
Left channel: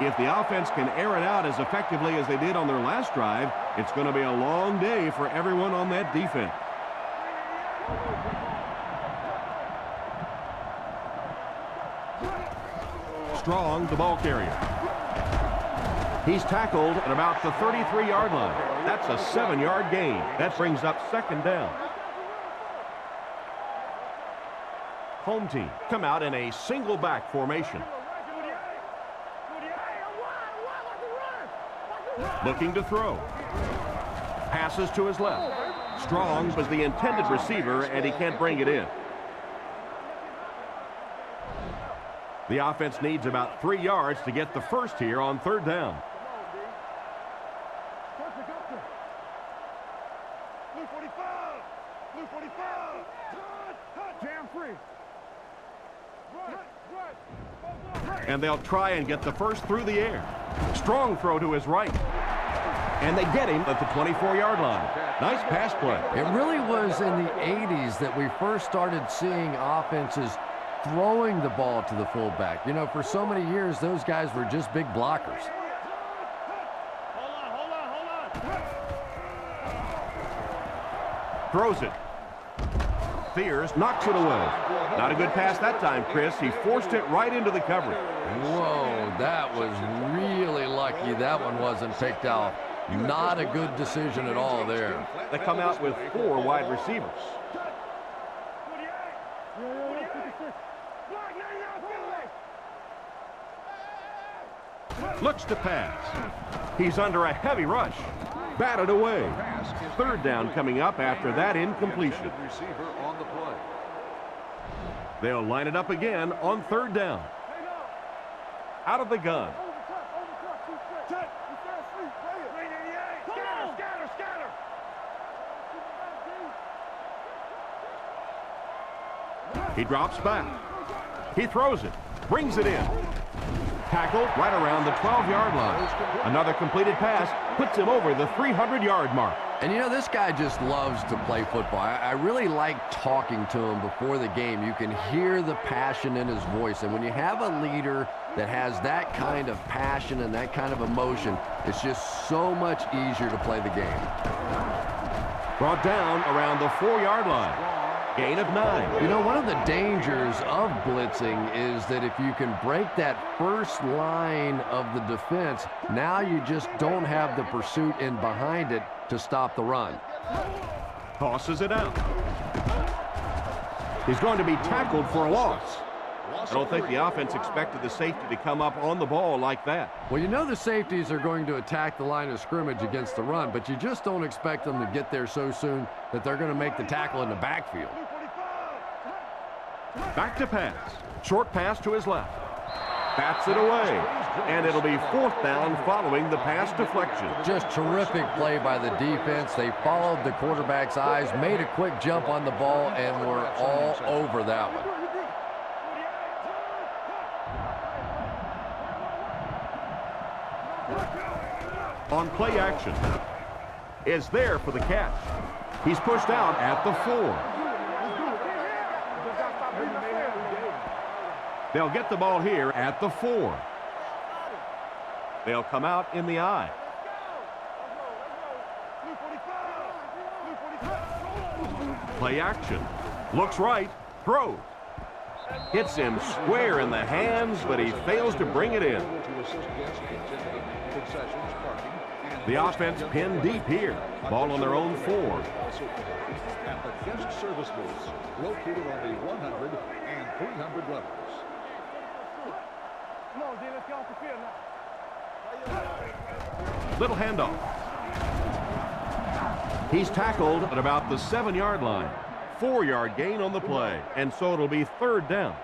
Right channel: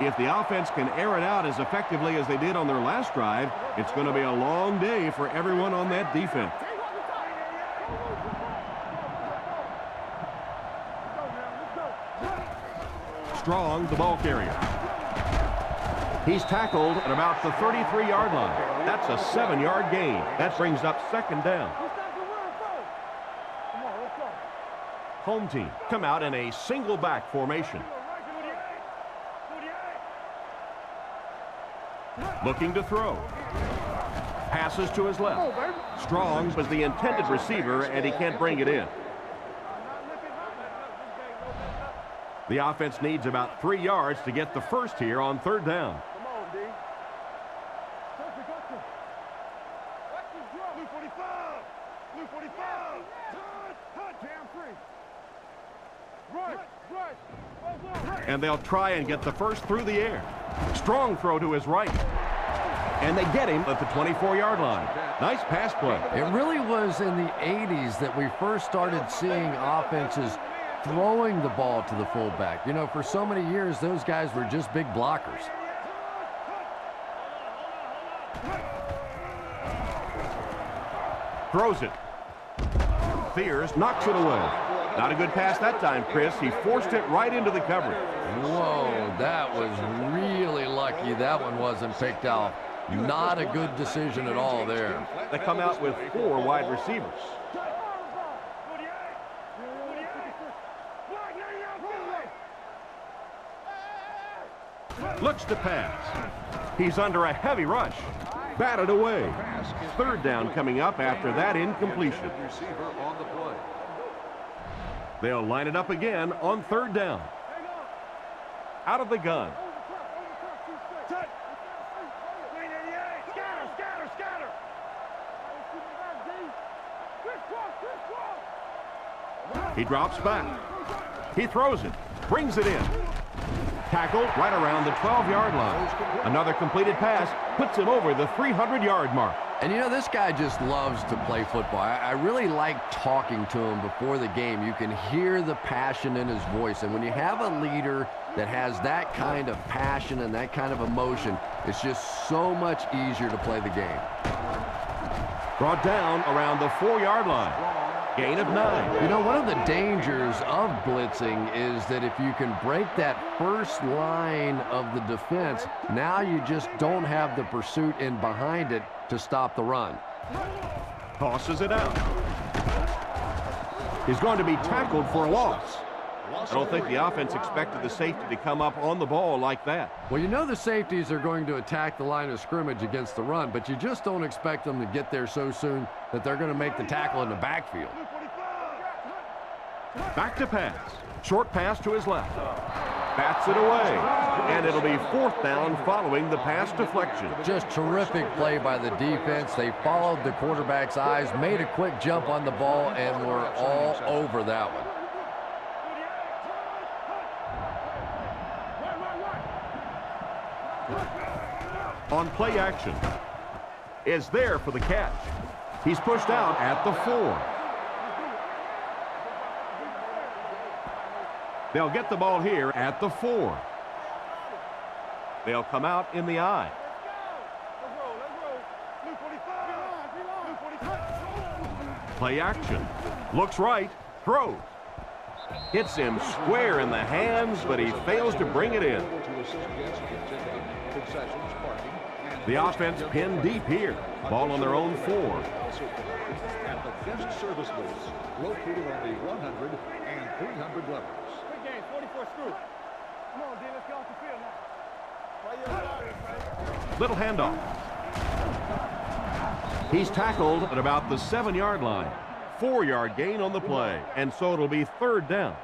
If the offense can air it out as effectively as they did on their last drive, it's going to be a long day for everyone on that defense. Strong, the ball carrier. He's tackled at about the 33-yard line. That's a 7-yard gain. That brings up second down. Home team come out in a single back formation. Looking to throw. Passes to his left. Strong was the intended receiver, and he can't bring it in. The offense needs about 3 yards to get the first here on third down. Come on, D. Gotcha. Blue 45! Blue 45! Hot, jam free. Right. And they'll try and get the first through the air. Strong throw to his right. And they get him at the 24-yard line. Nice pass play. It really was in the 80s that we first started seeing offenses throwing the ball to the fullback. You know, for so many years, those guys were just big blockers. Hold on. Throws it. Fears knocks it away. Not a good pass that time, Chris. He forced it right into the coverage. Whoa, that was really lucky that one wasn't picked off. Not a good decision at all there. They come out with 4 wide receivers. Looks to pass. He's under a heavy rush. Batted away. Third down coming up after that incompletion. They'll line it up again on third down. Out of the gun. Over top, 2 straight. Touch. You can't sleep. Play it. Green 88. Scatter. Let's keep him back, D. Criss-cross. He drops back. He throws it. Brings it in. Tackled right around the 12-yard line. Another completed pass puts him over the 300-yard mark. And you know, this guy just loves to play football. I really like talking to him before the game. You can hear the passion in his voice. And when you have a leader that has that kind of passion and that kind of emotion, it's just so much easier to play the game. Brought down around the 4-yard line. Gain of 9. You know, one of the dangers of blitzing is that if you can break that first line of the defense, now you just don't have the pursuit in behind it to stop the run. Tosses it out. He's going to be tackled for a loss. I don't think the offense expected the safety to come up on the ball like that. Well, you know the safeties are going to attack the line of scrimmage against the run, but you just don't expect them to get there so soon that they're going to make the tackle in the backfield. Back to pass. Short pass to his left. Bats it away. And it'll be 4th down following the pass deflection. Just terrific play by the defense. They followed the quarterback's eyes, made a quick jump on the ball, and were all over that one. On play action, is there for the catch. He's pushed out at the 4. They'll get the ball here at the 4. They'll come out in the I. Let's go. Let's roll. Let's roll. Blue 45. Blue 45. Play action. Looks right. Throws. Hits him square in the hands, but he fails to bring it in. The offense pinned deep here. Ball on their own 4. At the guest service booths, located on the 100 and 300 levels. Quick game, 44 screw. Come on, D, let's get off the field now. Play your starters, man. Little handoff. He's tackled at about the 7-yard line. 4-yard gain on the play, and so it'll be 3rd down.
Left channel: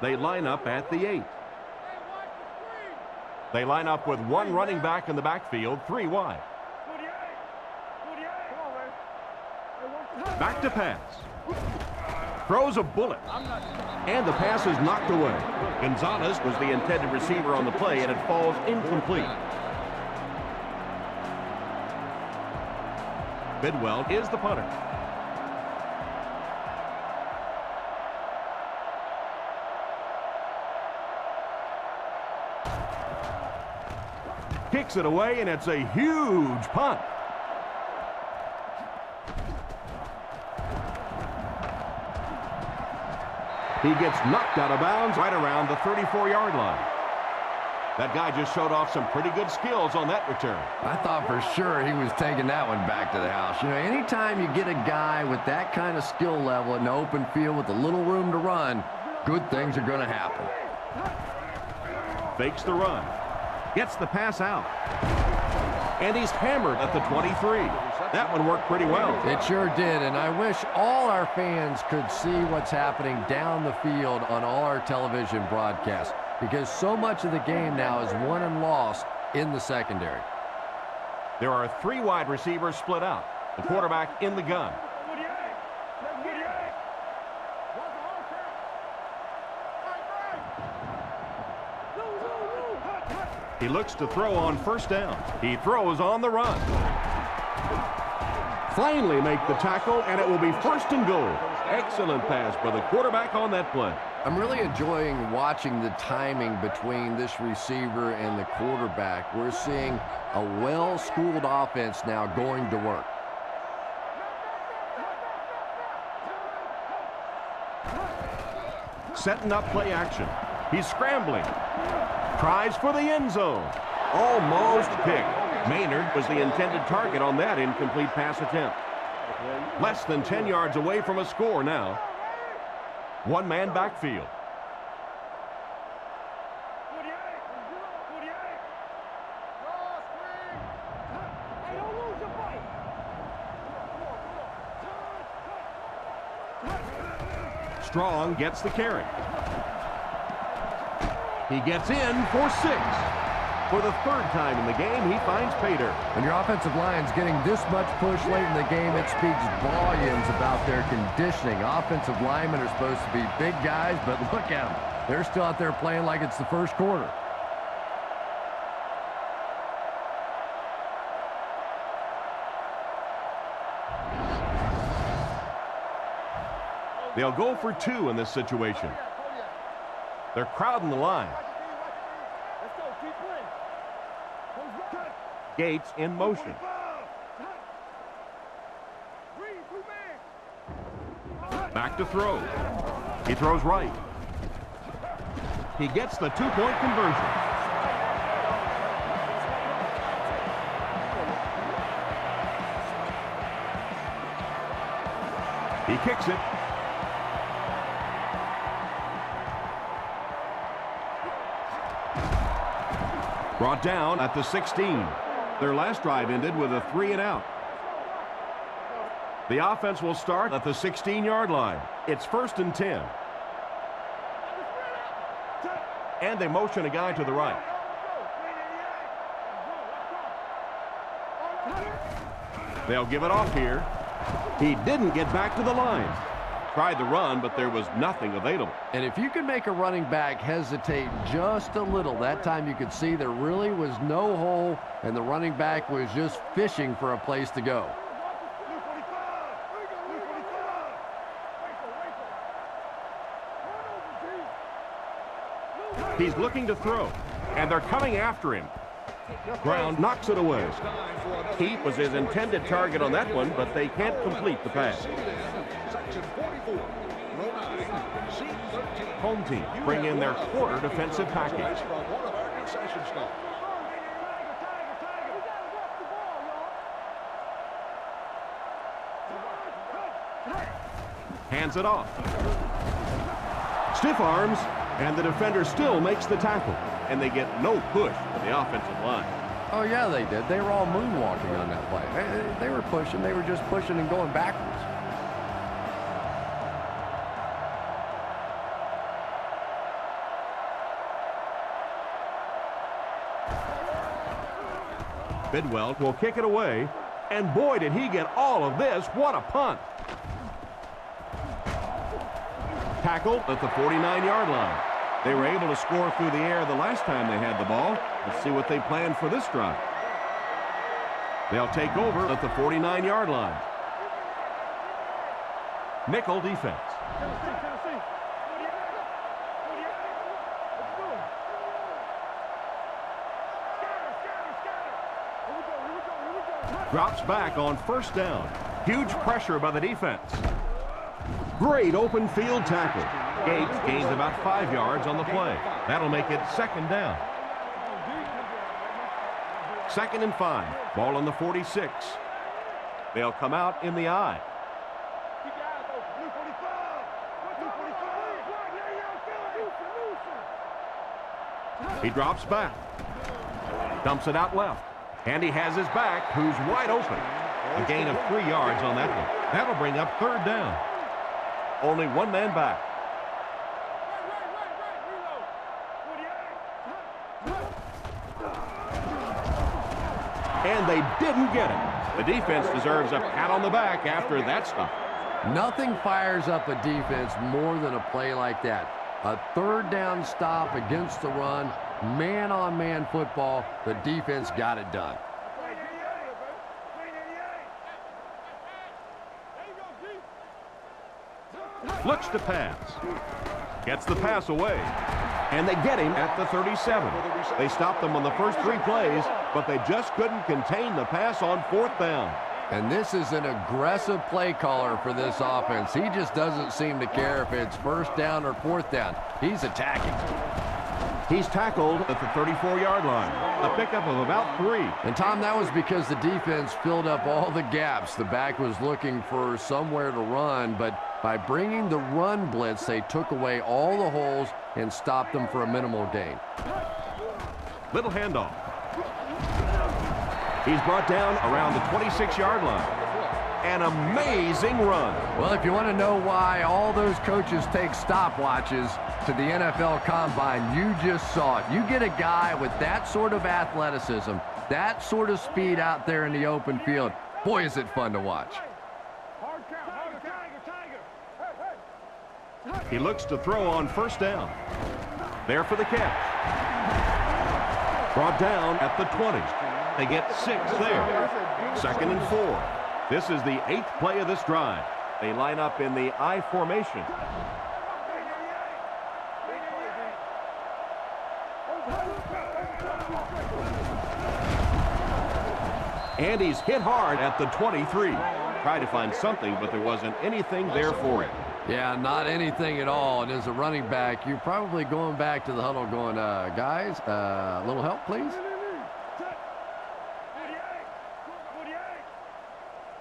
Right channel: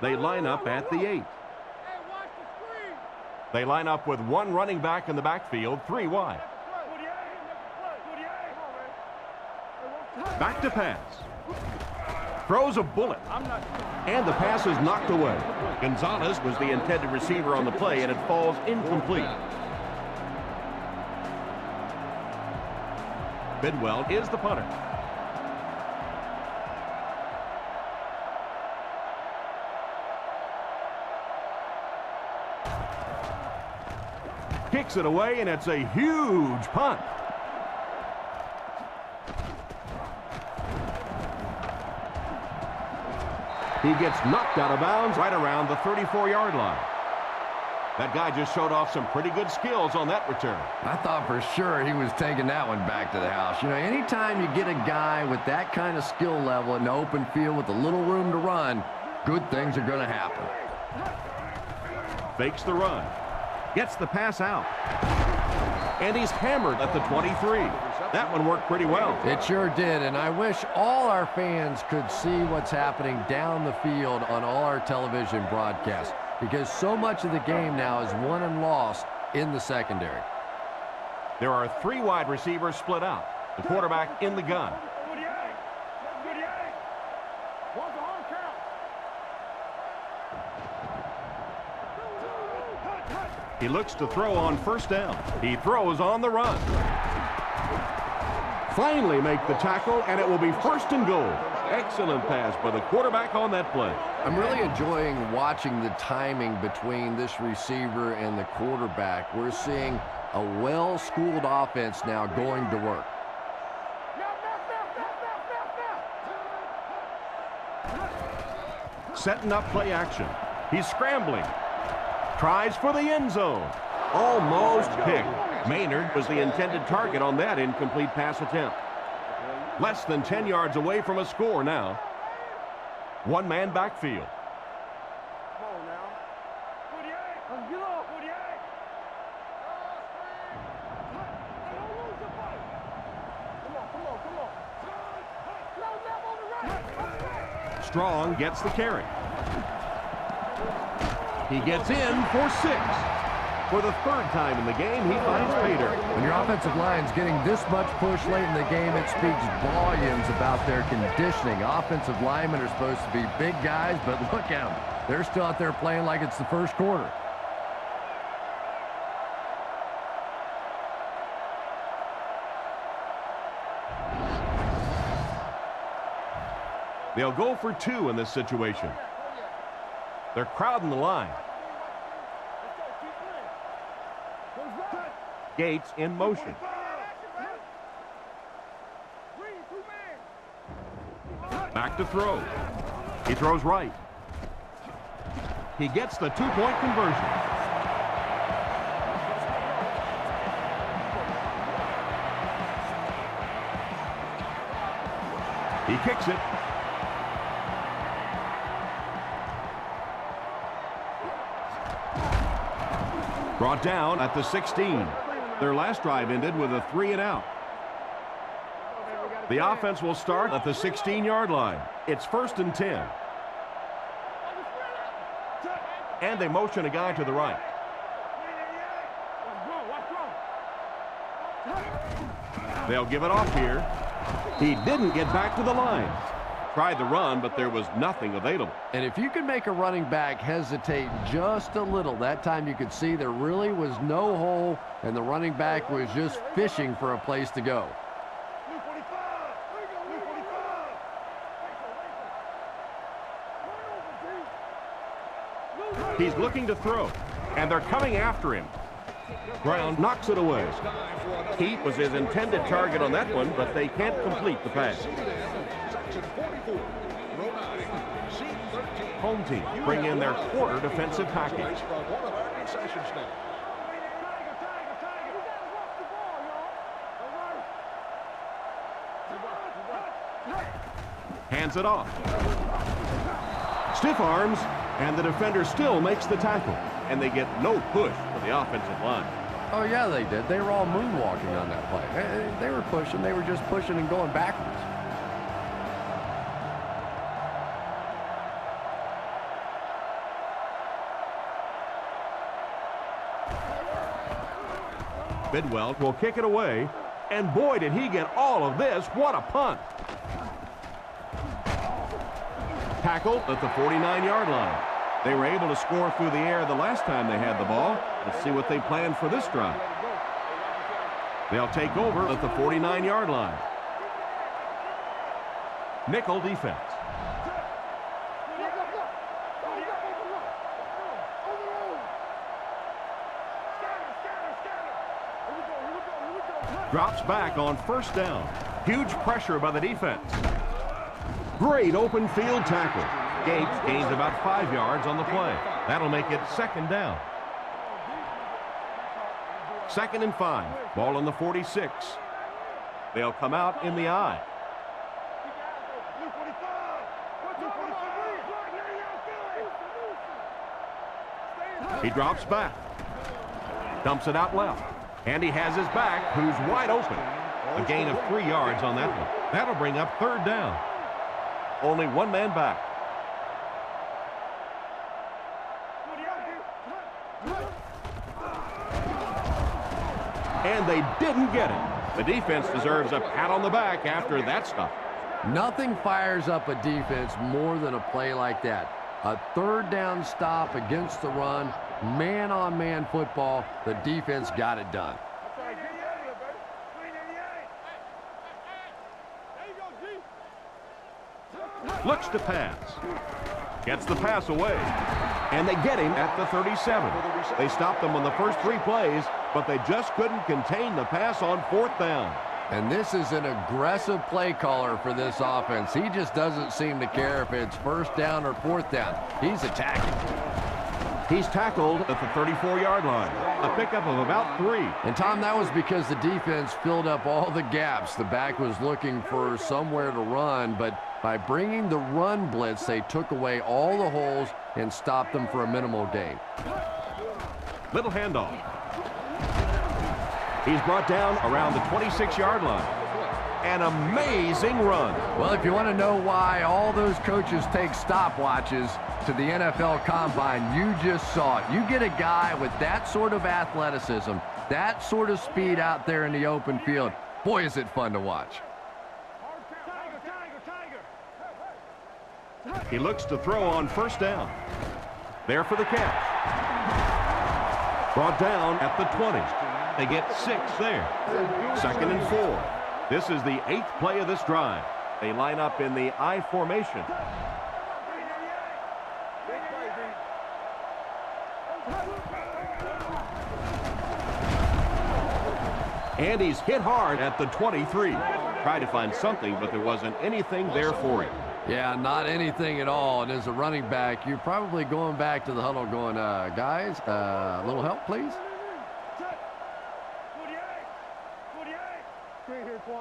They line up at the 8. Hey, watch the screen. They line up with 1 running back in the backfield, 3 wide. Back to pass. Throws a bullet. And the pass is knocked away. Gonzalez was the intended receiver on the play, and it falls incomplete. Bidwell is the punter. Kicks it away, and it's a huge punt. He gets knocked out of bounds right around the 34-yard line. That guy just showed off some pretty good skills on that return. I thought for sure he was taking that one back to the house. You know, anytime you get a guy with that kind of skill level in the open field with a little room to run, good things are going to happen. Fakes the run. Gets the pass out. And he's hammered at the 23. That one worked pretty well. It sure did, and I wish all our fans could see what's happening down the field on all our television broadcasts, because so much of the game now is won and lost in the secondary. There are 3 wide receivers split out. The quarterback in the gun. 48. Let's get it. What's the hard count? He looks to throw on 1st down. He throws on the run. Finally make the tackle, and it will be 1st and goal. Excellent pass by the quarterback on that play. I'm really enjoying watching the timing between this receiver and the quarterback. We're seeing a well-schooled offense now going to work. Setting up play action. He's scrambling. Tries for the end zone. Almost picked. Maynard was the intended target on that incomplete pass attempt. Less than 10 yards away from a score now. 1-man backfield. Come on now. 48. Let's get off. 48. Draw screen. Hey, don't lose your fight. Come on. Close up on the right. Strong gets the carry. He gets in for 6. For the 3rd time in the game, he finds pay dirt. When your offensive line's getting this much push late in the game, it speaks volumes about their conditioning. Offensive linemen are supposed to be big guys, but look at them. They're still out there playing like it's the 1st quarter. They'll go for 2 in this situation. They're crowding the line. Let's go. Keep playing. Gates in motion. Back to throw. He throws right. He gets the 2-point conversion. He kicks it. Brought down at the 16. Their last drive ended with a 3-and-out. The offense will start at the 16-yard line. It's 1st and 10. And they motion a guy to the right. They'll give it off here. He didn't get back to the line. tried the run, but there was nothing available. And if you could make a running back hesitate just a little, that time you could see there really was no hole, and the running back was just fishing for a place to go. Blue 45. Blue 45. Wait for. Turn over, G. He's looking to throw, and they're coming after him. Brown knocks it away. Heat was his intended target on that one, but they can't complete the pass. Section 44, row 9, seat 13. Home team bring in their quarter defensive package. From one of our concession stands. Tiger. We gotta watch the ball, y'all. Hands it off. Stiff arms, and the defender still makes the tackle. And they get no push for the offensive line. Oh, yeah, they did. They were all moonwalking on that play. They were pushing. They were just pushing and going backwards. Bidwell will kick it away. And boy, did he get all of this. What a punt. Tackled at the 49-yard line. They were able to score through the air the last time they had the ball. Let's see what they plan for this drive. They'll take over at the 49-yard line. Nickel defense. Drops back on first down. Huge pressure by the defense. Great open field tackle. Gates gains about 5 yards on the play. That'll make it second down. 2nd and 5. Ball on the 46. They'll come out in the I. Keep your eyes open. Blue 45. Blue 45. He drops back. Dumps it out left. And he has his back, who's wide open. A gain of 3 yards on that one. That'll bring up third down. Only one man back. And they didn't get it. The defense deserves a pat on the back after that stuff. Nothing fires up a defense more than a play like that. A third down stop against the run, man-on-man football. The defense got it done. Looks to pass. Gets the pass away. And they get him at the 37. They stopped them on the first 3 plays, but they just couldn't contain the pass on 4th down. And this is an aggressive play caller for this offense. He just doesn't seem to care if it's 1st down or 4th down. He's attacking. He's tackled at the 34-yard line. A pickup of about 3. And, Tom, that was because the defense filled up all the gaps. The back was looking for somewhere to run, but by bringing the run blitz, they took away all the holes and stopped them for a minimal gain. Little handoff. He's brought down around the 26-yard line. An amazing run. Well, if you want to know why all those coaches take stopwatches to the NFL Combine, you just saw it. You get a guy with that sort of athleticism, that sort of speed out there in the open field. Boy, is it fun to watch. He looks to throw on 1st down. There for the catch. Brought down at the 20. They get 6 there. 2nd and 4. This is the 8th play of this drive. They line up in the I formation. And he's hit hard at the 23. Tried to find something, but there wasn't anything there for him. Yeah, not anything at all. And as a running back, you're probably going back to the huddle going, guys, a little help, please.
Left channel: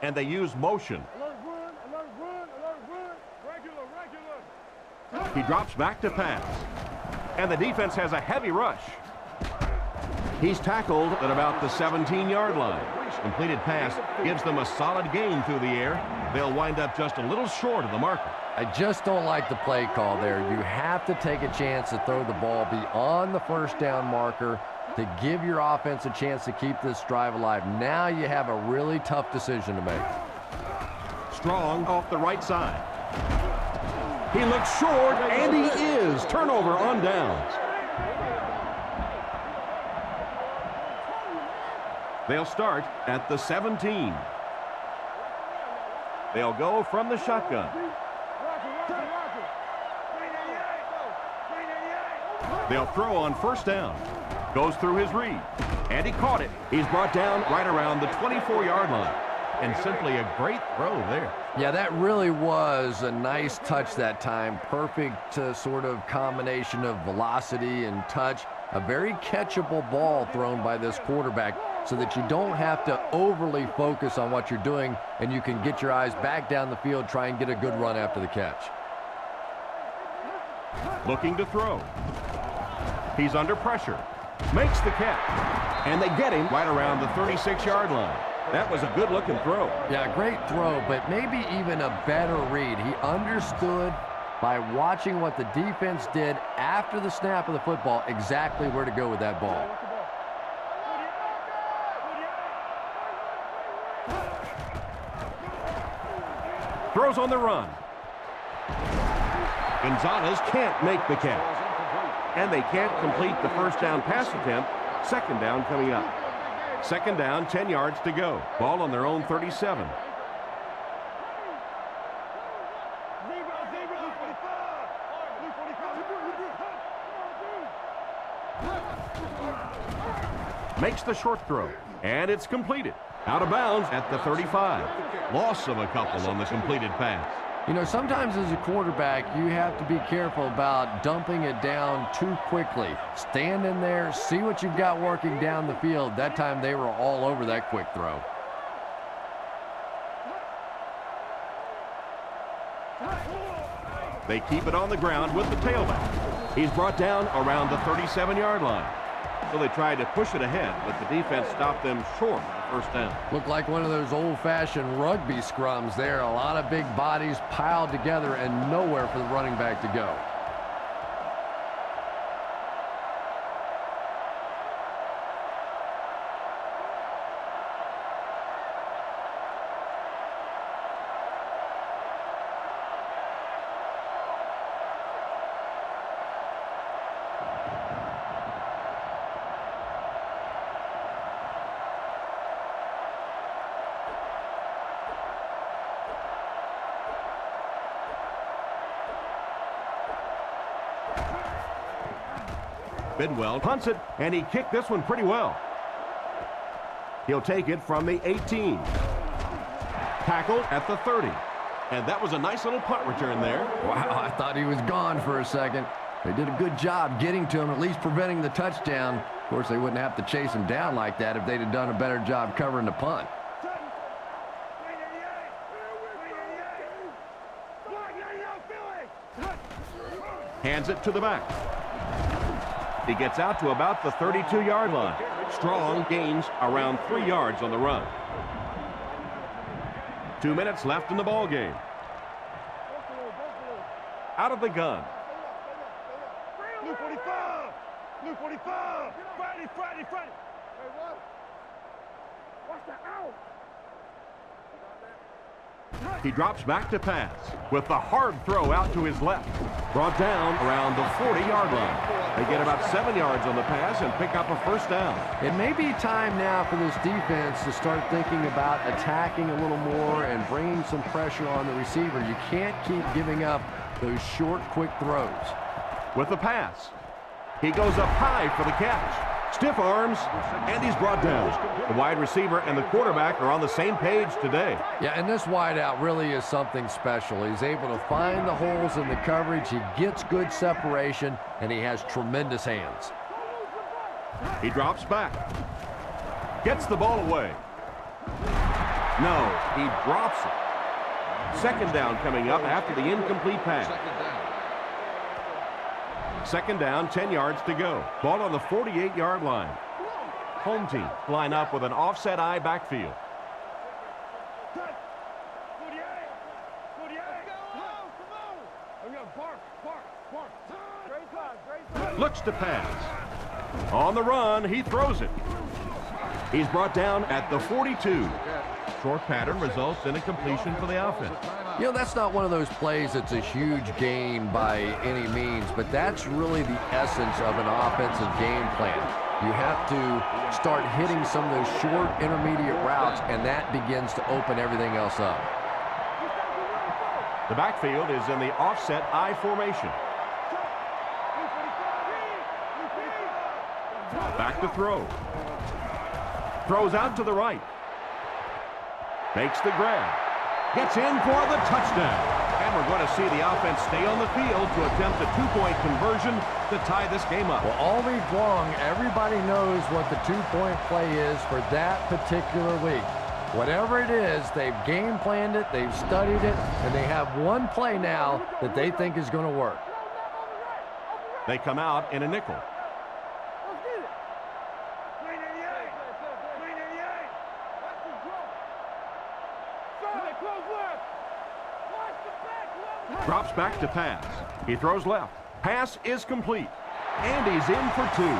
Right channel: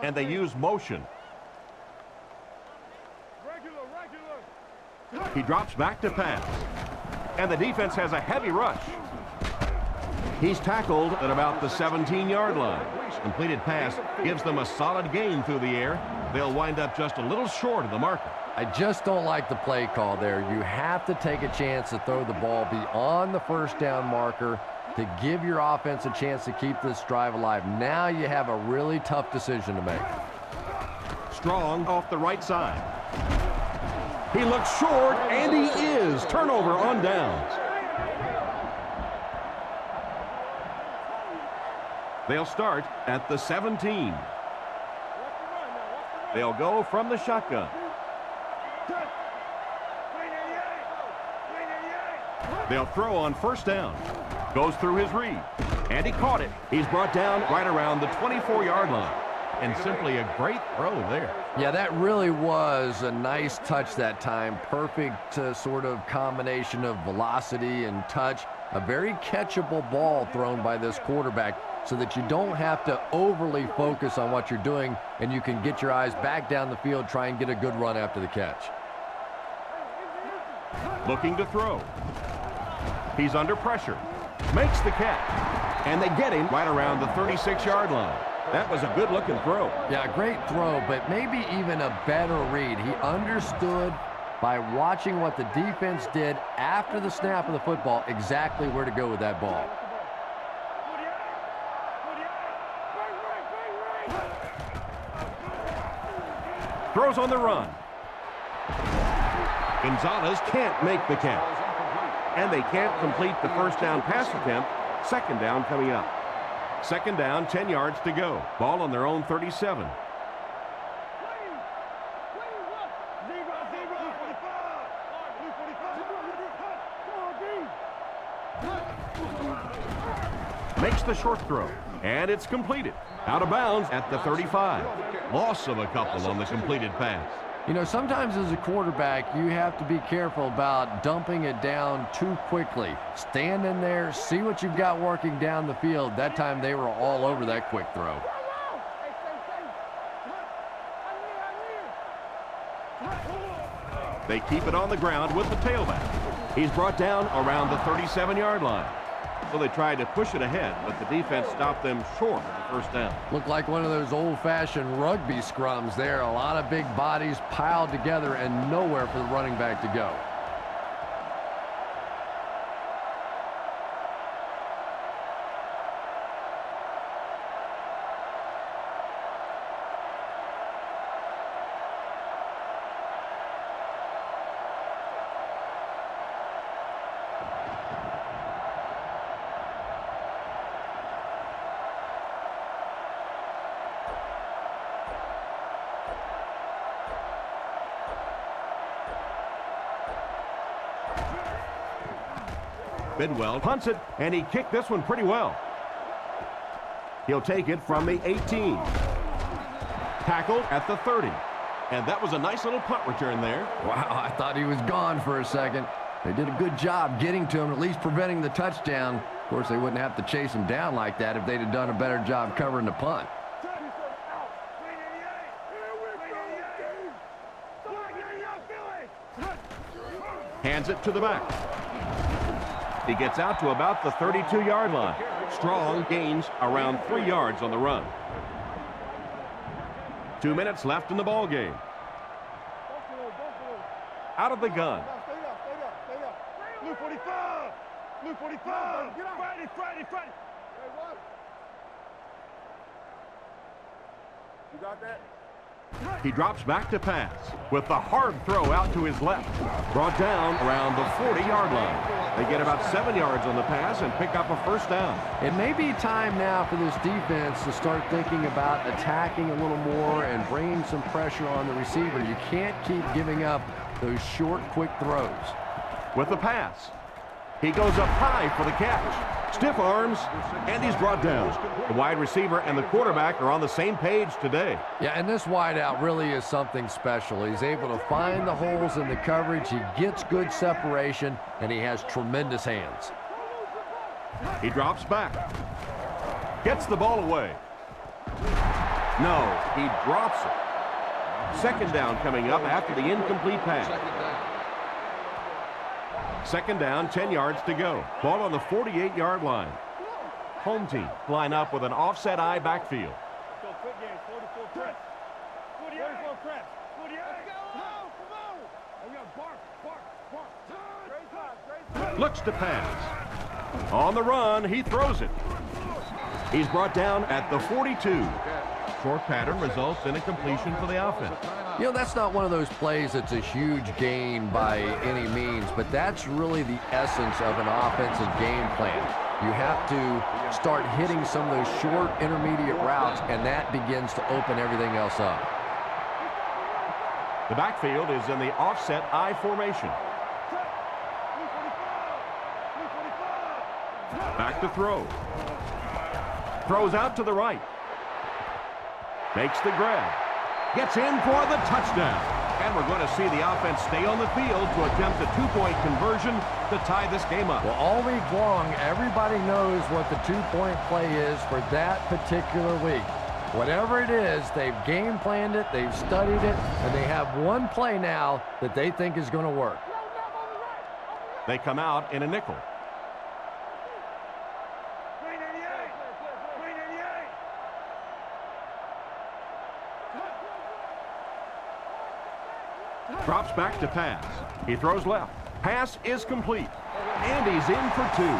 And they use motion. He drops back to pass. And the defense has a heavy rush. He's tackled at about the 17-yard line. Completed pass gives them a solid gain through the air. They'll wind up just a little short of the marker. I just don't like the play call there. You have to take a chance to throw the ball beyond the 1st down marker to give your offense a chance to keep this drive alive. Now you have a really tough decision to make. Strong off the right side. He looks short, and he is. Turnover on downs. They'll start at the 17. They'll go from the shotgun. They'll throw on first down. Goes through his read. And he caught it. He's brought down right around the 24-yard line. And simply a great throw there. Yeah, that really was a nice touch that time. Perfect sort of combination of velocity and touch. A very catchable ball thrown by this quarterback so that you don't have to overly focus on what you're doing and you can get your eyes back down the field, try and get a good run after the catch. Looking to throw. He's under pressure. Makes the catch. And they get him right around the 36-yard line. That was a good-looking throw. Yeah, great throw, but maybe even a better read. He understood by watching what the defense did after the snap of the football exactly where to go with that ball. Throws on the run. Gonzalez can't make the catch. And they can't complete the first down pass attempt. Second down coming up. Second down, 10 yards to go. Ball on their own 37. Makes the short throw, and it's completed. Out of bounds at the 35. Loss of a couple on the completed pass. You know, sometimes as a quarterback, you have to be careful about dumping it down too quickly. Stand in there, see what you've got working down the field. That time they were all over that quick throw. They keep it on the ground with the tailback. He's brought down around the 37-yard line. So they tried to push it ahead, but the defense stopped them short of the first down. Looked like one of those old-fashioned rugby scrums there. A lot of big bodies piled together and nowhere for the running back to go. Bidwell punts it, and he kicked this one pretty well. He'll take it from the 18. Tackled at the 30. And that was a nice little punt return there. Wow, I thought he was gone for a second. They did a good job getting to him, at least preventing the touchdown. Of course, they wouldn't have to chase him down like that if they'd have done a better job covering the punt. Hands it to the back. He gets out to about the 32-yard line. Strong gains around 3 yards on the run. 2 minutes left in the ball game. Out of the gun. Stay down. Blue 45. Blue 45. Friday. Hey, what? Watch the out. You got that? He drops back to pass with the hard throw out to his left. Brought down around the 40-yard line. They get about 7 yards on the pass and pick up a first down. It may be time now for this defense to start thinking about attacking a little more and bringing some pressure on the receiver. You can't keep giving up those short, quick throws. With the pass, he goes up high for the catch. Stiff arms, and he's brought down. The wide receiver and the quarterback are on the same page today. Yeah, and this wideout really is something special. He's able to find the holes in the coverage. He gets good separation, and he has tremendous hands. He drops back. Gets the ball away. No, he drops it. Second down coming up after the incomplete pass. Second down, 10 yards to go. Ball on the 48-yard line. Home team line up with an offset eye backfield. Looks to pass. On the run, he throws it. He's brought down at the 42. Short pattern results in a completion for the offense. You know, that's not one of those plays that's a huge gain by any means, but that's really the essence of an offensive game plan. You have to start hitting some of those short intermediate routes, and that begins to open everything else up. The backfield is in the offset I formation. Back to throw. Throws out to the right. Makes the grab. Gets in for the touchdown. And we're going to see the offense stay on the field to attempt a two-point conversion to tie this game up. Well, all week long, everybody knows what the two-point play is for that particular week. Whatever it is, they've game planned it, they've studied it, and they have one play now that they think is going to work. They come out in a nickel. Drops back to pass. He throws left. Pass is complete. And he's in for two.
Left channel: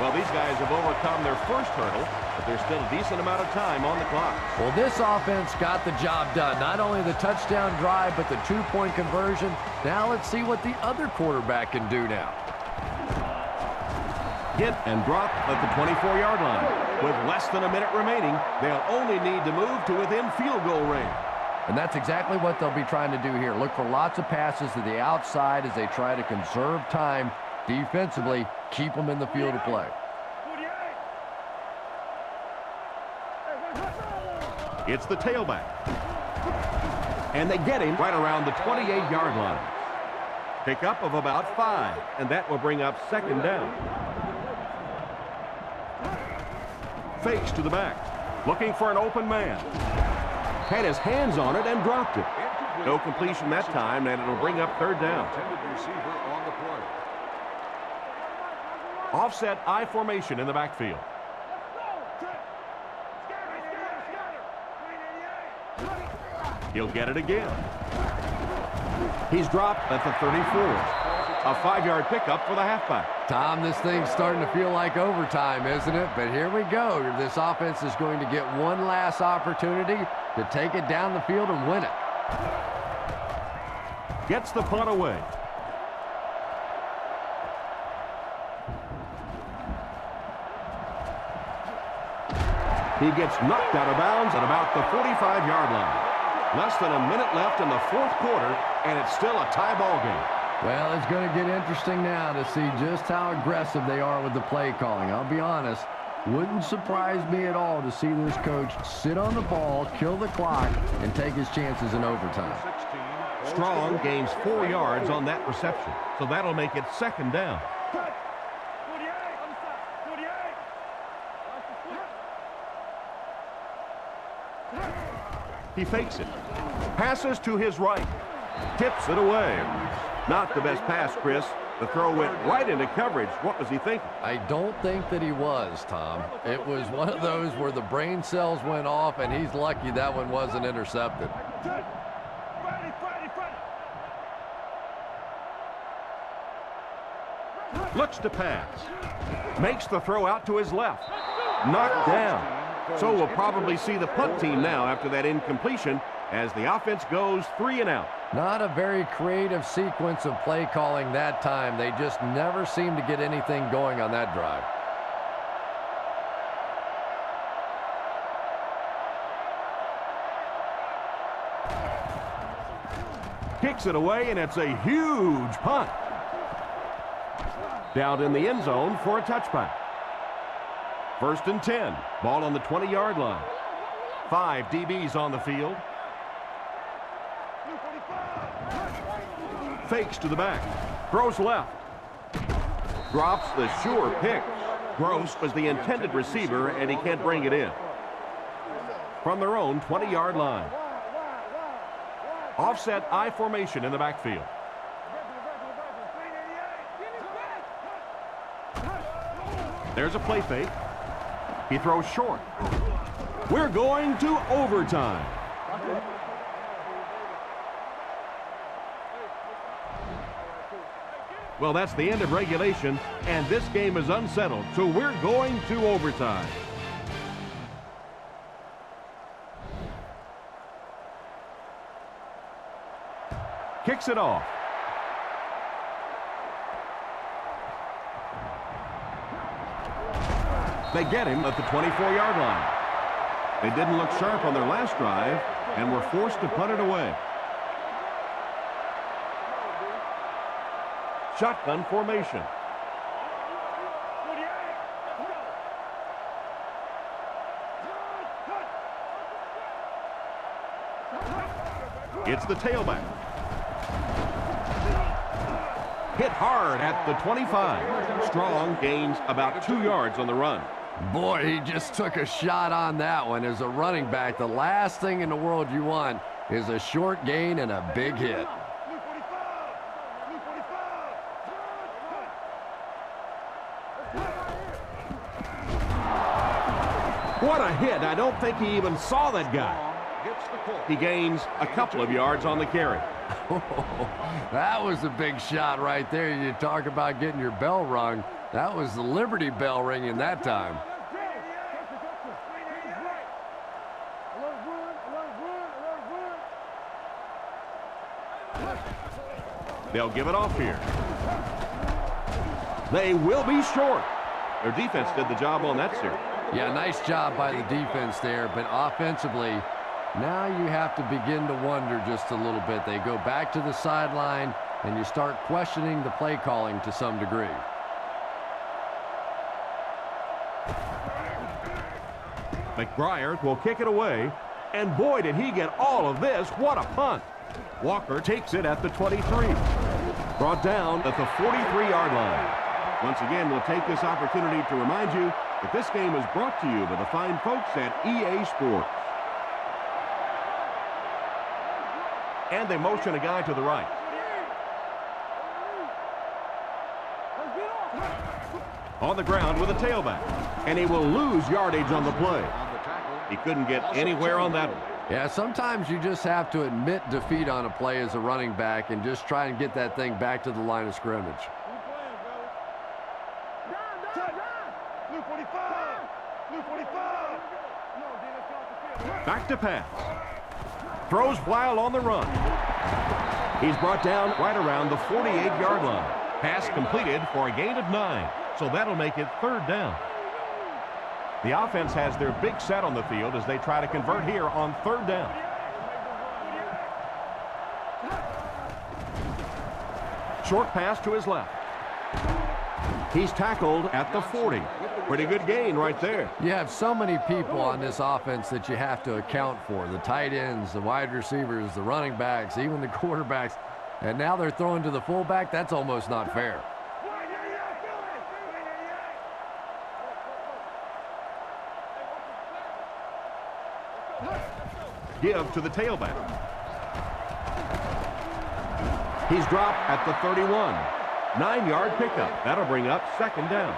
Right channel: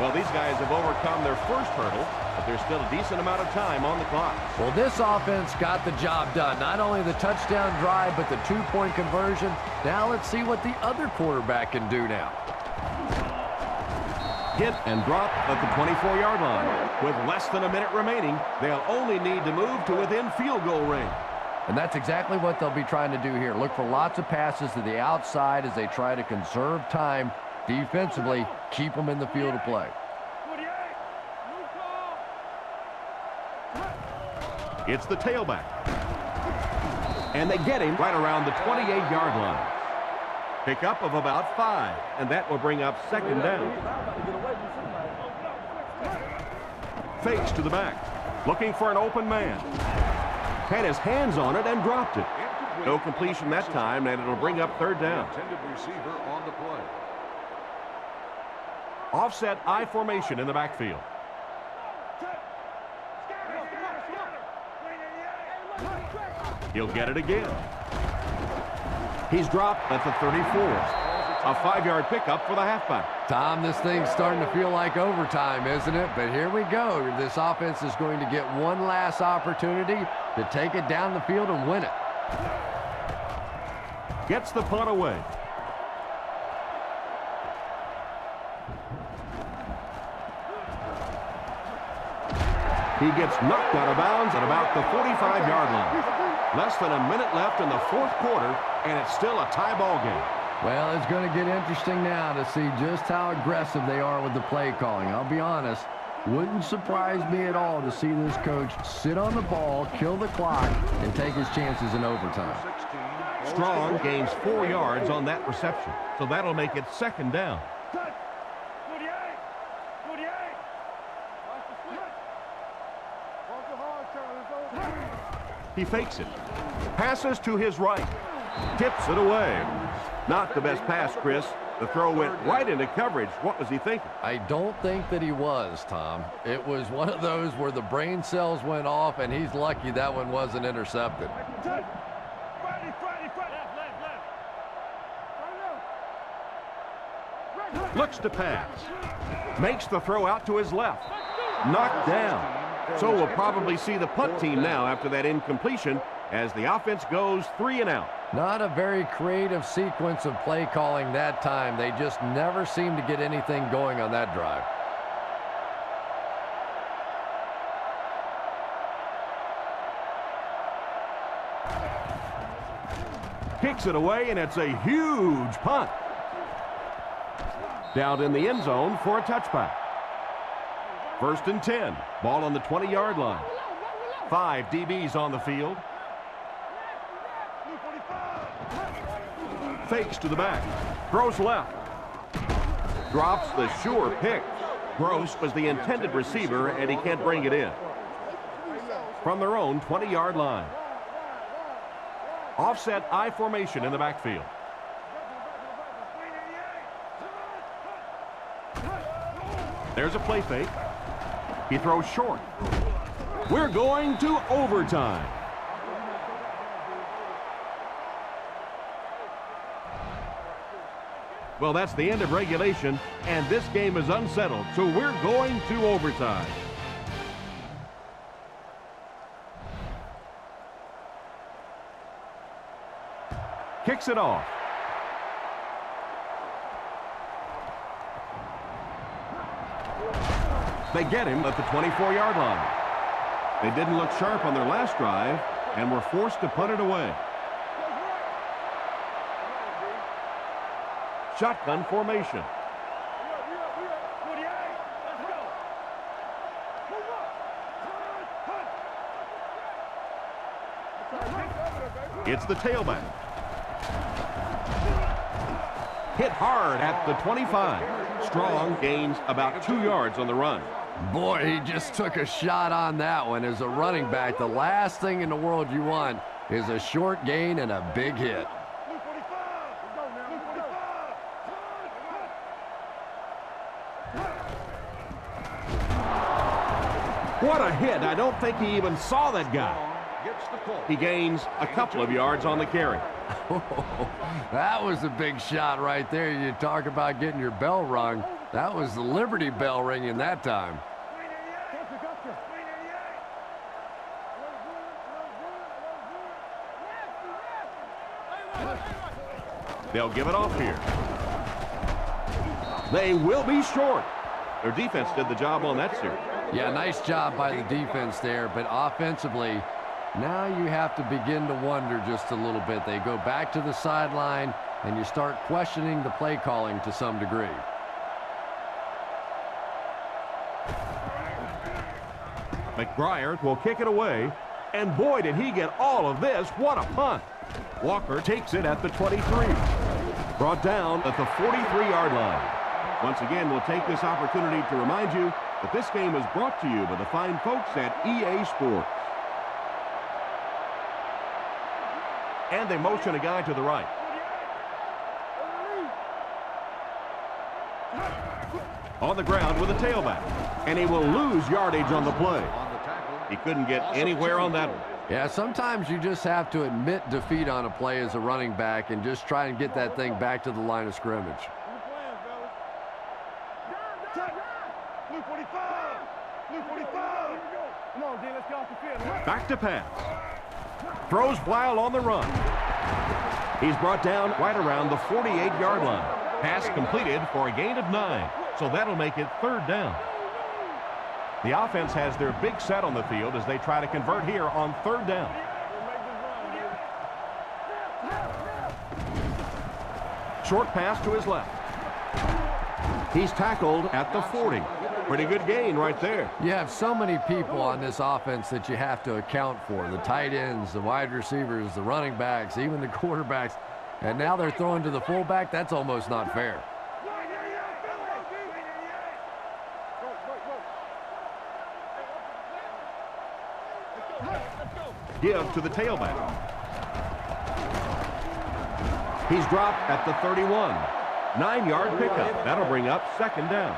Well, these guys have overcome their first hurdle, but there's still a decent amount of time on the clock. Well, this offense got the job done. Not only the touchdown drive, but the two-point conversion. Now let's see what the other quarterback can do now. Hit and drop at the 24-yard line. With less than a minute remaining, they'll only need to move to within field goal range. And that's exactly what they'll be trying to do here. Look for lots of passes to the outside as they try to conserve time defensively, keep them in the field of play. It's the tailback. And they get him right around the 28-yard line. Pickup of about 5, and that will bring up second down. Fakes to the back, looking for an open man. Had his hands on it and dropped it. No completion that time, and it'll bring up third down. Offset I formation in the backfield. He'll get it again. He's dropped at the 34. A 5-yard pickup for the halfback. Tom, this thing's starting to feel like overtime, isn't it? But here we go. This offense is going to get one last opportunity to take it down the field and win it. Gets the punt away. He gets knocked out of bounds at about the 45-yard line. Less than a minute left in the fourth quarter, and it's still a tie ball game. Well, it's going to get interesting now to see just how aggressive they are with the play calling. I'll be honest, wouldn't surprise me at all to see this coach sit on the ball, kill the clock, and take his chances in overtime. Strong gains 4 yards on that reception, so that'll make it second down. He fakes it. Passes to his right. Tips it away. Not the best pass, Chris. The throw went right into coverage. What was he thinking? I don't think that he was, Tom. It was one of those where the brain cells went off, and he's lucky that one wasn't intercepted. Looks to pass. Makes the throw out to his left. Knocked down. So we'll probably see the punt team now after that incompletion as the offense goes 3 and out. Not a very creative sequence of play calling that time. They just never seemed to get anything going on that drive. Kicks it away, and it's a huge punt. Down in the end zone for a touchback. 1st and 10. Ball on the 20-yard line. 5 DBs on the field. Fakes to the back. Throws left. Drops the sure pick. Gross was the intended receiver, and he can't bring it in. From their own 20-yard line. Offset I formation in the backfield. There's a play fake. He throws short. We're going to overtime. Well, that's the end of regulation, and this game is unsettled, so we're going to overtime. picks it off. They get him at the 24-yard line. They didn't look sharp on their last drive and were forced to punt it away. Shotgun formation. It's the tailback. Hit hard at the 25. Strong gains about 2 yards on the run. Boy, he just took a shot on that one. As a running back, the last thing in the world you want is a short gain and a big hit. What a hit. I don't think he even saw that guy. He gains a couple of yards on the carry. That was a big shot right there. You talk about getting your bell rung. That was the Liberty Bell ringing that time. They'll give it off here. They will be short. Their defense did the job on that series. Yeah, nice job by the defense there, but offensively, now you have to begin to wonder just a little bit. They go back to the sideline, and you start questioning the play calling to some degree. McBriar will kick it away, and boy, did he get all of this. What a punt. Walker takes it at the 23. Brought down at the 43-yard line. Once again, we'll take this opportunity to remind you that this game is brought to you by the fine folks at EA Sports. And they motion a guy to the right. On the ground with a tailback. And he will lose yardage on the play. He couldn't get anywhere on that one. Yeah, sometimes you just have to admit defeat on a play as a running back and just try and get that thing back to the line of scrimmage. Blue 45! Blue 45! Come on, D, let's get off the field. Back to pass. Throws while on the run. He's brought down right around the 48-yard line. Pass completed for a gain of 9. So that'll make it 3rd down. The offense has their big set on the field as they try to convert here on 3rd down. Short pass to his left. He's tackled at the 40. Pretty good gain right there. You have so many people on this offense that you have to account for. The tight ends, the wide receivers, the running backs, even the quarterbacks. And now they're throwing to the fullback. That's almost not fair. Give to the tailback. He's dropped at the 31. 9-yard pickup. That'll bring up 2nd down.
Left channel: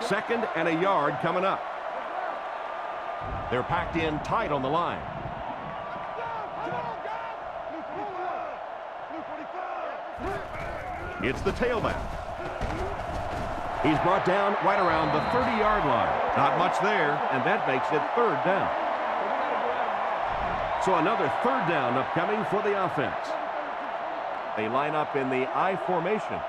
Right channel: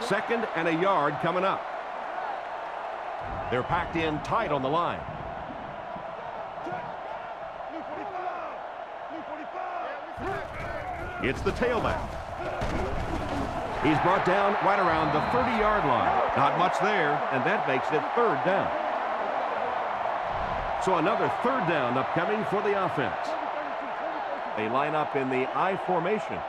2nd and a yard coming up. They're packed in tight on the line. It's the tailback. He's brought down right around the 30-yard line. Not much there, and that makes it 3rd down. So another 3rd down upcoming for the offense. They line up in the I formation.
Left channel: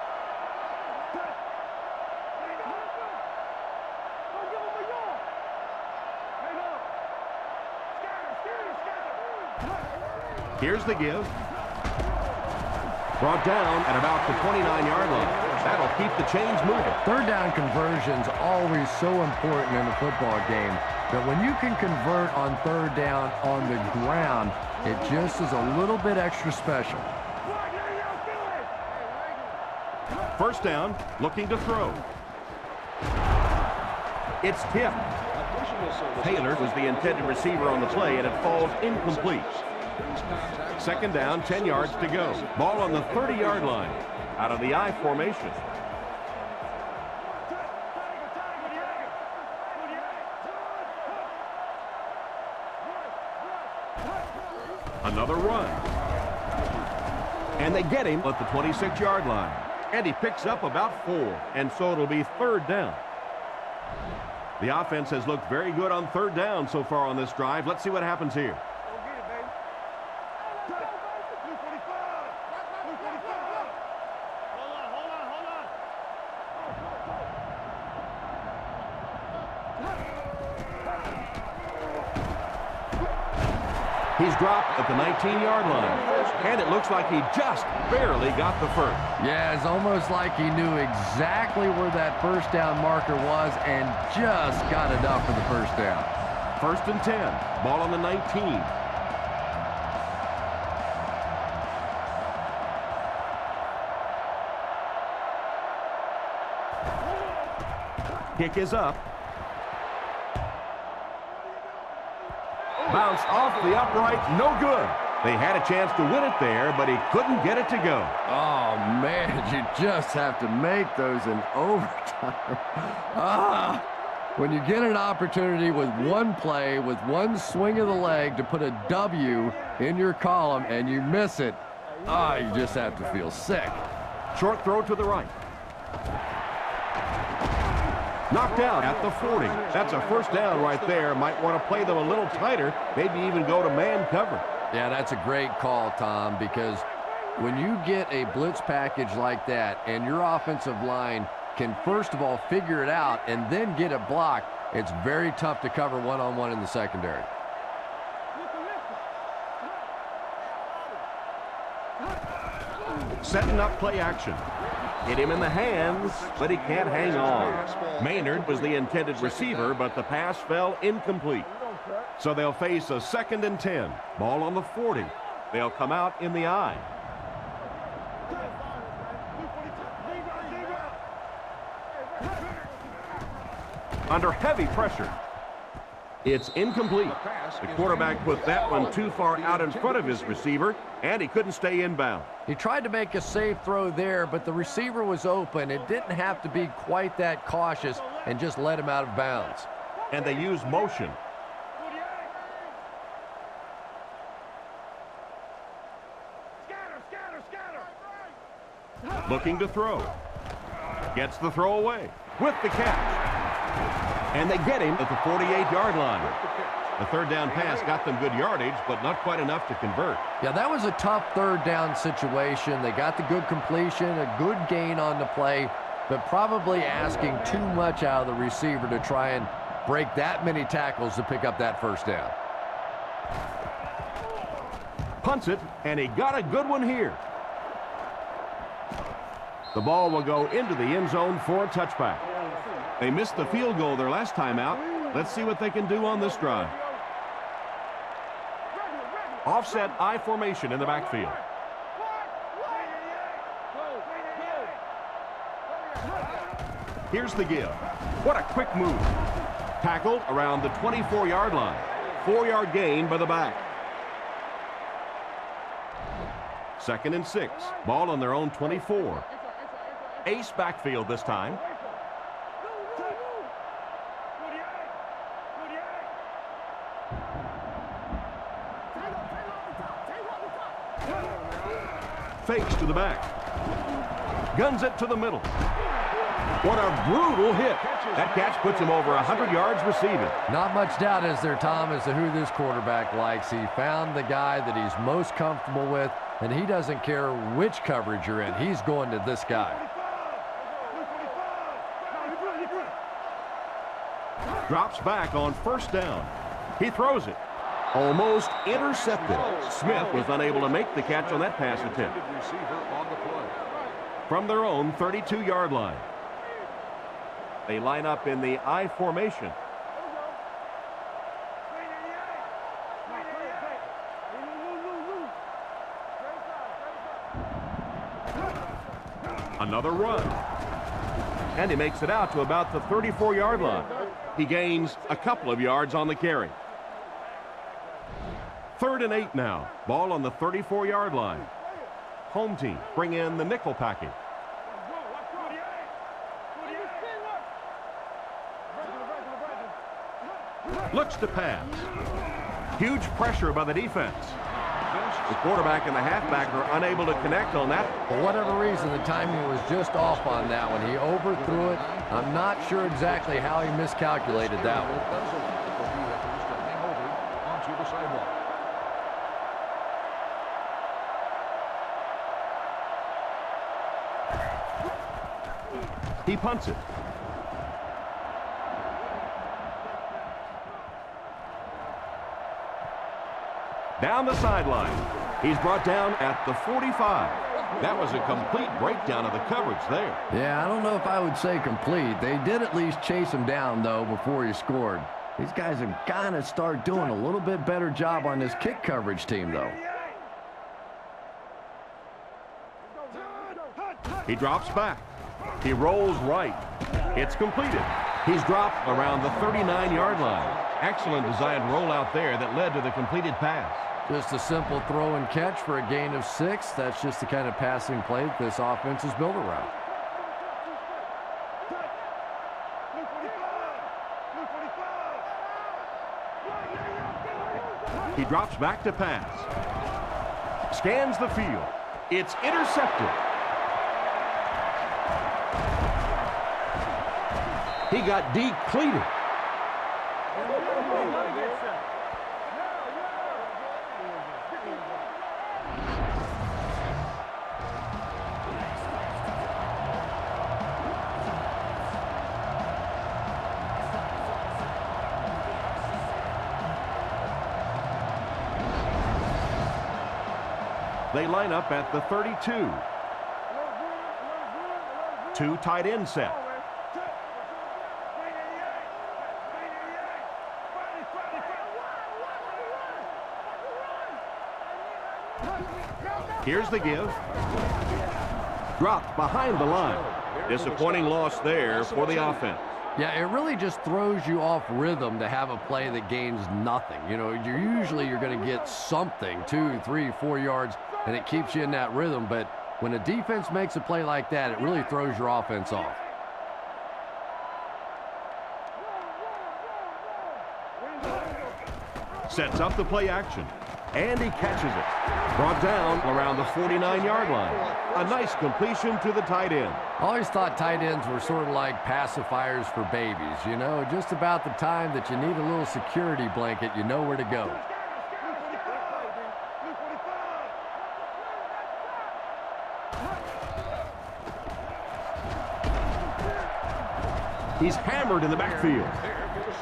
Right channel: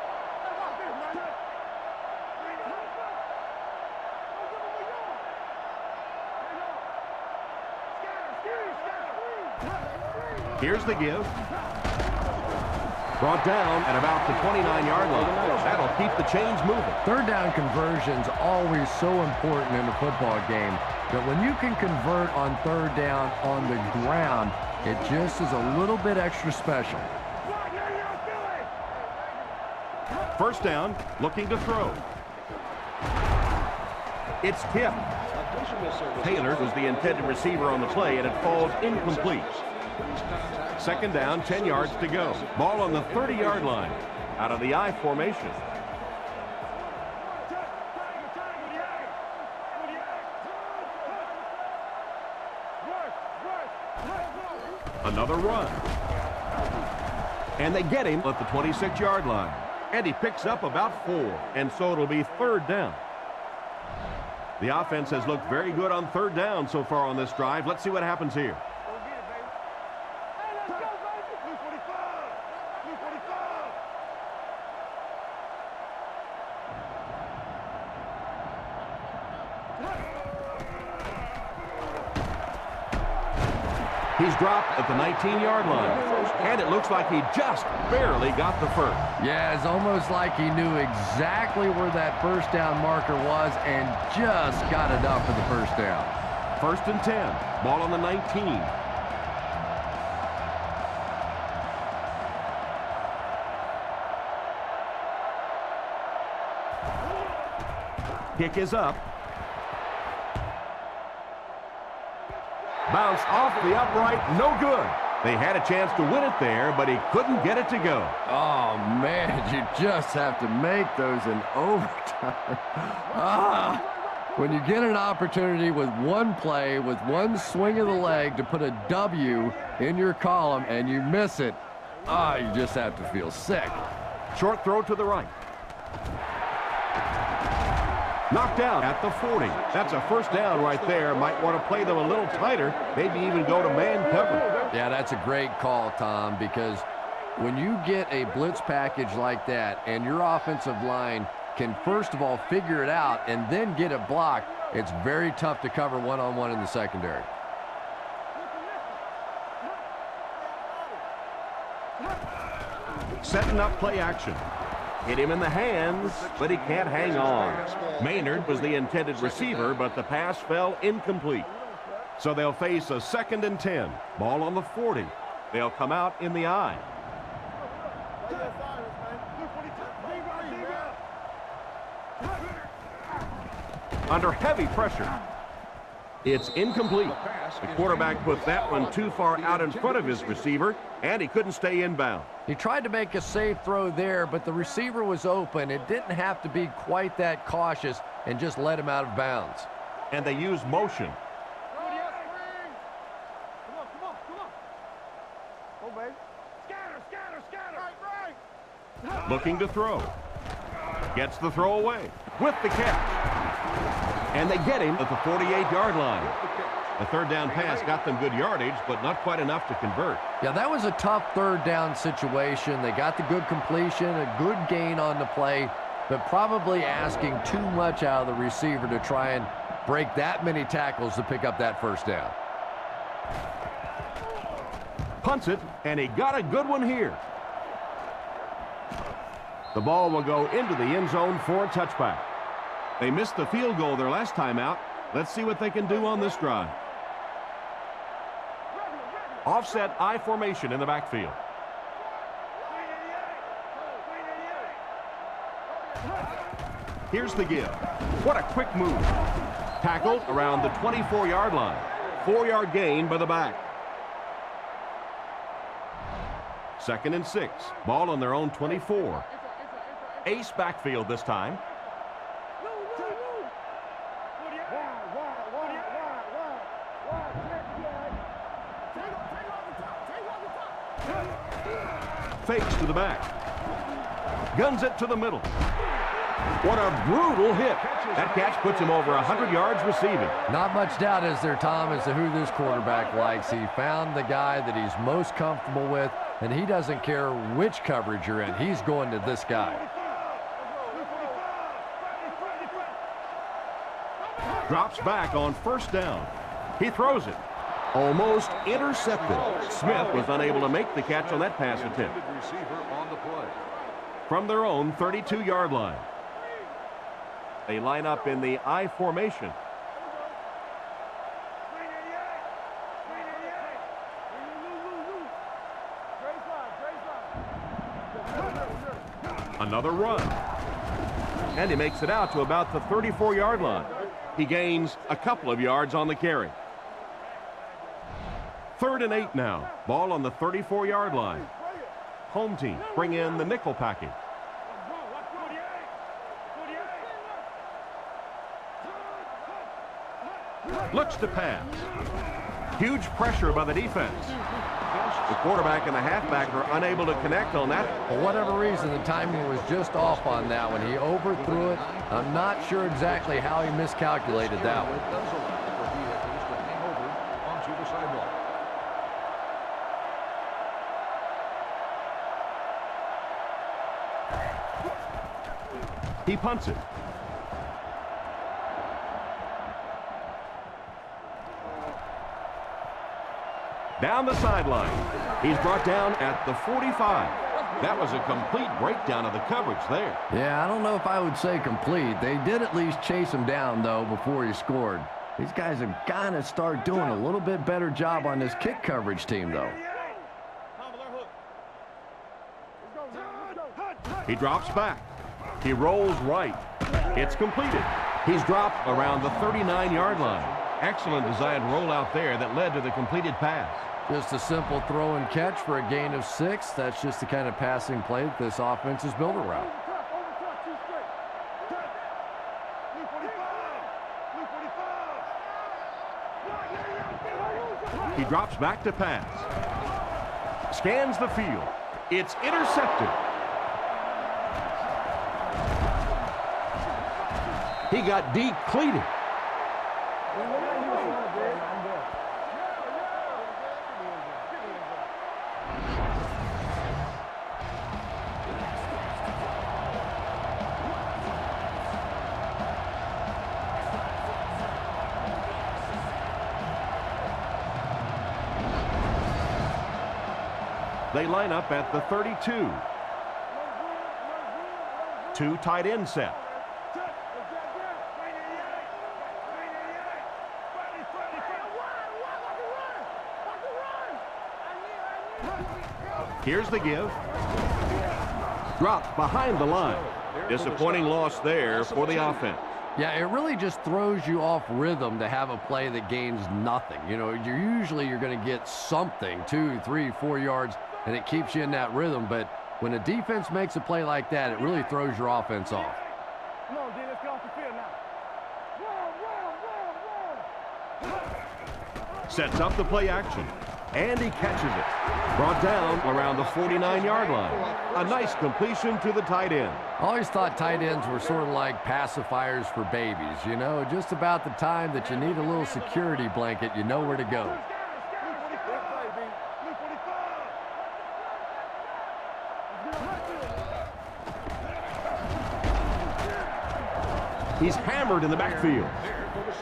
Here's the give. Brought down at about the 29-yard line. That'll keep the chains moving. 3rd down conversion's always so important in a football game. But when you can convert on 3rd down on the ground, it just is a little bit extra special. 1st down, looking to throw. It's tipped. Taylor was the intended receiver on the play, and it falls incomplete. 2nd down, 10 yards to go. Ball on the 30-yard line, out of the I formation. Another run. And they get him at the 26-yard line. And he picks up about 4, and so it'll be 3rd down. The offense has looked very good on 3rd down so far on this drive. Let's see what happens here. Go get it, baby. Hey, let's go, baby. Blue 45. He's dropped at the 19-yard line, and it looks like he just barely got the first. Yeah, it's almost like he knew exactly where that first down marker was and just got enough for the first down. 1st and 10, ball on the 19. Kick is up. Bounced off the upright, no good. They had a chance to win it there, but he couldn't get it to go. Oh, man, you just have to make those in overtime. When you get an opportunity with one play, with one swing of the leg to put a W in your column and you miss it, you just have to feel sick. Short throw to the right. Knocked out at the 40. That's a first down right there. Might want to play them a little tighter, maybe even go to man coverage. Yeah, that's a great call, Tom, because when you get a blitz package like that and your offensive line can first of all figure it out and then get it blocked, it's very tough to cover one-on-one in the secondary. Setting up play action. Hit him in the hands, but he can't hang on. Maynard was the intended receiver, but the pass fell incomplete. So they'll face a 2nd and 10. Ball on the 40. They'll come out in the I. Under heavy pressure. It's incomplete. The quarterback put that one too far out in front of his receiver, and he couldn't stay inbound. He tried to make a safe throw there, but the receiver was open. It didn't have to be quite that cautious and just let him out of bounds. And they use motion. Looking to throw. Gets the throw away with the catch. And they get him at the 48-yard line. The 3rd down pass got them good yardage, but not quite enough to convert. Yeah, that was a tough 3rd down situation. They got the good completion, a good gain on the play, but probably asking too much out of the receiver to try and break that many tackles to pick up that 1st down. Punts it, and he got a good one here. The ball will go into the end zone for a touchback. They missed the field goal their last time out. Let's see what they can do on this drive. Offset I formation in the backfield. Here's the give. What a quick move. Tackled around the 24-yard line. 4-yard gain by the back. 2nd and 6. Ball on their own 24. Ace backfield this time. Fakes to the back. Guns it to the middle. What a brutal hit. That catch puts him over 100 yards receiving. Not much doubt is there, Tom, as to who this quarterback likes. He found the guy that he's most comfortable with, and he doesn't care which coverage you're in. He's going to this guy. Drops back on 1st down. He throws it. Almost intercepted. Smith was unable to make the catch on that pass attempt. From their own 32-yard line. They line up in the I formation. Another run. And he makes it out to about the 34-yard line. He gains a couple of yards on the carry. 3rd and 8 now. Ball on the 34-yard line. Home team bring in the nickel package. Looks to pass. Huge pressure by the defense. The quarterback and the halfback are unable to connect on that. For whatever reason, the timing was just off on that one. He overthrew it. I'm not sure exactly how he miscalculated that one. It does allow for vehicles to hang over onto the sidewalk. He punts it. Down the sideline. He's brought down at the 45. That was a complete breakdown of the coverage there. Yeah, I don't know if I would say complete. They did at least chase him down, though, before he scored. These guys have got to start doing a little bit better job on this kick coverage team, though. He drops back. He rolls right. It's completed. He's dropped around the 39-yard line. Excellent designed rollout there that led to the completed pass. Just a simple throw and catch for a gain of 6. That's just the kind of passing play that this offense is built around. Luke 45! Luke 45! He drops back to pass. Scans the field. It's intercepted. He got decleated. They line up at the 32. 2 tight end set. Here's the give. Dropped behind the line. Disappointing loss there for the offense. Yeah, it really just throws you off rhythm to have a play that gains nothing. You know, you're going to get something, 2, 3, 4 yards, and it keeps you in that rhythm. But when a defense makes a play like that, it really throws your offense off. Sets up the play action. And he catches it. Brought down around the 49-yard line. A nice completion to the tight end. I always thought tight ends were sort of like pacifiers for babies. You know, just about the time that you need a little security blanket, you know where to go. He's hammered in the backfield.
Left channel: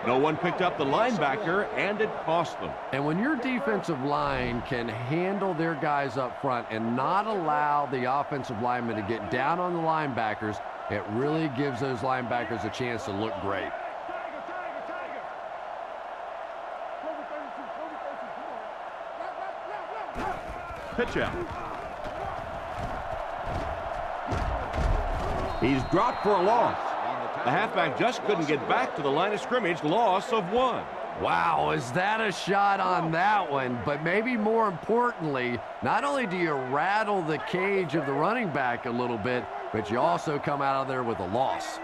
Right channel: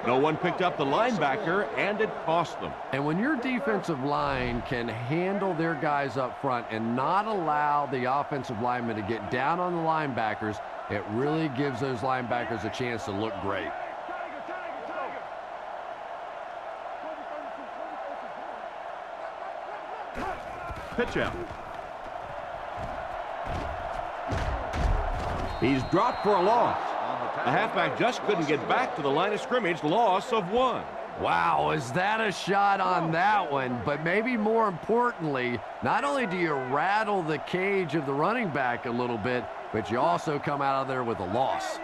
No one picked up the linebacker, and it cost them. And when your defensive line can handle their guys up front and not allow the offensive linemen to get down on the linebackers, it really gives those linebackers a chance to look great. Pitch out. He's dropped for a loss. The halfback just couldn't get back to the line of scrimmage. Loss of 1. Wow, is that a shot on that one? But maybe more importantly, not only do you rattle the cage of the running back a little bit, but you also come out of there with a loss.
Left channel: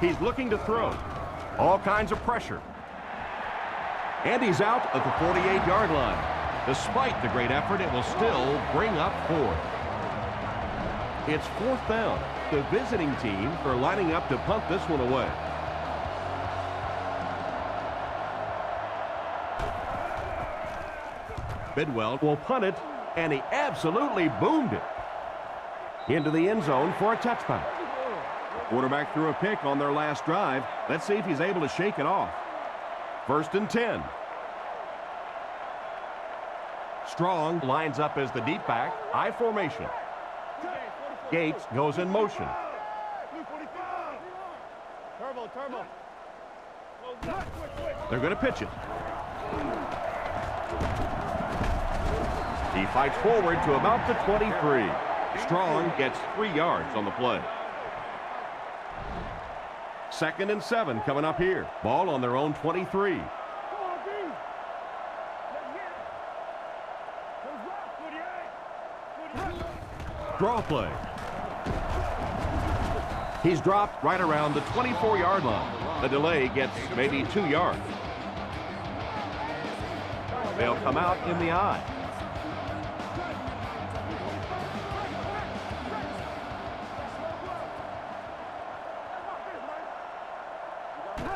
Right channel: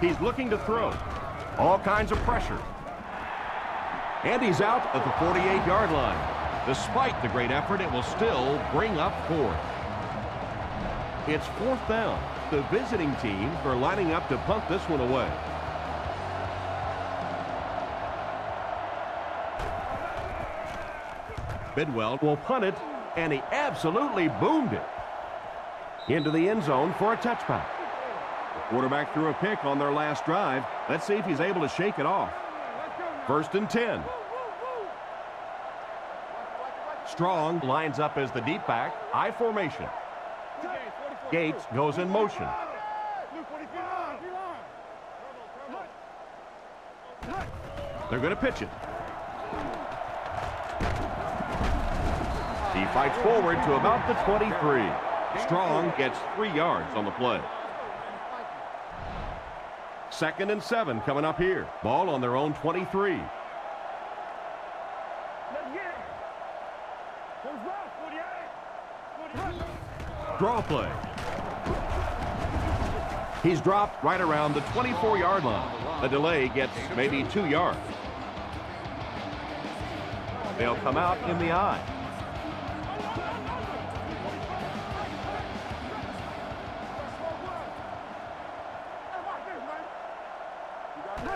He's looking to throw. All kinds of pressure. And he's out at the 48-yard line. Despite the great effort, it will still bring up 4th. It's 4th down. The visiting team are lining up to punt this one away. Bidwell will punt it, and he absolutely boomed it into the end zone for a touchback. The quarterback threw a pick on their last drive. Let's see if he's able to shake it off. 1st and 10. Strong lines up as the deep back. I formation. Gates goes in motion. They're going to pitch it. He fights forward to about the 23. Strong gets 3 yards on the play. 2nd and 7 coming up here. Ball on their own 23. Draw play. He's dropped right around the 24-yard line. The delay gets maybe 2 yards. They'll come out in the eye.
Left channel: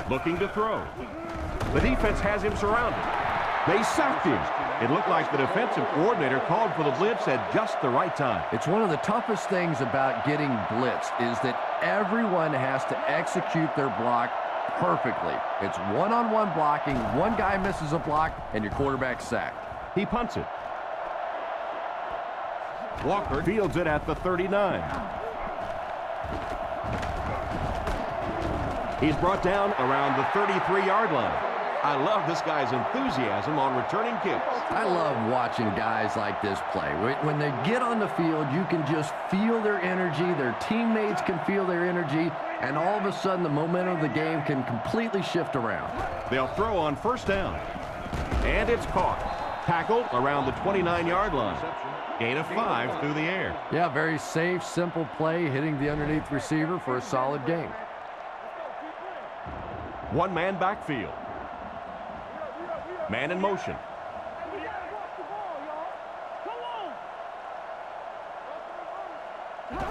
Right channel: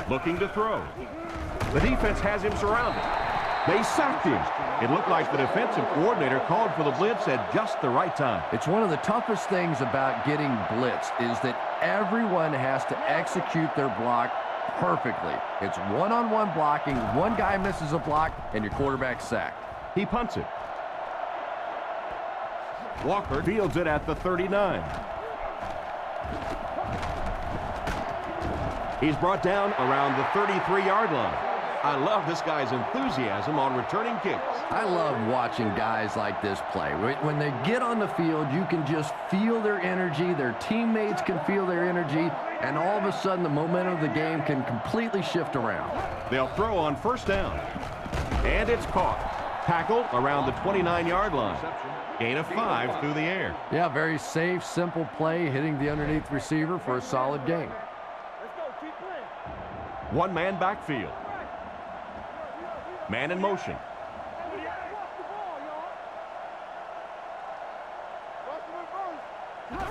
Looking to throw. The defense has him surrounded. They sacked him. It looked like the defensive coordinator called for the blitz at just the right time. It's one of the toughest things about getting blitzed is that everyone has to execute their block perfectly. It's one-on-one blocking. One guy misses a block, and your quarterback's sacked. He punts it. Walker fields it at the 39. He's brought down around the 33-yard line. I love this guy's enthusiasm on returning kicks. I love watching guys like this play. When they get on the field, you can just feel their energy. Their teammates can feel their energy, and all of a sudden the momentum of the game can completely shift around. They'll throw on first down. And it's caught. Tackled around the 29-yard line. Gain of 5 through the air. Yeah, very safe, simple play, hitting the underneath receiver for a solid gain. Let's go. Keep playing. One-man backfield. Man in motion. Hey, we gotta watch the ball, y'all. Come on. Watch the reverse.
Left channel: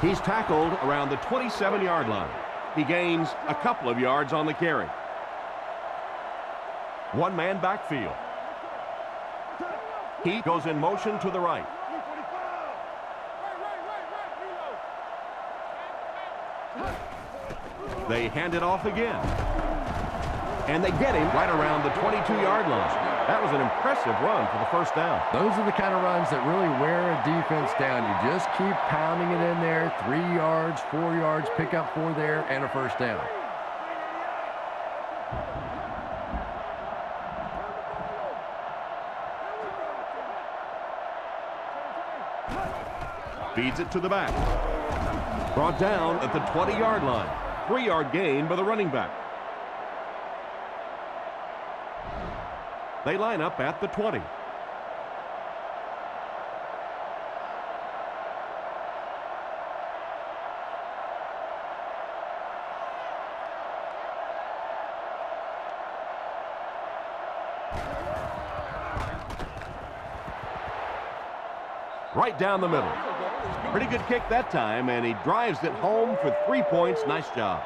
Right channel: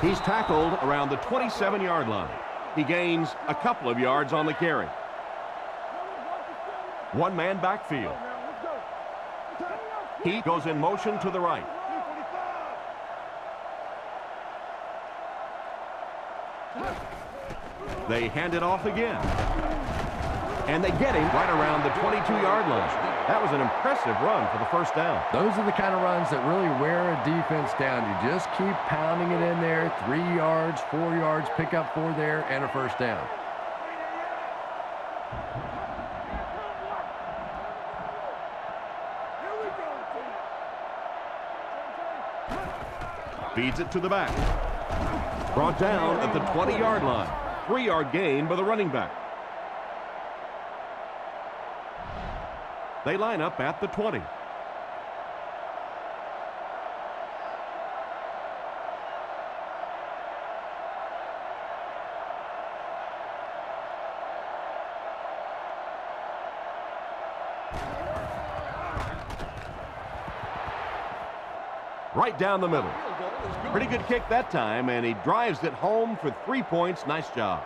He's tackled around the 27-yard line. He gains a couple of yards on the carry. One-man backfield. He goes in motion to the right. They hand it off again. And they get him right around the 22-yard line. That was an impressive run for the first down. Those are the kind of runs that really wear a defense down. You just keep pounding it in there. 3 yards, 4 yards, pick up 4 there, and a first down. Feeds it to the back. Brought down at the 20-yard line. 3-yard gain by the running back. They line up at the 20. Right down the middle. Pretty good kick that time, and he drives it home for 3 points. Nice job.